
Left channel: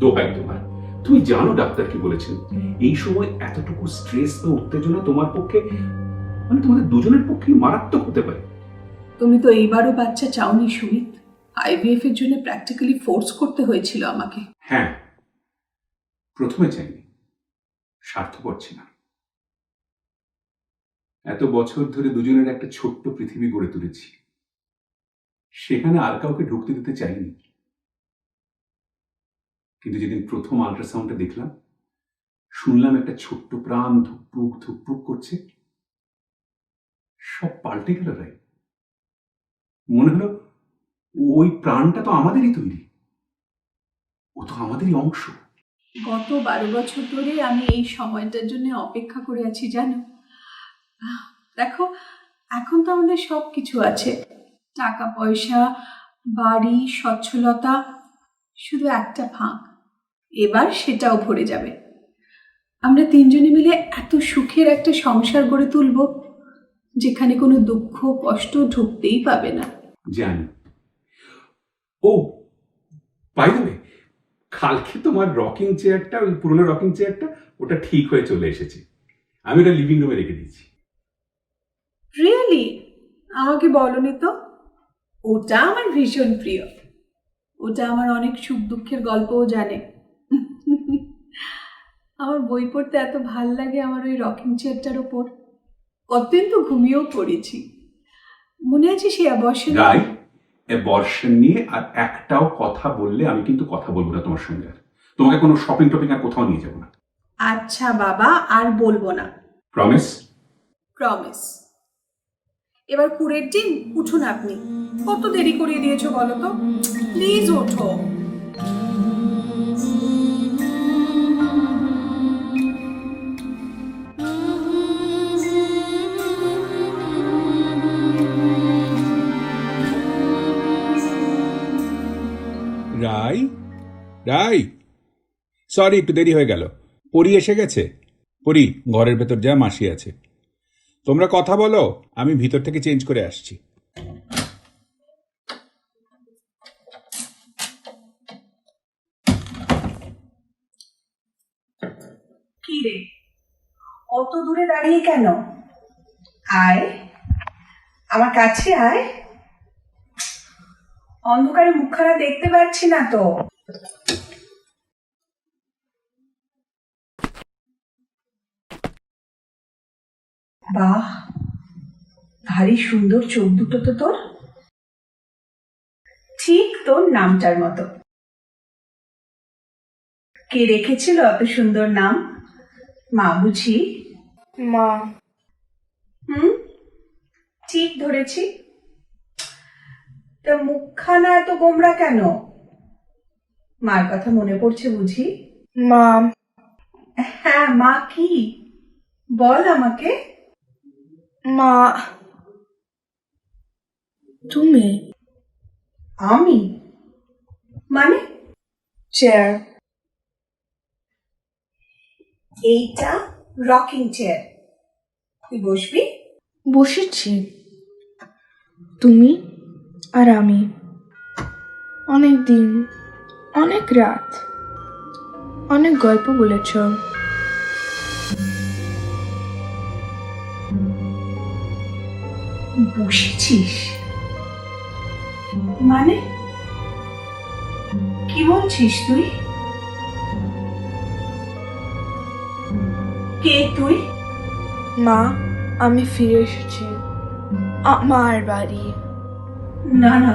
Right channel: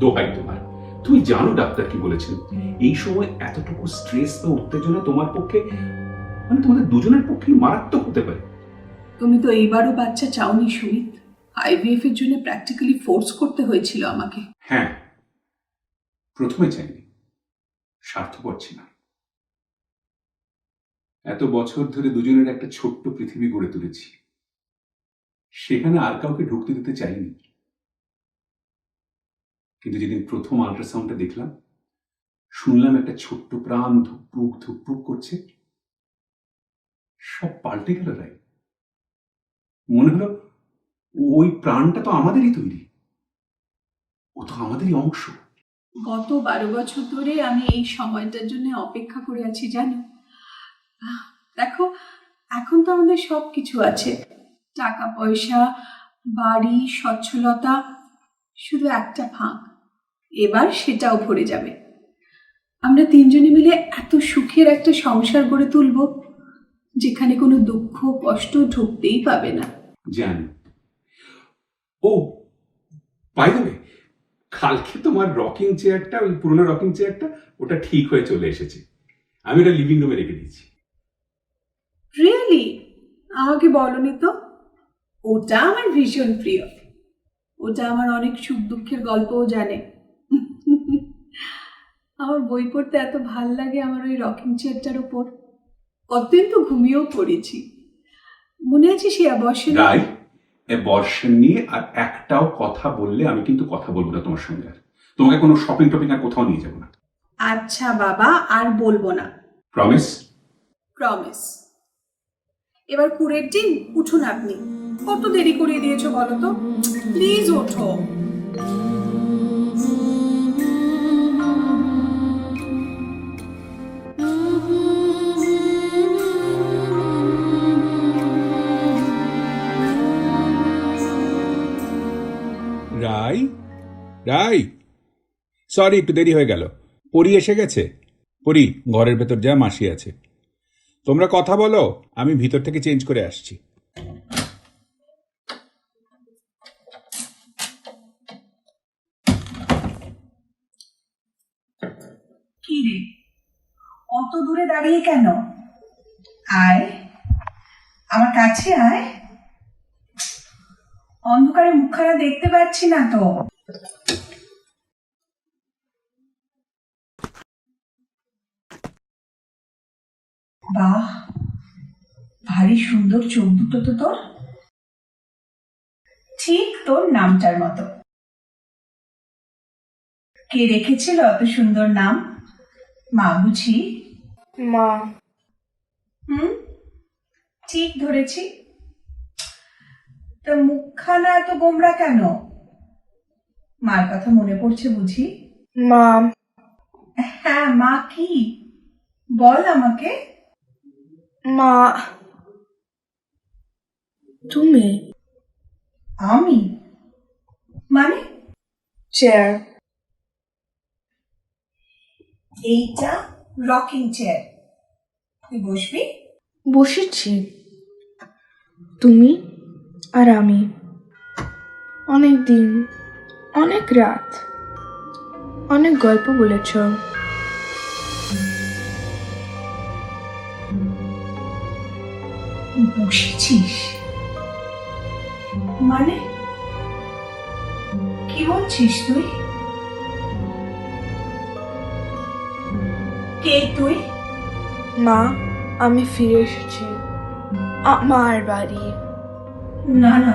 দোহাই তোমার। তুমি জানো ডাক্তার কি বলেছেন, এই সময় এতটুকু স্ট্রেস বা উত্তেজনা তোমার পক্ষে, মানে তোমাদের দুজনের পক্ষে মারাত্মক হতে পারে। তুমি তো এইবারও বাচ্চা চাওনি সুমিত, আইভিএফ এর জন্য প্র্যাকটিক্যালি ফোর্স করতে হয়েছিল আমাকে। হ্যাঁ, প্রথমে চাইনি, স্বার্থপর ছিলাম। এত বছর ধরে দুজনের একটা ছোট্ট পৃথিবী গড়ে তুলেছি, সেখানে আর কাউকে ঢুকতে দিতে চাইনি। কিন্তু যেদিন প্রথম আল্ট্রাসাউন্ডটা দেখলাম, শুনলাম একটা ছোট্ট প্রাণ ধুকপুক ধুকপুক করছে, সব পাল্টে গেল রাই। মনে হলো ওই প্রাণটা তো আমাদেরই তৈরি, ও তো আমাদেরই অংশ। গত 12 বছর ধরে আমি এই সময়টার জন্য অপেক্ষা করে আছি জানো। দেখো, এখন তো আমাদের সব কিছু আছে, টাকা পয়সা, বাড়ি, সচ্ছলতা, শুধু একটা ফাঁক। এবার সেটাও ভরে যাবে। আমরা তিনজনে মিলে এত সুখের একটা সংসার গড়ে তুলব যেখানে কোনো দুঃখ কষ্ট ঢুকতেই পাবে না। জানি। ও বাই দ্য ওয়ে, কালকে তোমার রকিং চেয়ারটা, ওই পুরোনো রকিং চেয়ারটা, ওটা ঠিক হয়ে চলে এসেছে। আমি ওটা লিভিং রুমে রেখে দিয়েছি। রিয়েলি? আমাকে বলনি তো। ওটা আমার ভীষণ প্রিয়। ওটা আমার অনেক সুখ দুঃখের গল্পও জানে। আমার বই পড়তে এত ভাল লাগে আমার ওই রকিং চেয়ারটার ওপর। কতদিন তো ঘুমিয়েও পড়েছি। মনে আছে সে অবশ্যই। রাই, অ্যাবর্শন নিয়ে আর একটাও কথা বললে আমি কিন্তু কথা বলবো না তোমার সঙ্গে। আর তোমাকে কোনো শপিং টপিং আর কোথাও নিয়ে যাবো না। আচ্ছা বাবা, আর বলবো না। প্রমিস? প্রমিস। এবার কুড়ের দিন উঠুন আপনি। কত দেরি করিয়ে দিয়েছো বলো তো? প্লিজ ওঠো। রাই, রাই, সরি একটু দেরি হয়ে গেল। পরি এসে গেছে। পরি, ঘরের ভেতর যা, মাসি আছে। তোমরা কথা বলো, আমি ভিতর থেকে চেঞ্জ করে আসছি। কি রে, অত দূরে দাঁড়িয়ে কেন? আয়, আমার কাছে আয়। অন্ধকারে মুখখানা দেখতে পাচ্ছি না তো। বাহ, ভারী সুন্দর চোখ দুটো তো তোর। ঠিক তোর নামটার মতো। কে রেখেছিল অত সুন্দর নাম? মা বুঝি? মা। ঠিক ধরেছি। তো মুখখানা এত গোমরা কেন? মার কথা মনে পড়ছে বুঝি? মা। হ্যাঁ, মা কি? বল আমাকে। মা, তুমি? আমি? মানে? চেয়ার। এইটা রকিং চেয়ার। তুই বসবি? বসেছি। তুমি আর আমি অনেক দিন, অনেক রাত, অনেক গল্প বলেছ। বসেছিস মানে? কি বলছিস তুই? কে তুই? মা, আমি ফিরে এসেছি আমার বাড়ি। না না,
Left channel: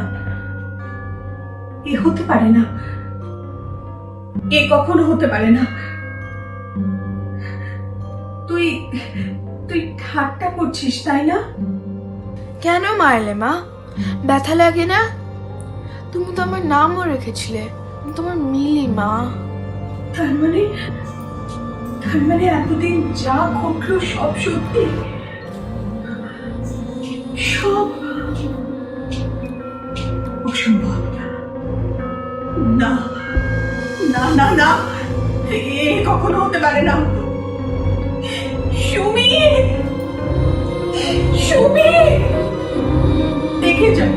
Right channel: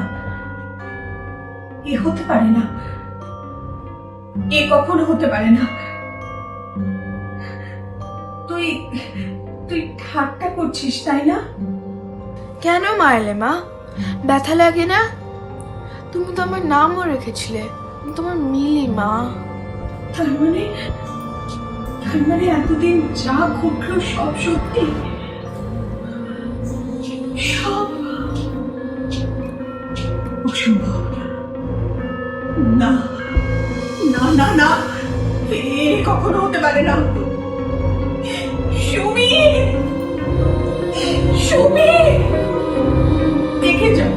এ হতে পারে না। এ কখনো হতে পারে না। তুই তুই ঠাট্টা করছিস তাই না? কেন মারলে মা? ব্যথা লাগে না? তুমি তো আমার নামও রেখেছিলে, তোমার মিলি মা। তার মানে এতদিন যা ঘটলো সব সত্যি? সব অসম্ভব। না না না না, এ কখনো হতে পারে না। সুমি, সুমি, দেখে যাও,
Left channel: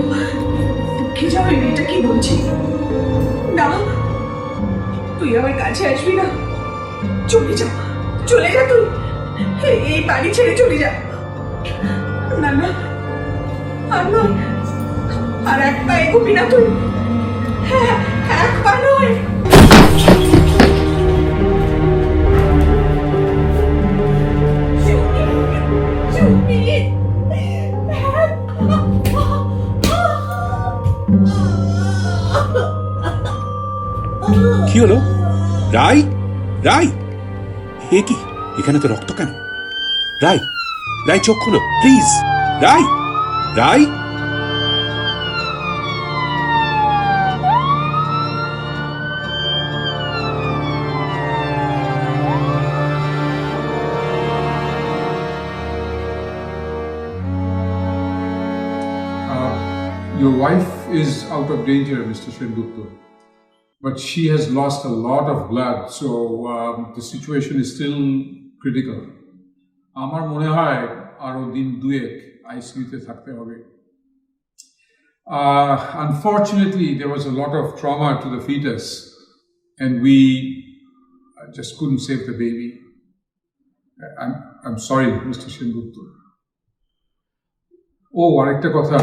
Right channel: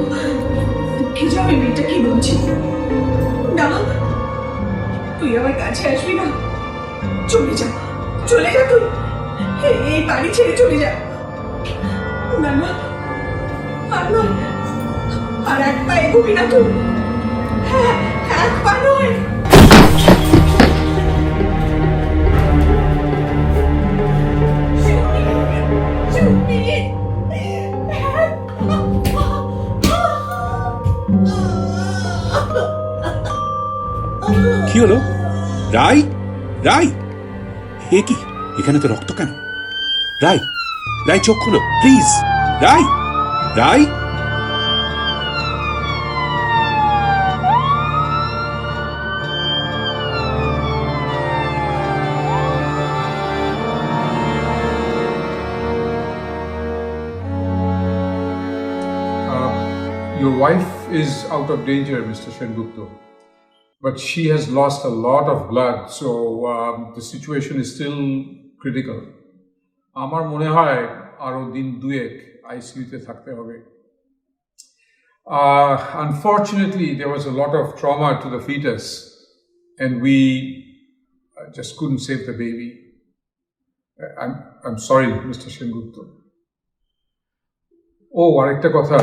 দেখে যাও এই মেয়েটা কি বলছে। না, তুই আমার কাছে আসবি না। চলে যা, চলে যা তুই। এই বাড়ি ছেড়ে চলে যা। না না, আর নয়, আর এক পা এগোবি না তুই। হ্যাঁ, এক পা নয়। কি হলো? রাই, রাই, এ কি? এখানে তো রক্ত কেন? রাই, রাই চোখ খুলো please. Rai, Rai. Your wife is out of danger, Mr. Sengupta, but she has lost a lot of blood, so the situation is still critical. আমার মনে হয় আরো দিন দুয়েক আইসিইউতে থাকতে হবে। Unfortunately, there was a lot of trauma to the fetus, and we just couldn't save the baby. I'm sorry, Mr. Sengupta. Oh, আরেকটা কথা,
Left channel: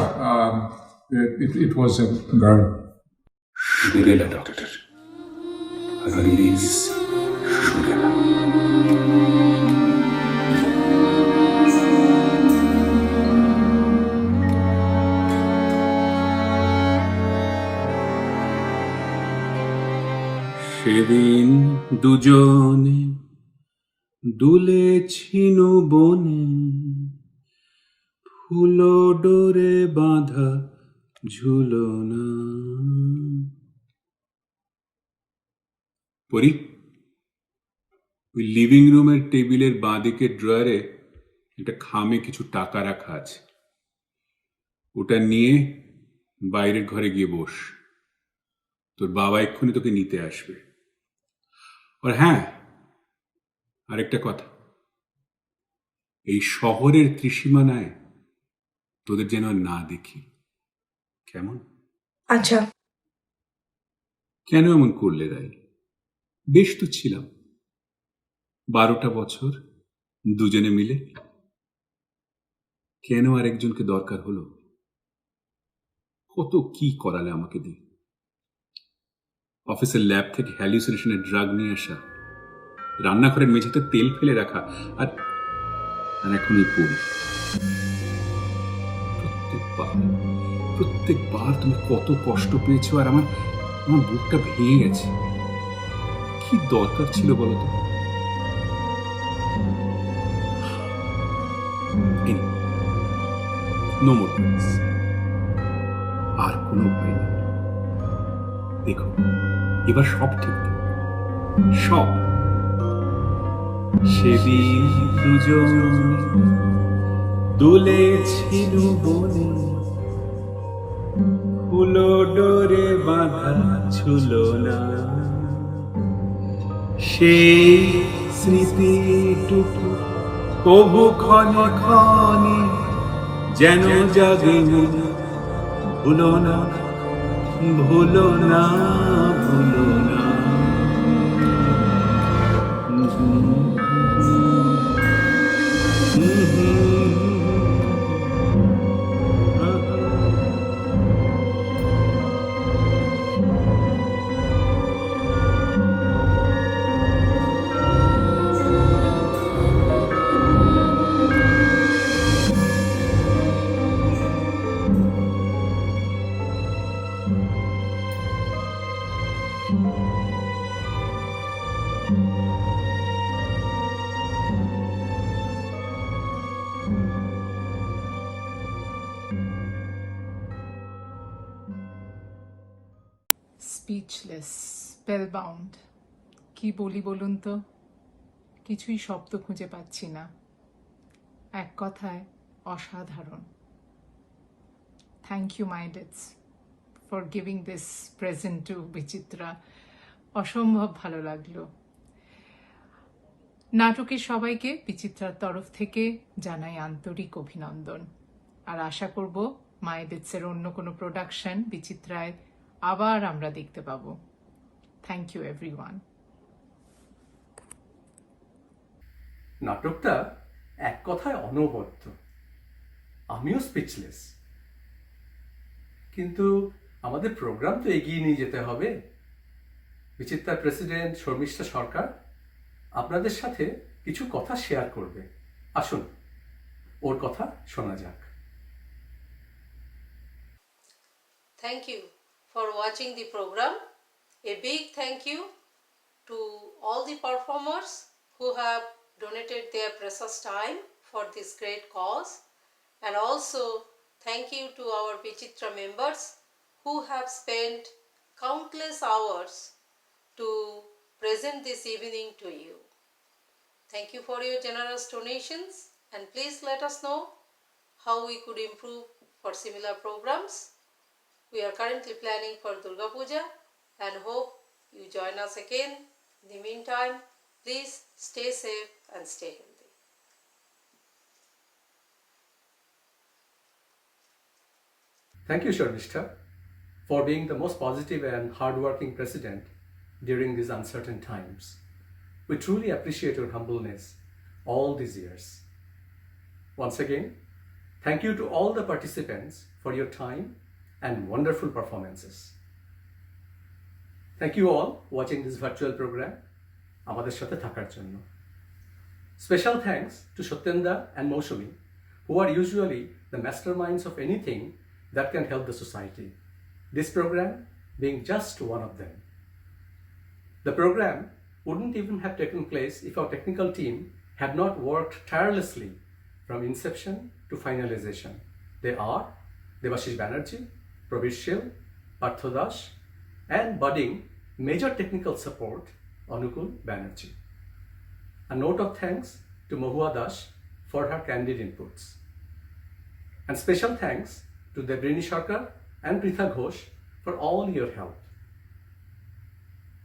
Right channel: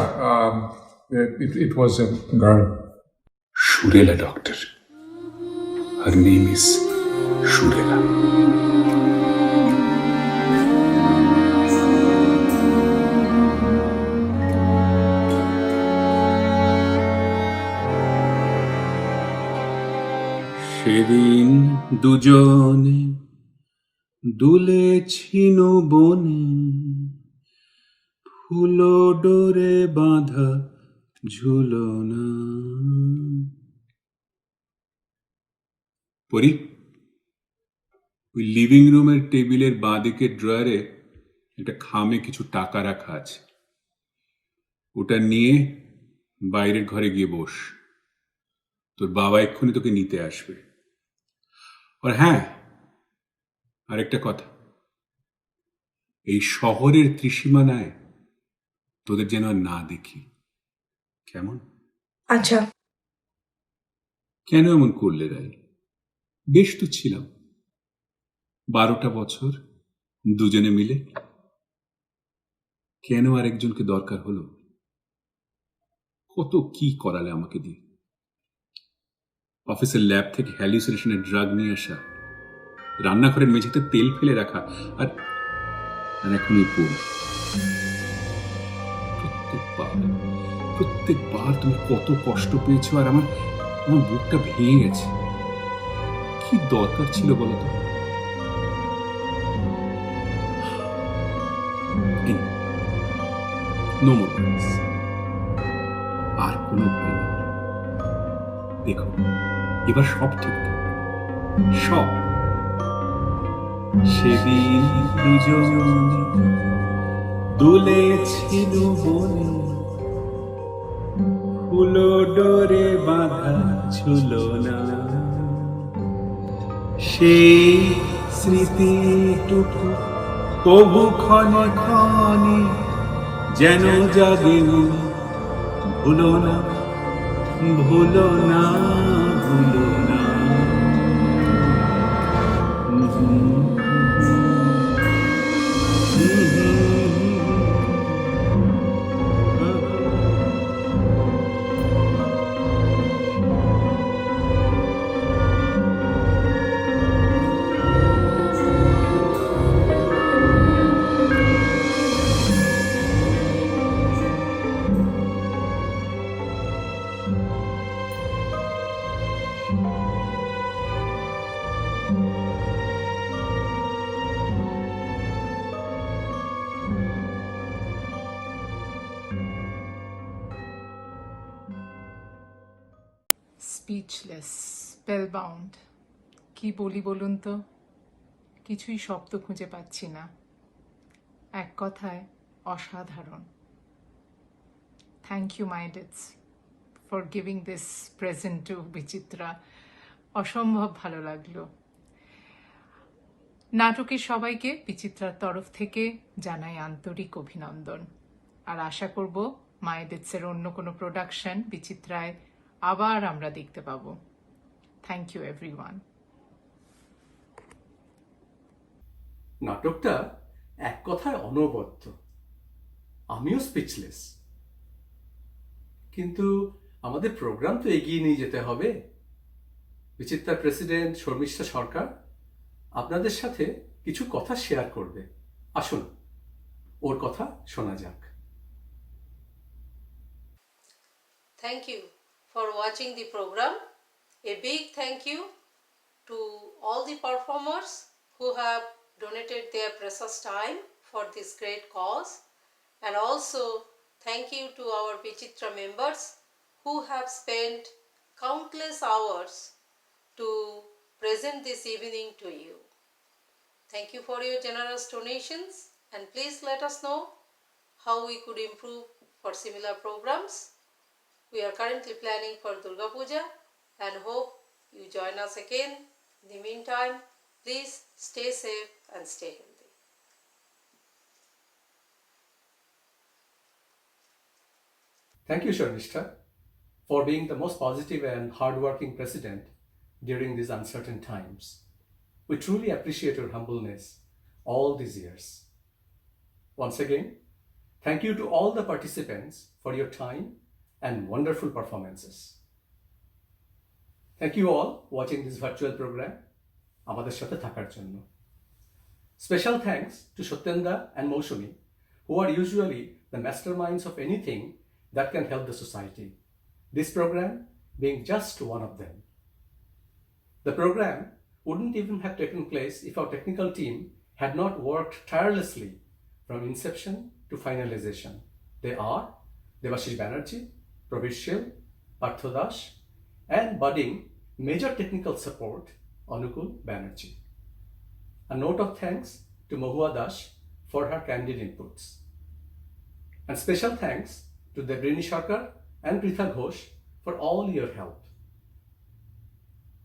it was a girl. সুরেলা ডক্টর, her name is সুরেলা। সেদিন দুজনে দুলেছিল বনে, ফুলো ডোরে বাঁধা ঝুলনা। পরি, ওই লিভিং রুমের টেবিলের বাঁদিকের ড্রয়ারে একটা খামে কিছু টাকা রাখা আছে, ওটা নিয়ে বাইরের ঘরে গিয়ে বস, তোর বাবা এক্ষুনি তোকে নিতে আসবে। আর হ্যাঁ, আরেকটা কথা, এই শহরের ত্রিসীমানায় তোদের যেন আর না দেখি, কেমন? আচ্ছা। কেন এমন করলে রাই? বেশ তো ছিলাম 12টা বছর দুজনে মিলে, কেন আরেকজনকে দরকার হলো? কত কি করালে আমাকে দিয়ে, অফিসের ল্যাব থেকে হ্যালুসিনেশনের ড্রাগ নিয়ে আসা, রান্নাঘরের মেঝেতে তেল ফেলে রাখা, আর এখন ওই পড়ি। প্রত্যেকবার তুমি কত কষ্ট পেয়েছো, আর আমার বুকটা ভেঙে গেছে। কি দরকার ছিল বলতো? নো মোর প্লিজ, আর কোনো ভয় নেই। দেখো, এবার সব ঠিক, সব। সেদিন দুজন দুলেছিল বনে, ফুলো ডোরে বাঁধা ঝুলনা। সেই স্মৃতিটুকু তবু ক্ষণে ক্ষণে যেন জাগে মনে। ভুলো না, ভুলো না, ভুলো না। স্পিচলেস, স্পেলবাউন্ড। কি বলি বলুন তো, কিছুই শব্দ খুঁজে পাচ্ছি না। এক কথায় অসাধারণ। Thank you my dates for giving this present to Bichitra. অসম্ভব ভালো লাগলো। নাটকের সবাইকে বিচিত্রার তরফ থেকে জানাই আন্তরিক অভিনন্দন, আর আশা করব মায়েদেরসের অন্য কোনো প্রোডাকশন বিচিত্রায় আবার আমরা দেখতে পাবো। Thank you everyone. নাটকটা এক কথায় অনবদ্য। আমিও স্পিচলেস, কিন্তু আমাদের প্রোগ্রাম তো এগিয়ে নিয়ে যেতে হবে। বিচিত্রার প্রেসিডেন্ট শর্মিষ্ঠা সরকার আপনাদের সাথে কিছু কথা শেয়ার করবে। আসুন, ওর কথা শোনা যাক। Thank you for watching the program. A big thank you to all the performers who have donated their precious time for this great cause, and also thank you to our Vichitra members who have spent countless hours to present this evening to you. Thank you for your generous donations, and please let us know how we could improve for similar programs. We are currently planning for Durga Puja and hope you join us again. In the meantime, please stay safe and stay healthy. Thank you, Sharmishta, for being the most positive and hardworking president during these uncertain times. We truly appreciate your humbleness all these years. Once again, thank you to all the participants for your time and wonderful performances. Thank you all watching this virtual program. আমাদের সাথে থাকার জন্য। Special thanks to Satyendra and Moushami, who are usually the masterminds of anything that can help the society. This program being just one of them. The program wouldn't even have taken place if our technical team had not worked tirelessly from inception to finalization. They are Devashish Banerjee, Prabir Shil, Partho Dash, and budding major technical support Anukul Banerjee. A note of thanks to Mahua Dash for her candid inputs. And special thanks to Debrini Sarkar and Pritha Ghosh for all your help.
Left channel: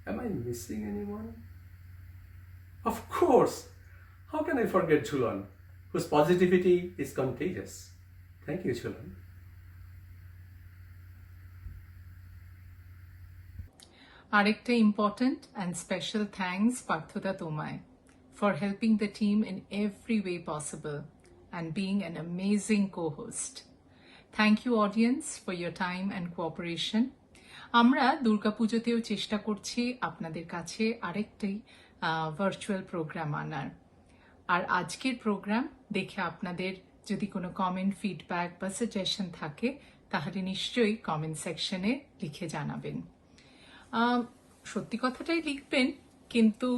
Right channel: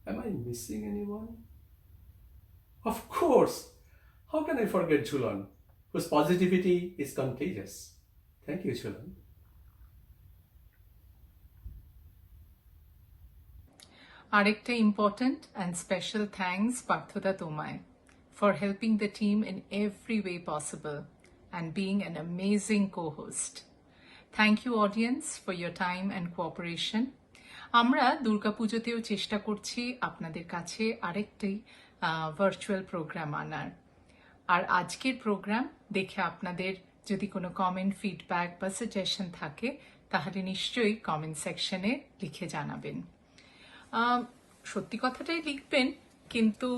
Am I missing anyone? Of course! How can I forget Jhulan, whose positivity is contagious? Thank you, Jhulan. আরেকটা important and special thanks পার্থদা তোমায় for helping the team in every way possible and being an amazing co-host. Thank you audience for your time and cooperation. আমরা দুর্গাপুজোতেও চেষ্টা করছি আপনাদের কাছে আরেকটি virtual programme আনার। আর আজকের প্রোগ্রাম দেখে আপনাদের যদি কোনো কমেন্ট, ফিডব্যাক বা সাজেশন থাকে তাহলে নিশ্চয়ই কমেন্ট সেকশনে লিখে জানাবেন। সত্যি কথাটাই লিখবেন, কিন্তু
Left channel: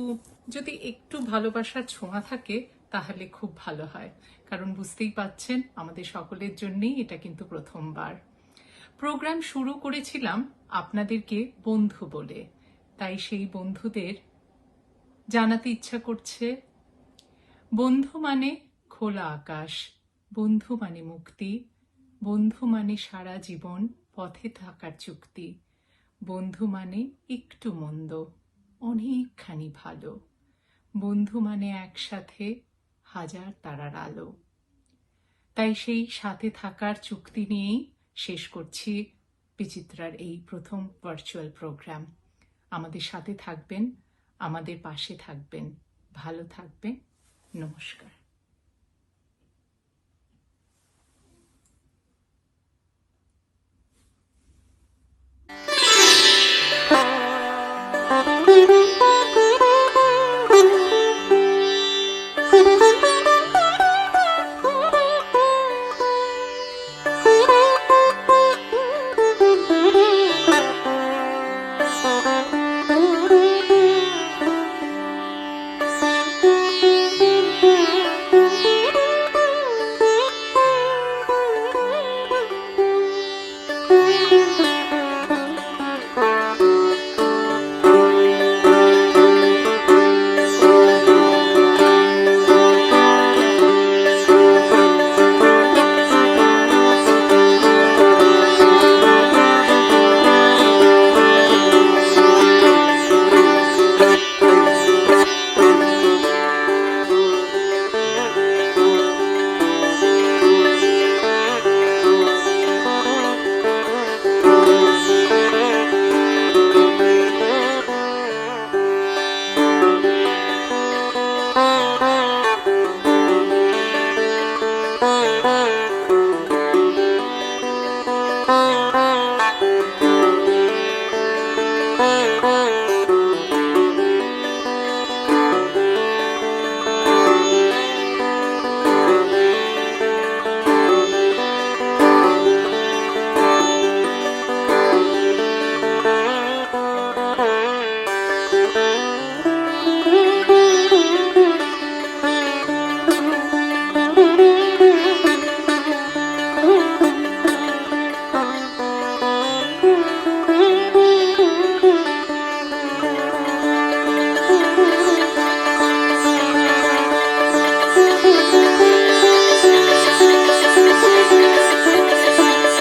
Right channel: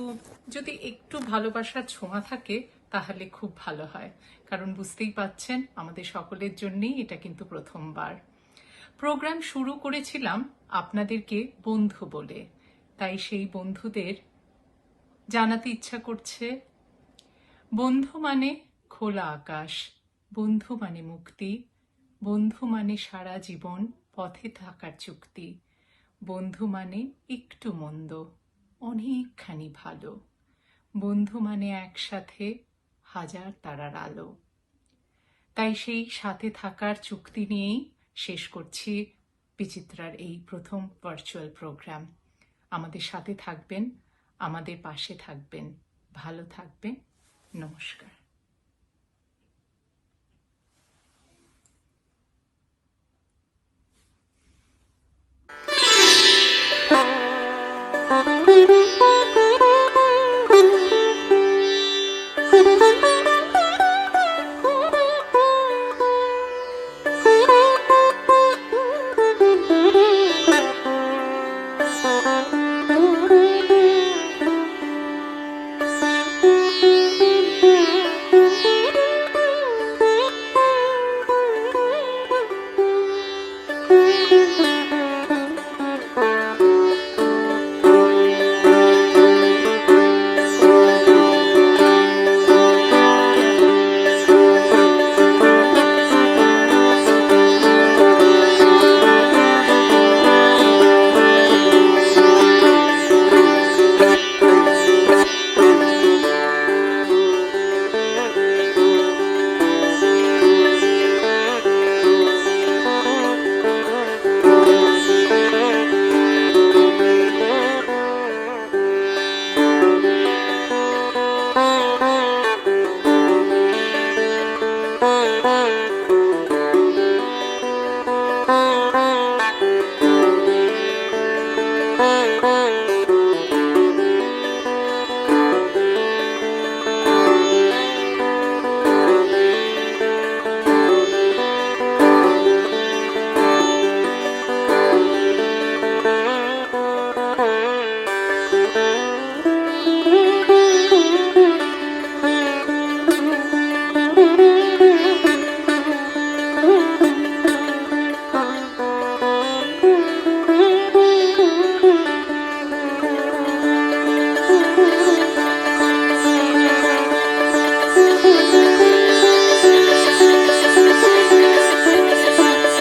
যদি একটু ভালোবাসার ছোঁয়া থাকে তাহলে খুব ভালো হয়, কারণ বুঝতেই পাচ্ছেন আমাদের সকলের জন্যই এটা কিন্তু প্রথমবার। প্রোগ্রাম শুরু করেছিলাম আপনাদেরকে বন্ধু বলে, তাই সেই বন্ধুদের জানাতে ইচ্ছা করছে, বন্ধু মানে খোলা আকাশ, বন্ধু মানে মুক্তি, বন্ধু মানে সারা জীবন পথে থাকার চুক্তি, বন্ধু মানে একটু মন্দ অনেকখানি ভালো, বন্ধু মানে একসাথে হাজার তারার আলো। তাই সেই সাথে থাকার চুক্তি নিয়েই শেষ করছি বিচিত্রার এই প্রথম ভার্চুয়াল প্রোগ্রাম। আমাদের সাথে থাকবেন, আমাদের পাশে থাকবেন, ভালো থাকবেন। নমস্কার।